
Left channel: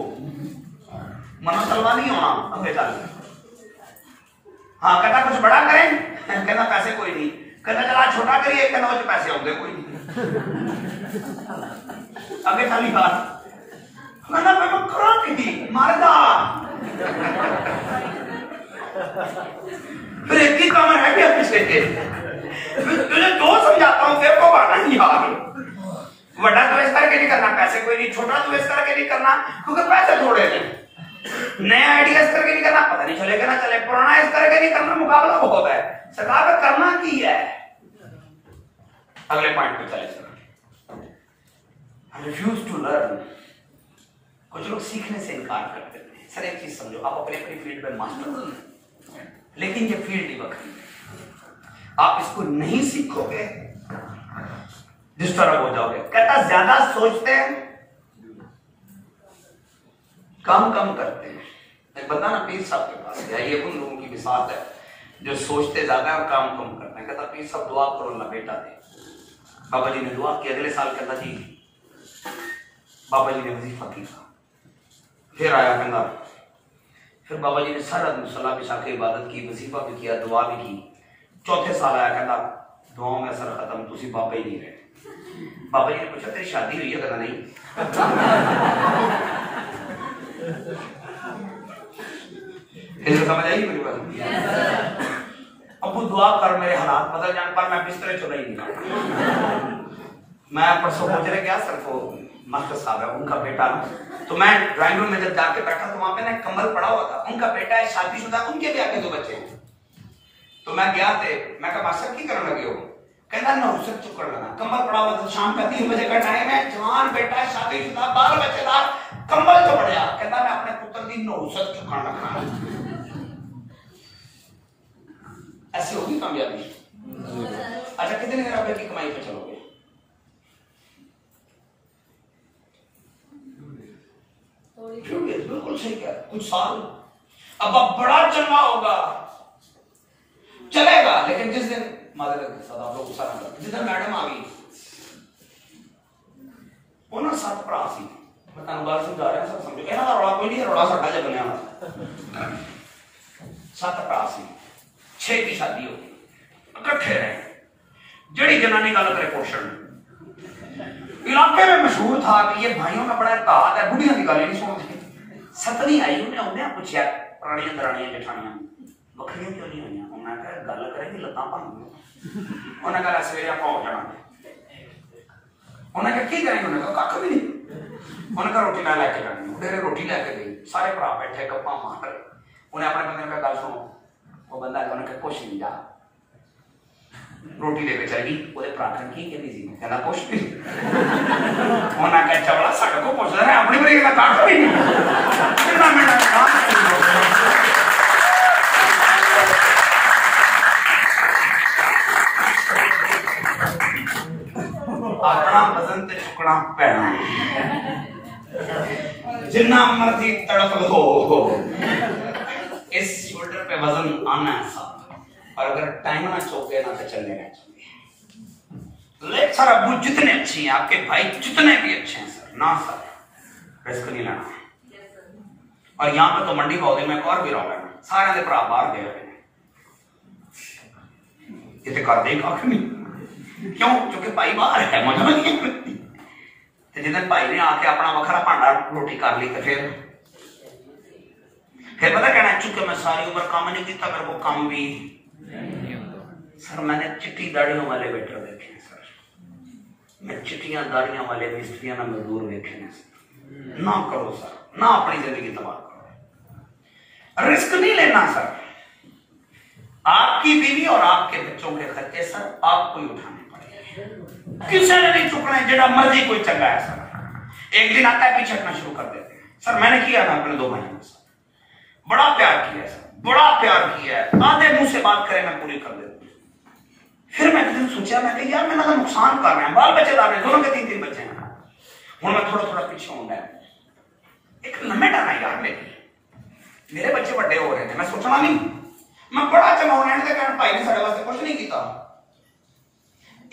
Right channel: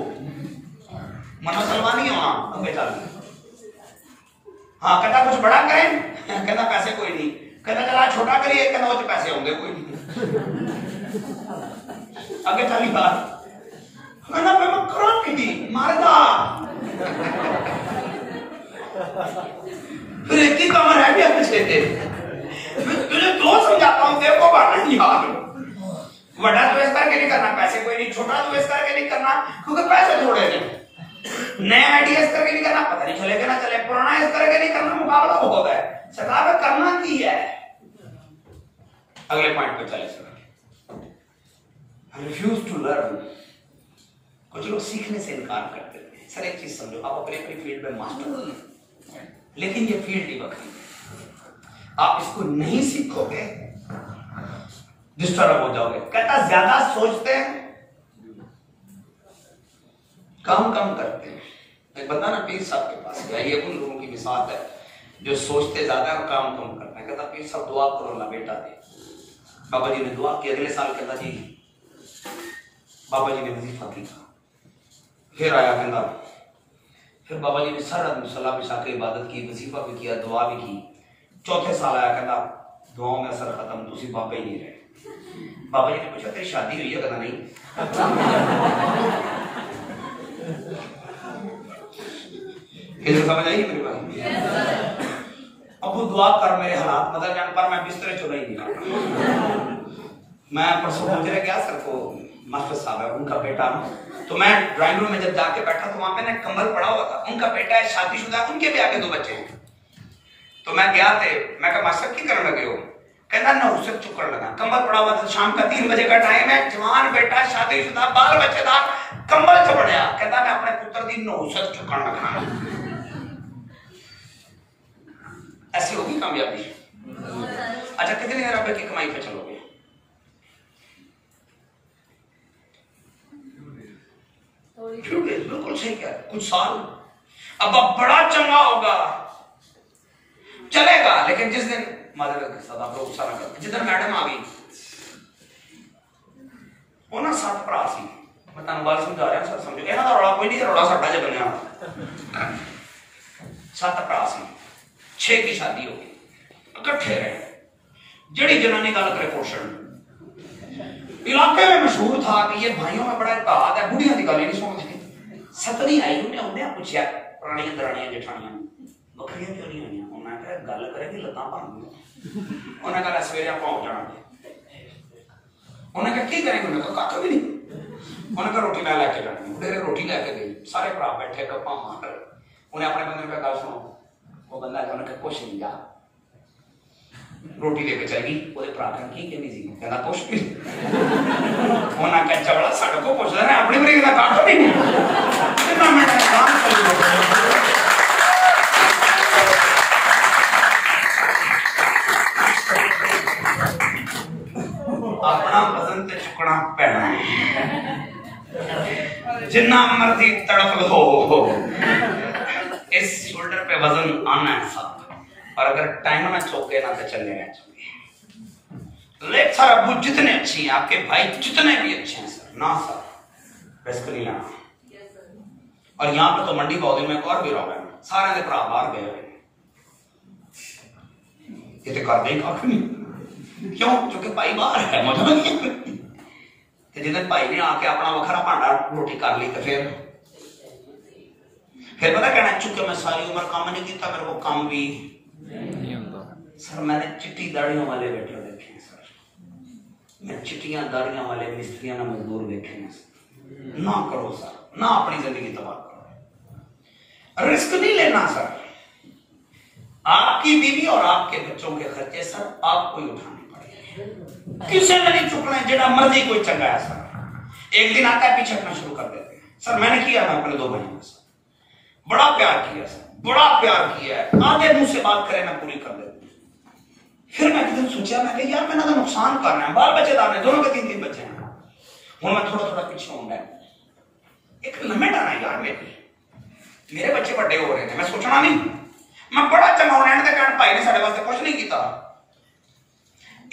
मना सलवा नहीं होना। चल हाँ, कहता कुछ बड़ा करें। कहता पैसे कोई नहीं। कहता चला छोटा करिए। कहता वो पैसे होंगे कोई नहीं। आगे चली बात, कहना मैं करो की मारदा। फिर एक ही काम रह गया पीछे के, तुझे दो समझाता हूं, तेरे को बाना नहीं यार। बड़ा तो इस करके नहीं करना, पैसे कोई नहीं। छोटा तो इस करके नहीं करना, क्योंकि पैसे थोड़े थे। नया आइडिया इस करके नहीं करना, पता नहीं चलेगा ना चले। पुराना इस करके नहीं करना, मुकाबला बहुत है। सरकार में करना की है। अगले पॉइंट पे चले। Refuse to learn. कुछ लोग सीखने से इनकार करते हैं। सर एक चीज समझो, आप अपने अपनी फील्ड में मास्टर हो, लेकिन ये फील्ड ही बकरी है। आप इसको नहीं सीखोगे, डिस्टर्ब हो जाओगे। कहता ज्यादा सोचते हैं, काम कम करते हैं। एक बता ना पीर साहब के पास गया, ये उन लोगों की मिसाल है जो सोचते ज्यादा और काम कम करते हैं। कहता पीर साहब दुआ करो अल्लाह बेटा दे। बाबा जी ने दुआ की। अगले साल कहता जी बाबा जी ने वजीफा किया। फिर आया कहता, फिर बाबा जी ने सारा दिन सलाह बिछा के इबादत की, वजीफा भी किया, दुआ भी की। चौथे साल आया कहता दुआओं में असर खत्म, तुसी बाबा ही नहीं रहे। बाबा जी ने पूछा तेरी शादी हुई है? कहता नहीं। फिर समझ आई मेरी बात? अबू दुआ कर मेरे हालात बदल जाने पर मैं बिस्तरे चुना ही नहीं। मैं परसों गुजरे गया सर को, मास्टर साहब है उनका बेटा ना, तो मैं ड्राइंग रूम में जब जाके बैठा तो वहां पे ना कंबल पड़ा हुआ था। उनका बेटा है, शादीशुदा, उनके भी आगे 2 बच्चे हैं। तो मैं गया थे, मैं कहा मास्टर की करने लगे हो? कहता ना उससे चुकड़ लगा, कंबल पड़ा हुआ था। शाम का 3 बजे का टाइम है, जवान बेटा, शादीशुदा, बाल बच्चेदार, कंबल से पड़ा। कहता मैं अपने पुत्र दी नौसत चुकड़ लगा। ऐसी होगी कामयाबी? अच्छा कितने रब की कमाई पे चलोगे? बिल्कुल सही कह, कुछ साल अब बड़ा चंगा होगा, चलेगा। लेकिन जिस दिन मदद के साथ आप लोग गुस्सा ना करते, जिधर मैडम आ गई वो ना 7 भरा सी, मैं तुम गल समझा रहा सर समझो, इन्हां दा रौला कोई नहीं, रौला साडा ज बनया। 7 भरा सी, 6 की शादी हो गई, इकट्ठे रहे। जड़ी जनानी गल करे पोषण, इलाके में मशहूर था कि ये भाइयों में बड़ा इत्तेहाद है, बुढ़िया की गल नहीं सुनती। 7वीं आई, उन्हें पूछा पुरानियां दरानियां जेठानियां बखरियां क्यों नहीं हुई? उन्हें कहा गल करेगी लत्तां भन गई। उन्हें कहा सवेरे आप हो जाना। उन्हें कहा की करेंगे? उन्हें कहा कख भी नहीं। उन्हें कहा रोटी मैं लैके जानी। उन्हें रोटी लैके गई, सारे भरा बैठे गप्पा मार। उन्हें अपने बंदे ने गल सुनो, वो बंदा है उन्हें कहा कुछ नहीं, जा रोटी लेके चली। वो भरा की कहती सी, कहना कुछ भी। उन्हें कहा चवड़ा साडे को पूछ लेना, अपनी बड़ी का कख भी नहीं। कितना मिनट काम करेंगे? अपना वजन ते चुकना पैना, जिन्ना मर्जी तड़प लो, इस शोल्डर पे वजन आना है साथ। और अगर टाइम ना चौके ना तो चलने ना चाहिए। लेट सर अबू जितने अच्छी हैं, आपके भाई जितने भी अच्छे हैं सर, ना सर रिस्क नहीं लेना। और यहाँ पे तो मंडी पौधे में एक और भी रहा है, सारे दे भरा बाहर गए हुए, ये तो कर दे काफी नहीं। क्यों? क्योंकि भाई बाहर है, मौजूद नहीं। जितने भाई ने आके अपना वखरा भांडा रोटी कर ली तो फिर पता कहना, चूंकि मैं सारी उम्र काम नहीं किया, मेरे को काम भी नहीं आता। सर मैंने चिट्टी दाढ़ियों वाले वेटर देखे हैं सर, मैं चिट्टियां दाढ़ियों वाले मिस्त्रियां ना मजदूर देखे हैं सर। ना करो सर, ना अपनी जिंदगी तबाह करो, रिस्क नहीं लेना सर। आपकी बीवी और आपके बच्चों के खर्चे सर आपको ही उठाने पड़ेंगे, किसी ने नहीं चुकना है, जितना मर्जी कोई चंगा है सर। एक दिन आता है पीछे हटना शुरू कर देते हैं। सर मैंने किया ना अपने 2 भाइयों के साथ, बड़ा प्यार किया सर, बड़ा प्यार किया है, आधे मुंह से बात करें मैं पूरी कर देता हूं। फिर मैं एक दिन सोचा, मैं कि यार मैंने तो नुकसान कर रहा है, बाल बच्चेदार ने दोनों के 3-3 बच्चे हैं, हूं मैं थोड़ा थोड़ा पीछे होना है, एक लिमिट आना यार मेरे बच्चे बड़े हो रहे थे, मैं सोचना नहीं मैं बड़ा चंगा होना है, कहना भाई ने साढ़े वास्ते कुछ नहीं किया,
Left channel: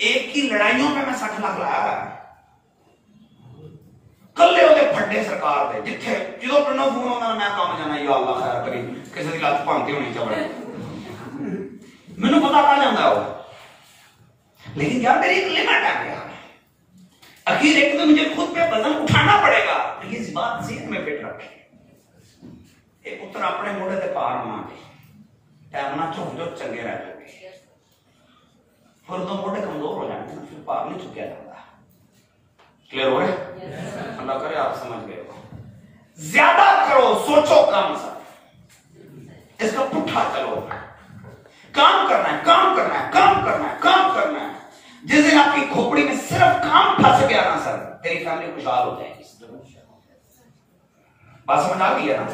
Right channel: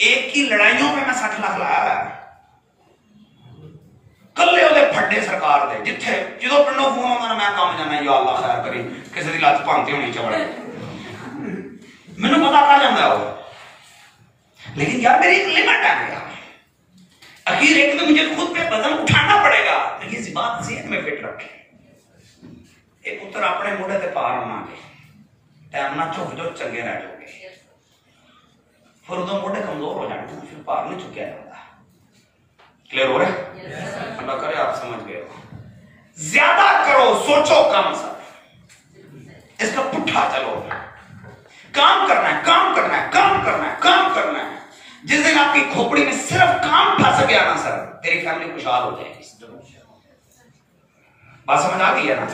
एक की लड़ाइयों में मैं 60 लाख लाया है, कल्ले ਉਹਦੇ फड्डे सरकार दे, जिथे जो पिंडों फोन आंदा मैं काम जाना, या अल्लाह खैर करी, किसी दी लत भांती होनी चाहिए, मैनू पता पड़ जाता है वो, लेकिन यार मेरी एक लिमिट है यार, आखिर एक तो मुझे खुद पे वजन उठाना पड़ेगा, लेकिन इस बात से में फिट रखे, एक पुत्र अपने मोढ़े ते पार ना के टाइम ना झुक जो चंगे रह जाओगे, फिर उदों मोढ़े कमजोर हो जाते हैं, फिर पार नहीं चुकिया जाता। क्लियर हो रहा है? अल्लाह करे आप समझ गए। ज्यादा करो, सोचो कम, सब इसका पुट्ठा चलो, काम करना है, काम करना है, काम करना है, काम करना है। जिस दिन आपकी खोपड़ी में सिर्फ काम फंस गया ना सर, तेरी फैमिली खुशहाल हो जाएगी। बात समझ आ गई है ना?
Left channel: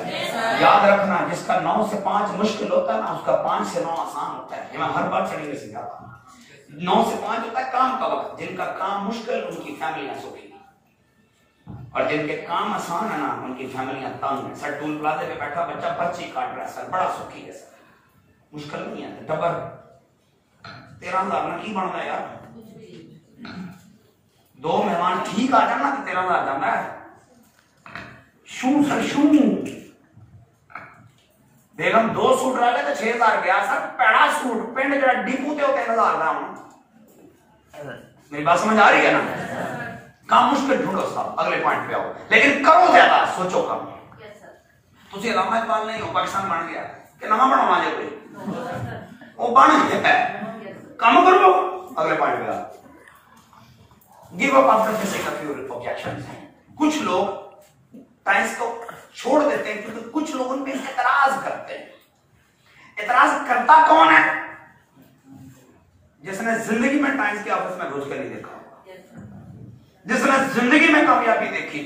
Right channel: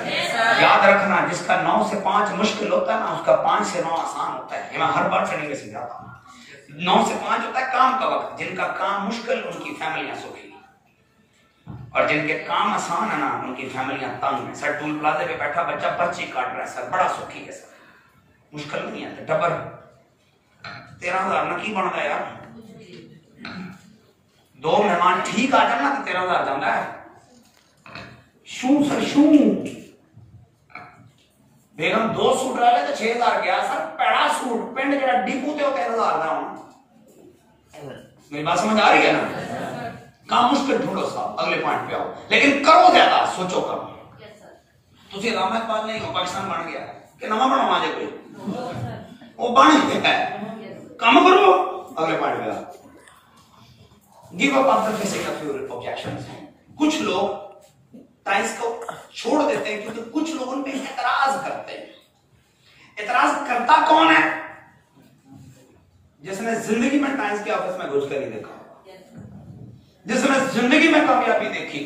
याद रखना, जिसका 9 से 5 मुश्किल होता है ना, उसका 5 से 9 आसान होता है। ये मैं हर बार ट्रेनिंग में समझाता हूं। 9 से 5 होता है काम का वक्त, जिनका काम मुश्किल उनकी फैमिलियां सुखी, और जिनके काम आसान है ना उनकी फैमिलियां तंग है। सर टूल प्लाजे पे बैठा बच्चा पर्ची काट रहा है सर, बड़ा सुखी है सर, मुश्किल नहीं है। डबर 13,000 ना की बनता है यार, 2 मेहमान ठीक आ जाना तो 13,000 जाता है। शू सर शू बेगम 2 सूट ला ले तो 6,000 गया सर, पैड़ा सूट पिंड जरा डिपू ते 3,000 का होना। मेरी बात समझ आ रही है ना? काम मुश्किल ढूंढो साहब, अगले पॉइंट पे आओ, लेकिन करो ज्यादा, सोचो कम। तुझे अलामा इकबाल नहीं हो, पाकिस्तान बन गया कि नवा बनाना है कोई, वो बन गया है, काम करो, अगले पॉइंट पे आओ। Give up after facing a few objections. कुछ लोग टाइम्स को छोड़ देते हैं क्योंकि कुछ लोग उन पे एतराज करते हैं। एतराज करता कौन है? जिसने जिंदगी में टाइम्स के ऑफिस में घुस कर नहीं देखा, जिसने जिंदगी में कामयाबी देखी,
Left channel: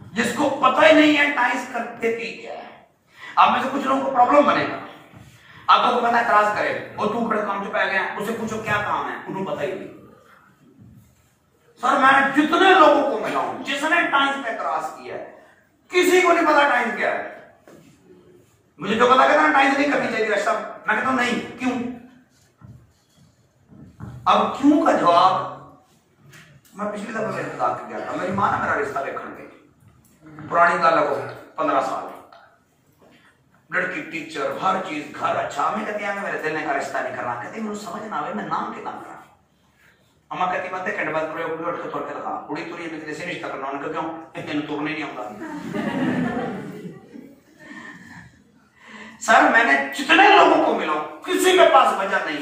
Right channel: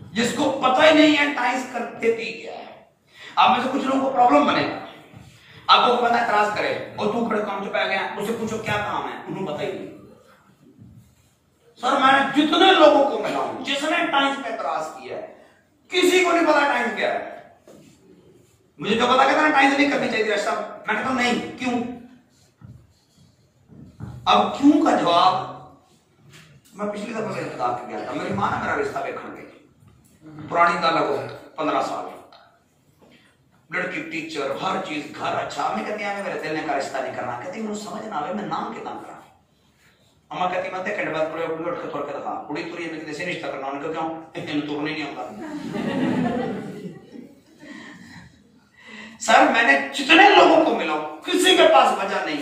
जिसको पता ही नहीं है टाइम्स करते क्या है। आप में से कुछ लोगों को प्रॉब्लम बनेगा, आपको तो पता एतराज करे और तू खड़े काम चुपा गया, उसे पूछो क्या काम है, उन्हें पता ही नहीं। सर मैं जितने लोगों को मिला हूं जिसने टाइम्स पे एतराज किया है, किसी को नहीं पता टाइम्स क्या है। मुझे तो पता कहता टाइम्स नहीं करनी चाहिए रास्ता, मैंने कहा नहीं, क्यों? अब क्यों का जवाब मैं पिछली दफा मेरे बता के गया था। मेरी मां ने मेरा रिश्ता देखने गई, पुरानी गल हो 15 साल, लड़की टीचर हर चीज घर अच्छा, मैं कहती है मेरे दिल ने का रिश्ता नहीं करना, कहती मुझे समझ ना आवे मैं नाम के काम करा। अम्मा कहती मत घंटे बाद पूरे उठ के थोड़ के दिखा, कुड़ी तुरी में किसी रिश्ता करना, उन्होंने क्यों इतने तुरने नहीं आता। सर मैंने जितने लोगों को मिला किसी के पास वजह नहीं,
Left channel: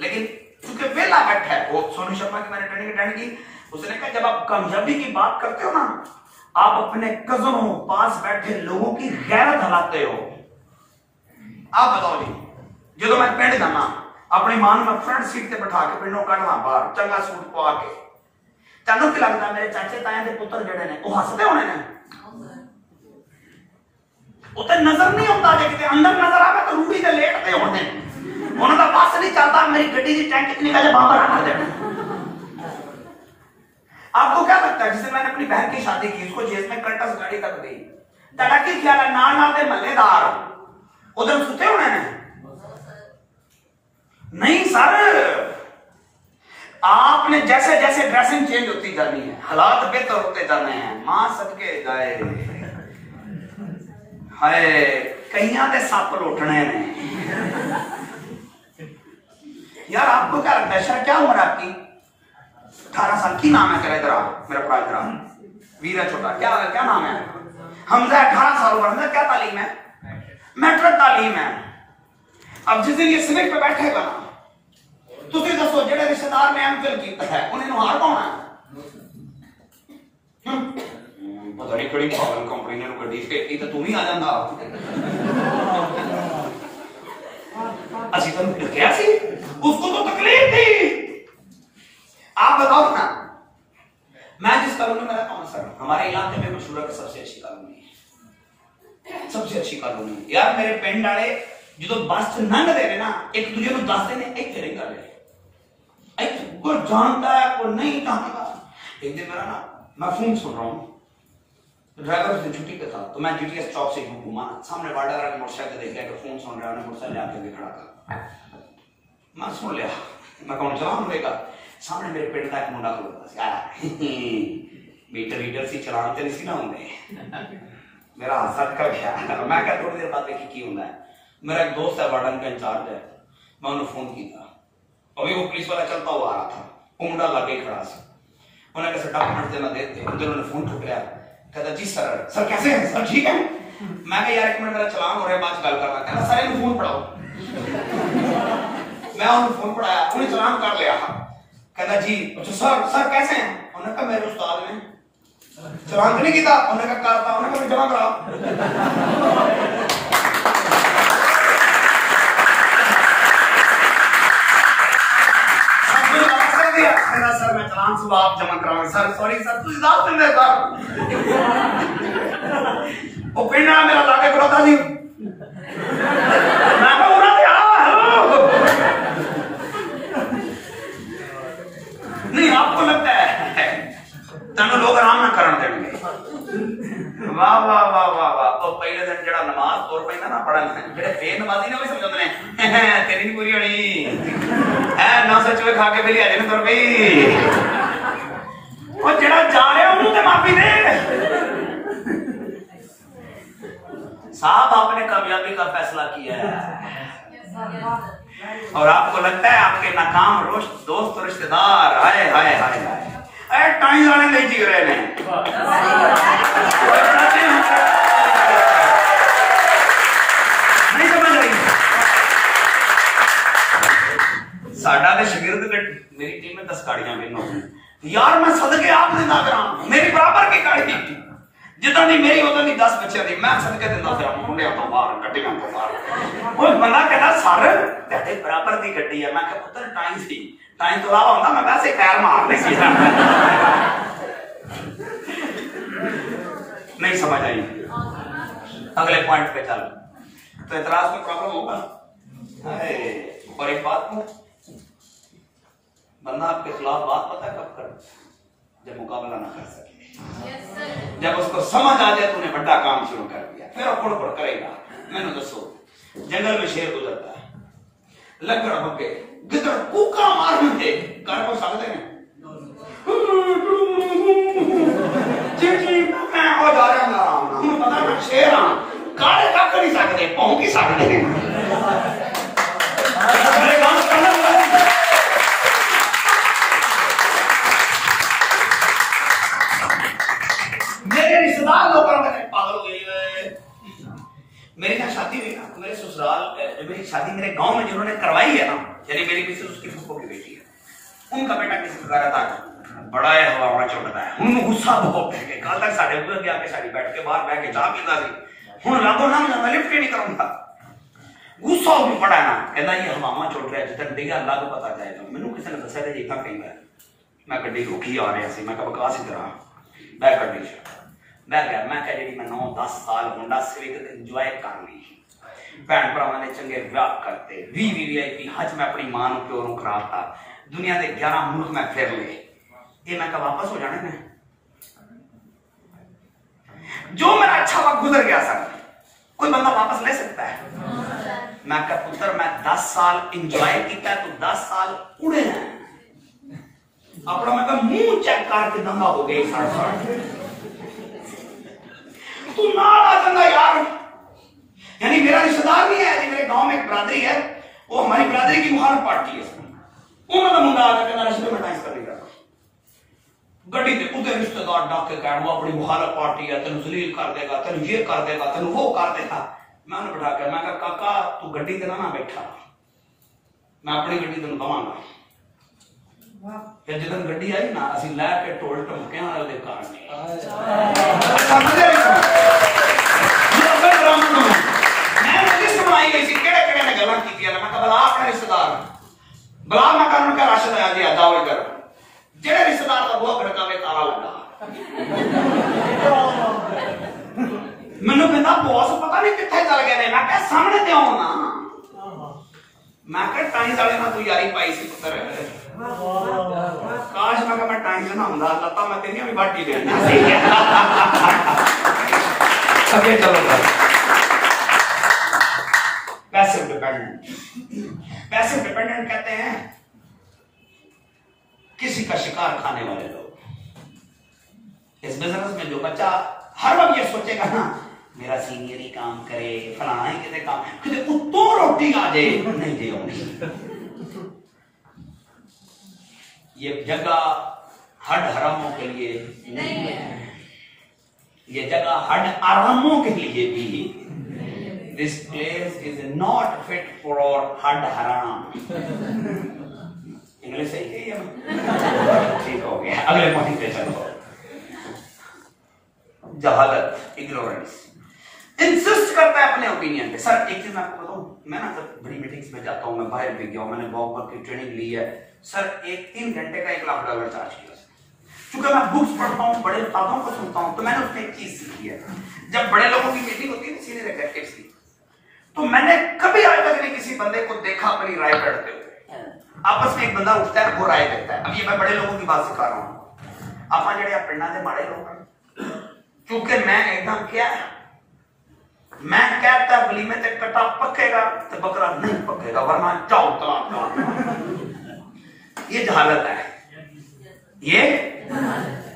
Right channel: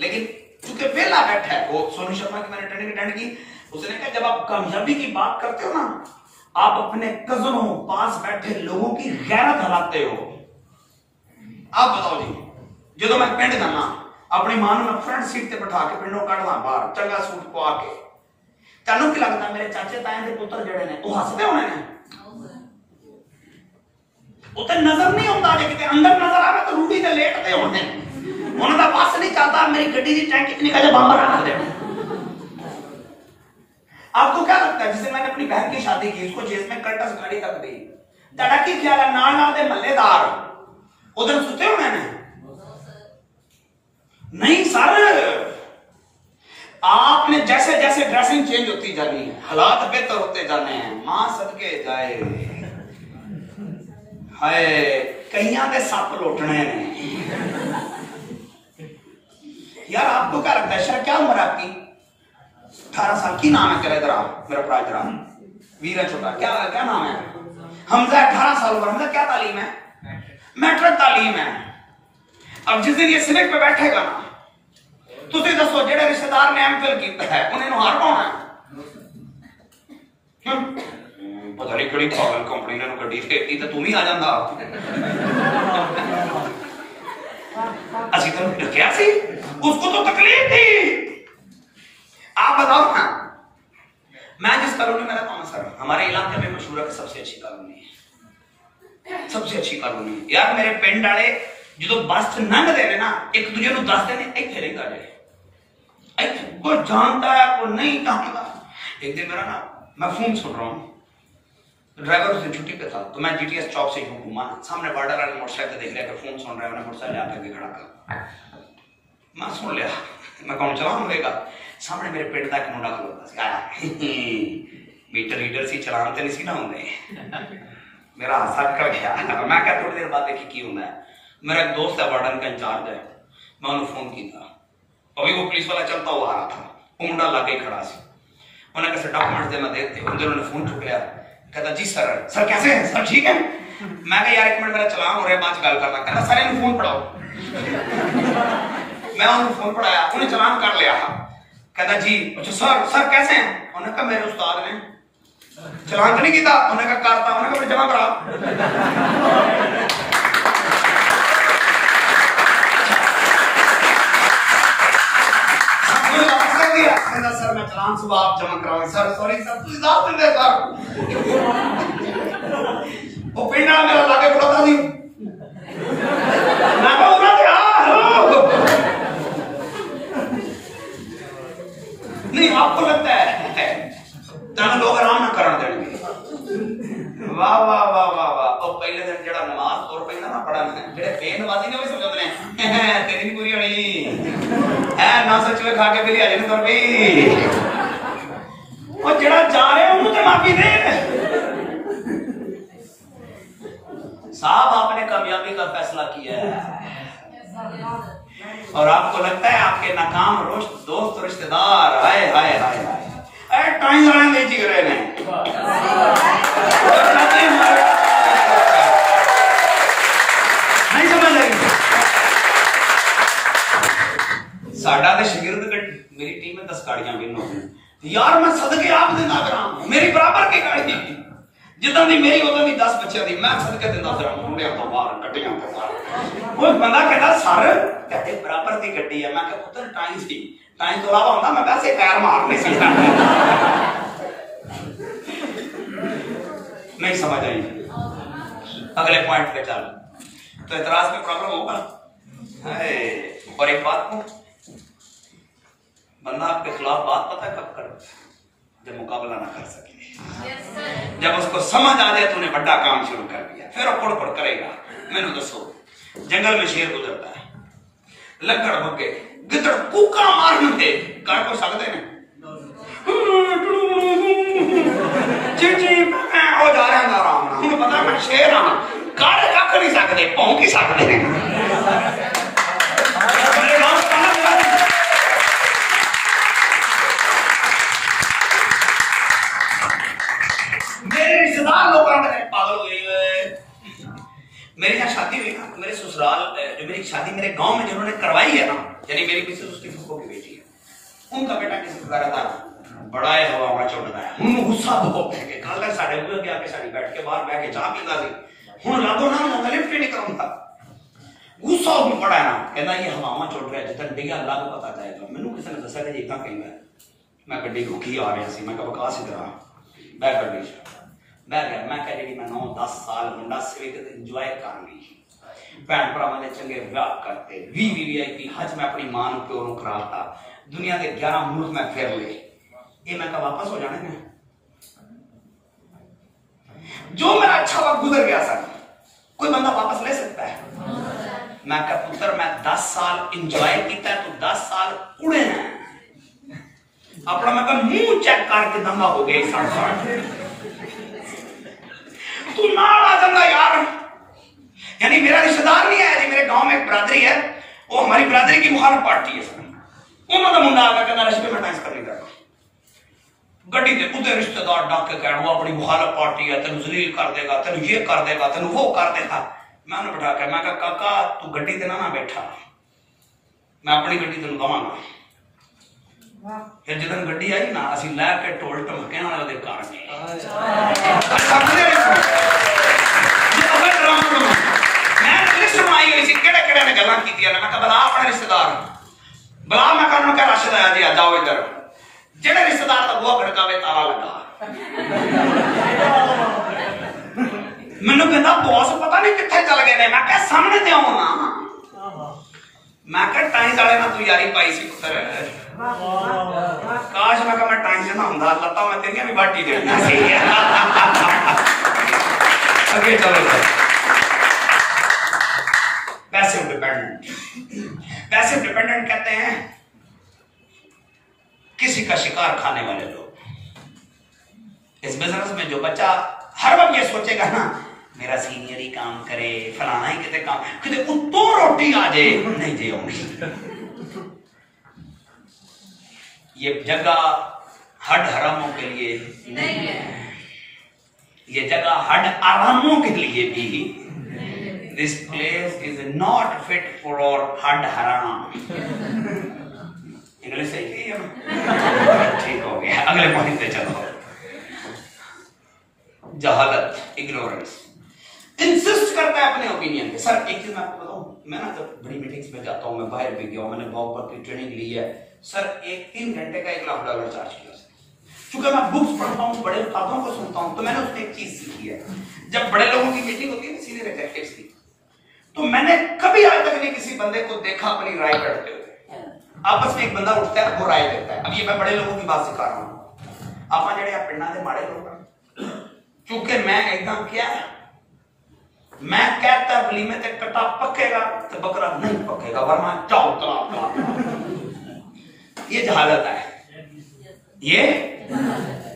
लेकिन क्योंकि वेला बैठा है, वो सोनू शर्मा की मैंने ट्रेनिंग अटेंड की, उसने कहा जब आप कामयाबी की बात करते हो ना, आप अपने कजनों पास बैठे लोगों की गैरत हलाते हो। आप बताओ जी, जो मैं पिंड जाना अपनी मां में फ्रंट सीट पे बिठा के पिंडों कढ़ना बाहर, चंगा सूट पा के, तेनों की लगता मेरे चाचे ताए के पुत्र जड़े ने वो हसते होने ने, उते नजर नहीं आता, जे किते अंदर नजर आवे तो रूढ़ी ते लेटते होने, उन्होंने का बस नहीं चलता, मेरी गड्डी की टैंक इतनी निकाले बम रख दे। आपको क्या लगता है, जिसे मैंने अपनी बहन की शादी की उसको जेल में कर्टस गाड़ी तक दी, तड़ा की ख्याल है नाल नाल दे मल्लेदार उधर सुते होने ने? नहीं सर, आपने जैसे जैसे ड्रेसिंग चेंज होती जानी है, हालात बेहतर होते जाने हैं, मां सदके जाए, हाय कईयां दे सप लोटने ने। यार आपको क्या लगता है सर, क्या उम्र है आपकी? 18 साल। की नाम है तेरा? इधर आ, मेरा प्राय तेरा वीर है छोटा, क्या नाम है? हमजा 18 साल उम्र, हमजा क्या तालीम है? मैट्रिक तालीम है। अब जिस दिन ये सिनेट पे बैठेगा ना, तुसी दसो जेड़े रिश्तेदार ने एमफिल किया है उन्हें हार पाना है? पता नहीं कड़ी पागल कंपनी ने गड्डी देती तो तुम ही आ जांदा। असि तो क्या सी, उसको तो तकलीफ थी। आप बताओ ना, मैं जिस कॉलोनी में हमारे इलाके में मशहूर है सबसे अच्छी कॉलोनी है, सबसे अच्छी कॉलोनी है यार। मेरे पिंड वाले जो बस लंघ दे ना एक दूजे को दसते ने इतने नहीं गए, कोई जानता है कोई नहीं जानता। एक दिन मेरा ना मैं फोन सुन रहा हूँ, ड्राइवर उस दिन छुट्टी पे था, तो मैं जीटीएस चौक से घूमा, सामने बॉर्डर वाले मोटरसाइकिल देख लिया कि फोन सुन रहा है, मोटरसाइकिल आके खड़ा कर, मैं सुन लिया, मैं कौन चलान होगा। सामने मेरे पिंड का एक मुंडा खलोता मीटर रीडर से चलान तो नहीं सी ना होंगे। मेरा हादसा कर गया, मैं क्या थोड़ी देर बाद देखी की होंगे। मेरा एक दोस्त है वार्डन का इंचार्ज है, मैं उन्हें फोन किया, अभी वो पुलिस वाला चलता हुआ आ रहा था, वो मुंडा लाके खड़ा सी, उन्हें कैसे डॉक्यूमेंट दे मैं देते, उन्होंने फोन चुक लिया, कहता जी सर, सर कैसे हैं सर, ठीक है। मैं कहा यार एक मिनट मेरा चलान हो रहा है, बाद गल करना। कहता सर इन्हें फोन पढ़ाओ। मैं उन्हें फोन पढ़ाया, उन्हें चलान कर लिया। कहता जी अच्छा सर, सर कैसे हैं। उन्होंने कहा मेरे उस्ताद ने चलान तो नहीं किया, उन्होंने कहा करता, उन्होंने कहा जमा कराओ। सर मैं चलान सुबह आप जमा कराऊंगा। सर सॉरी सर, तू इजाजत नहीं देता। वो पिंड वाला मेरा लाके खड़ा था जी, मैं कहूँ ना नहीं आपको लगता है तेन लोग आराम ना करन देंगे। वाह वाह वाह वाह वाह। तो पहले दिन जड़ा नमाज तोड़ पैंदा ना पढ़न, जेड़े बेनमाजी ने वो समझदे ने तेरी नहीं पूरी होनी है, ना सचवे खा के बेली आ जाने तोड़ पई, और जड़ा जा रहा उन्होंने ते माफी दे। साहब आपने कामयाबी का फैसला किया है, और आपको लगता है आपके नाकाम दोस्त रिश्तेदार हाय हाय हाय हाय टाइम जाने नहीं जी रहे हैं। नहीं समझ आई साडा दे शागिर्द मेरी टीम में 10 गाड़ियां विन हो गई यार, मैं सदके आप देना करा, मेरी बराबर की गाड़ी थी जिदा दी मेरी उदा दी 10 बच्चे दी, मैं सदके देना फिर मुंडे तो बाहर गड्डियां तो बाहर। वो बंदा कहता सर तेरे बराबर दी गड्डी है। मैं कहा पुत्र टाइम सी, टाइम तो अलावा होता मैं वैसे पैर मारने सी। नहीं समझ आई, अगले पॉइंट पे चल। तो एतराज में प्रॉब्लम होगा। और एक बात को बंदा आपके खिलाफ बात पता कब कर, जब मुकाबला ना कर सके, जब उसको समझ आ जाए तो उन्हें बड़ा काम शुरू कर दिया, फिर वो कुड़ करेगा। मैंने दसो जंगल में शेर गुजरता है, लकड़ बगे गिदड़ कूका मारन दे कर को सकते हैं चिची ओ जा रहा ना राम उन्हें पता मैं शेर हां काले रख नहीं सकते, भौंक ही सकते हैं। मेरे रिश्तेदार लोग पागल हो गए। मेरी जहाँ शादी हुई ना, मेरे ससुराल जो मेरी शादी मेरे गांव में जिन्होंने करवाई है ना, यानी मेरी किसी उसकी फूफो की बेटी है, उनका बेटा किसी प्रकार था बड़ा है हवा चढ़ता है, उन्होंने गुस्सा बहुत है कल तक साढ़े ऊपर आके साड़ी बैठ के बाहर बैठ के चाह पीता सी, हूं लागो ना जाता लिफ्ट नहीं करूंगा, गुस्सा भी बड़ा है ना, कहता ये हवावां चढ़ रहा है जितन डिगा लग पता जाएगा। मैनू किसी ने दस्या था इतना कहेंगे, मैं गड्डी रुकी आ रहा सी, मैं कहा बकास ही तरह बैठ गड्डी मैं गया, मैं कह जी मैं 9-10 साल मुंडा सिविक इंजॉय कर ली, भैन भरावां ने चंगे विआह करते, 20 VIP हज मैं अपनी मां प्यो नूं कराता, दुनिया के 11 मुल्क मैं फिर ले, ये मैं कहा वापस हो जाने में जो मेरा अच्छा वक्त गुजर गया सर कोई बंदा वापस ले सकता है। मैं कहा पुत्र मैं 10 साल इंजॉय किया, तो 10 साल उड़े हैं अपना, मैं कहा मुंह चेक करके दंगा हो गया तू ना आ दंगा यार। यानी मेरा रिश्तेदार नहीं है, मेरे गांव में एक बरादरी है, वो हमारी बरादरी की मुखालिफ पार्टी है, उन्होंने मुंडा आकर कहना रश्मि में डांस कर लेगा गड्डी के उधर रिश्तेदार डाक के कहना वो अपनी मुखालिफ पार्टी है, तेन जलील कर देगा, तेन ये कर देगा, तेन वो कर देगा। मैं उन्हें बिठा कर मैं कहा काका तू गड्डी ते ना बैठा, मैं अपनी गड्डी तेन कहांगा। फिर जिदन गड्डी आई ना असि लैके ढोल ढमके वाले घर मैं लिस्ट बनाई हुई सी केड़े केड़े ने गल्लां कीतियां, मैं कहा बला अपने रिश्तेदार बला, मैं कहा उनका राशिद आया जी जाओ इधर, जेड़े रिश्तेदार का बुआ खड़कावे ताला लगा मैंने कहना बॉस पता नहीं कितने चल गए मैं क्या सामने ते आओ ना मैं क्या टाइम वाले ना तू यारी पाई सी पुत्र काश मैं क्या मैं टाइम से ना हुंदा लता मैं तेरियां भी बाटी देना सी अगे चलो पैसिव डिपेंडेंट कहते हैं किसी का शिकार खाने वाले लोग। इस बिजनेस में जो बच्चा हर वक्त ये सोचेगा ना मेरा सीनियर ही काम करे फलाना ही कितने काम कितने उत्तों रोटी आ जाए नहीं दे ये जगह हड हरामों के लिए नहीं है, ये जगह हड आरामों के लिए भी this place is not fit for हड हराम। इंग्लिश सही है ठीक हो गया। अगले पॉइंट पे चलते हैं। जहालत इग्नोरेंस इंसिस्ट करता है अपने ओपिनियन पे। सर एक चीज मैं आपको बताऊं मैं ना जब बड़ी मीटिंग्स में जाता हूं मैं बाहर भी गया हूं मैंने वॉक की ट्रेनिंग ली है सर 3 घंटे का $1 लाख चार्ज किया। क्योंकि मैं बुक्स पढ़ता हूं बड़े उस्तादों को सुनता हूं तो मैंने उसमें एक चीज सीखी है जब बड़े लोगों की मीटिंग होती है सीनियर एग्जीक्यूटिव्स की तो मैंने कभी आज तक नहीं किसी बंदे को देखा अपनी राय करते हुए। आपस में एक बंदा उठता है वो राय देता है। अब ये मैं बड़े लोगों की बात सिखा रहा हूं आप जेडे पिंडा के माड़े लोग क्योंकि मैं एकदम क्या मैं कहता वलीमे ते कटा पकेगा तो बकरा नहीं पकेगा वरना जाओ ये जहालत है। ये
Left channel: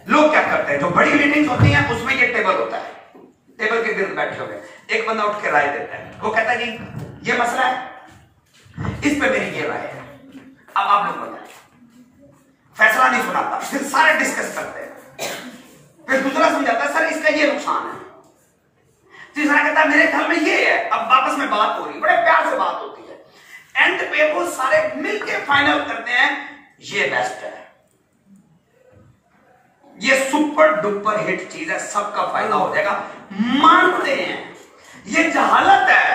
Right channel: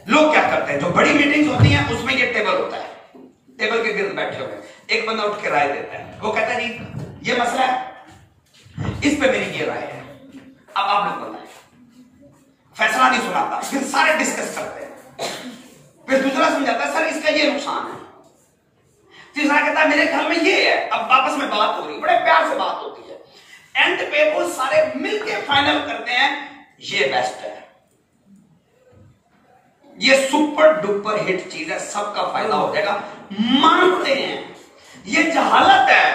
लोग क्या करते हैं जो बड़ी मीटिंग्स होती हैं उसमें ये टेबल होता है टेबल के गिर्द बैठे हुए एक बंदा उठ के राय देता है वो कहता है जी ये मसला है इस पे मेरी ये राय है अब आप लोग बताएं। फैसला नहीं सुनाता फिर सारे डिस्कस करते हैं फिर दूसरा समझाता है सर इसका ये नुकसान है तीसरा कहता है मेरे ख्याल में ये है। अब वापस में बात हो रही बड़े प्यार से बात होती है एंड पे वो सारे मिलके फाइनल करते हैं ये बेस्ट है ये सुपर डुपर हिट चीज है सबका फायदा हो जाएगा मानते हैं। ये जहालत है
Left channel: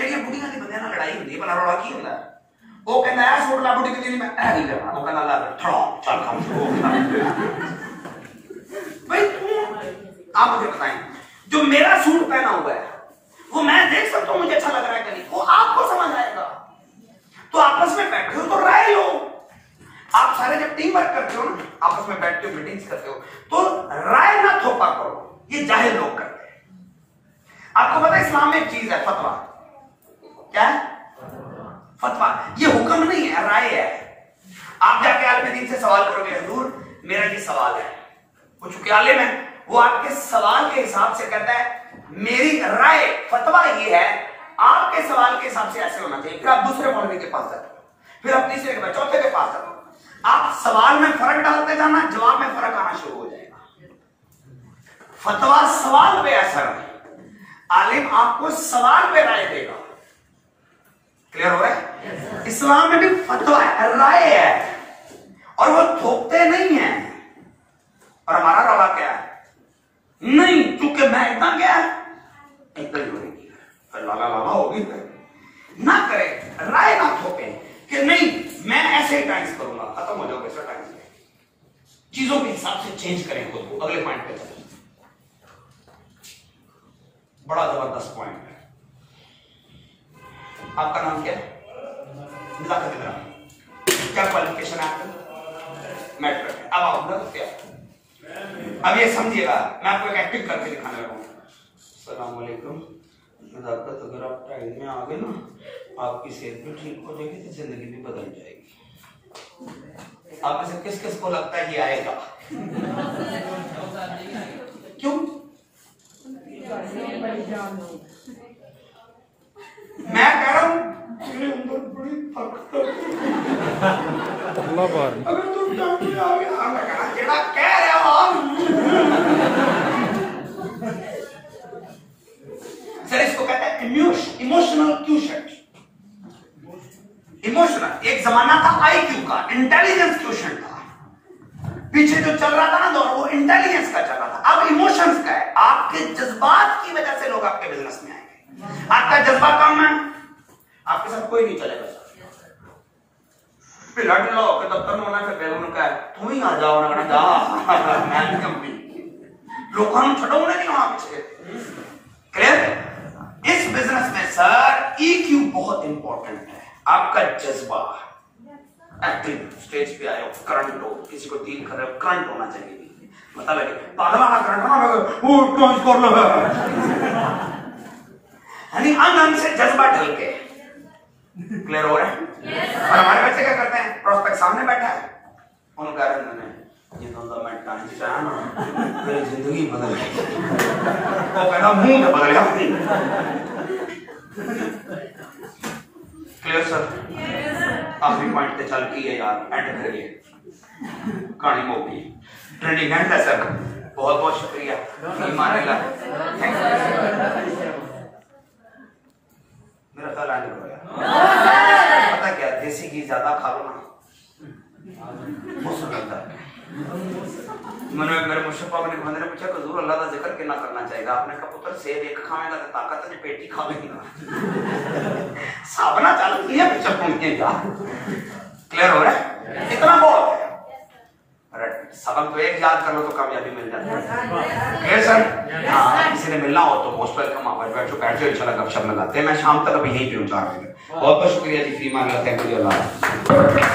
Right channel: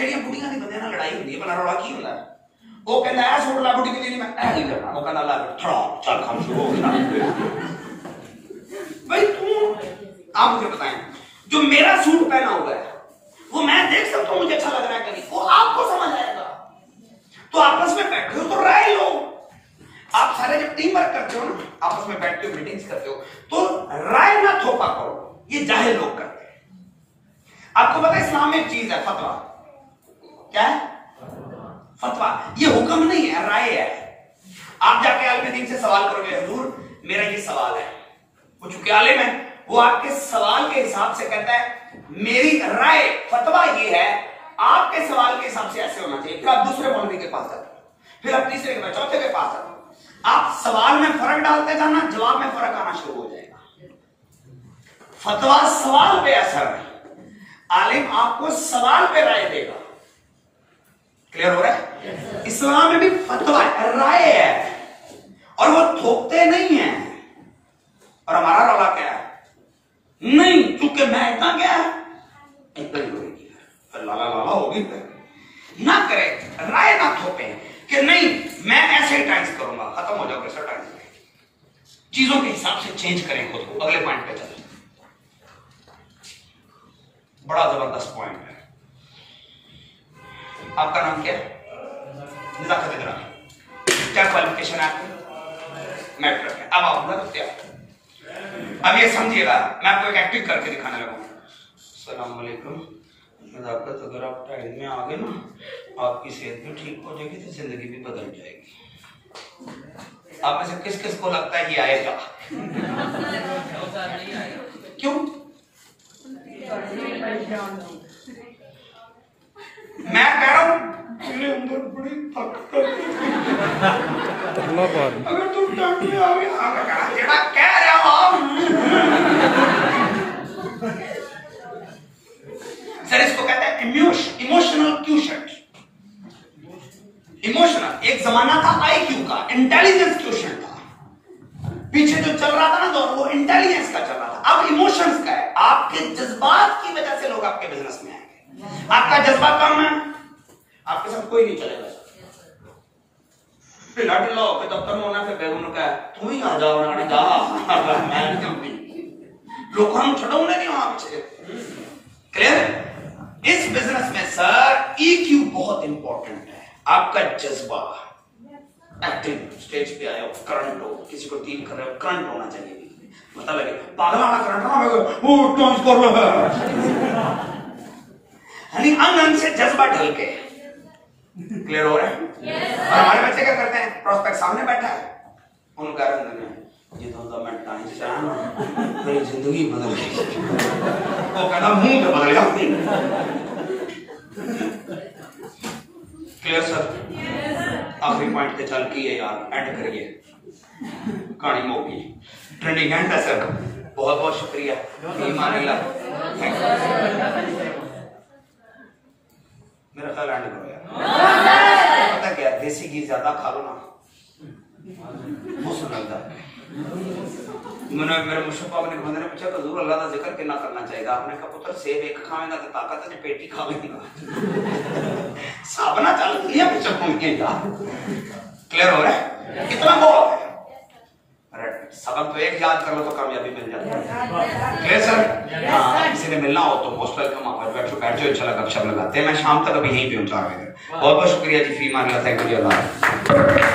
ये बुढ़िया की बंदे ना लड़ाई होती है बना रोड़ा की होता है वो कहना है छोड़ ला बुढ़ी के लिए मैं नहीं करना वो कहना ला थोड़ा चल काम शुरू हो भाई तू आप मुझे बताएं जो मेरा सूट पहना हुआ है वो मैं देख सकता हूं मुझे अच्छा लग रहा है कि नहीं वो आपको समझ आएगा तो आपस में बैठे हो तो राय लो। आप सारे जब टीम वर्क करते हो ना आपस में बैठते हो मीटिंग्स करते हो तो राय ना थोपा करो ये जाहिल लोग करते हैं। आपको पता है इस्लाम में एक चीज है फतवा क्या है फतवा ये हुक्म नहीं है राय है। आप जाके आलिम दीन से सवाल करोगे हुजूर मेरा ये सवाल है वो चूंकि आलिम है वो आपके सवाल के हिसाब से कहता है मेरी राय फतवा ये है आपके सवाल के हिसाब से ऐसे होना चाहिए। फिर आप दूसरे मौलवी के पास जाते फिर आप तीसरे के पास चौथे के पास जाते आप सवाल में फर्क डालते जाना जवाब में फर्क आना शुरू हो जाएगा। फतवा सवाल पे असर है आलिम आपको सवाल पे राय देगा। क्लियर हो रहा है इस्लाम में भी फतवा राय है और वो थोपते नहीं है। और हमारा रवा क्या है नहीं चूंकि मैं इतना क्या एकदम होगी लाला लाला होगी ना करे राय ना थोपे कि नहीं मैं ऐसे ही टाइम्स करूंगा खत्म हो जाओगे ऐसा टाइम्स चीजों के हिसाब से चेंज करें खुद को। अगले पॉइंट पे चले बड़ा जबरदस्त पॉइंट है। आपका नाम क्या है क्या क्वालिफिकेशन है आपकी मैट्रिक है। अब आप क्या अब ये समझिएगा मैं आपको एक एक्टिंग करके दिखाने लगा। अस्सलाम वालेकुम नज़ाकत अगर आप टाइम में आ गए ना आपकी सेहत भी ठीक हो जाएगी तो जिंदगी भी बदल जाएगी। आप में से किस किस को लगता है ये आएगा क्यों मैं कह रहा हूं मेरे अंदर बड़ी ताकत अगर तू टाइम में आ गया जेड़ा कह रहा सर इसको कहते हैं इमोशनल क्यूशंट। इमोशनल एक जमाना था आईक्यू का इंटेलिजेंस क्यूशंट था पीछे जो चल रहा था ना दौर वो इंटेलिजेंस का चल रहा था अब इमोशंस का है। आपके जज्बात की वजह से लोग आपके बिजनेस में आएंगे। आपका जज्बा कम है आपके साथ कोई नहीं चलेगा। लाठी लो के दफ्तर में होना फिर बेगुन का तू ही आ जाओ ना जा मैं कंपनी लोग हम छड़ो नहीं वहां पीछे क्लियर? इस बिजनेस में सर EQ बहुत इंपॉर्टेंट है। आपका जज्बा, एक्टिंग, स्टेज पे आए हो, करंट हो, किसी को डील कर रहे हो, करंट होना चाहिए। मतलब लगे पागल वाला करंट ना यानी अंग से जज्बा ढल के। क्लियर हो रहा है? और हमारे बच्चे क्या करते हैं, प्रोस्पेक्ट सामने बैठा है, उनका रंग ये तो मैं टाइम चाहा ना मेरी जिंदगी बदल गई, वो कहना मुंह में बदल गया। Clear sir? आखिरी पॉइंट पे चल की है यार, एंड करिए, कहानी मोगी ट्रेंडिंग एंड है सर। बहुत बहुत शुक्रिया, थैंक यू। मेरा ख्याल एंड करो यार। पता क्या, देसी घी ज्यादा खा लो ना मौसम लगता है। मेरे मुर्शिद पाक ने बंदे ने पूछा हुजूर अल्लाह का जिक्र कितना करना चाहिए? आपने कहा पुत्र सेब एक खावेगा तो ताकत है, पेटी खा लेगा साबना चालू किया पीछे घूमिए यार। क्लियर हो रहा है? इतना बहुत है। सबक तो एक याद कर लो तो कामयाबी मिल जाती है। Clear sir? हाँ, किसी ने मिलना हो तो मोस्ट वेलकम, आप बैठ जाओ, इंशाल्लाह गपशप लगाते हैं। मैं शाम तक अभी यहीं पे हूँ 4 बजे। बहुत बहुत शुक्रिया जी, फी मान लो, थैंक यू जी, अल्लाह।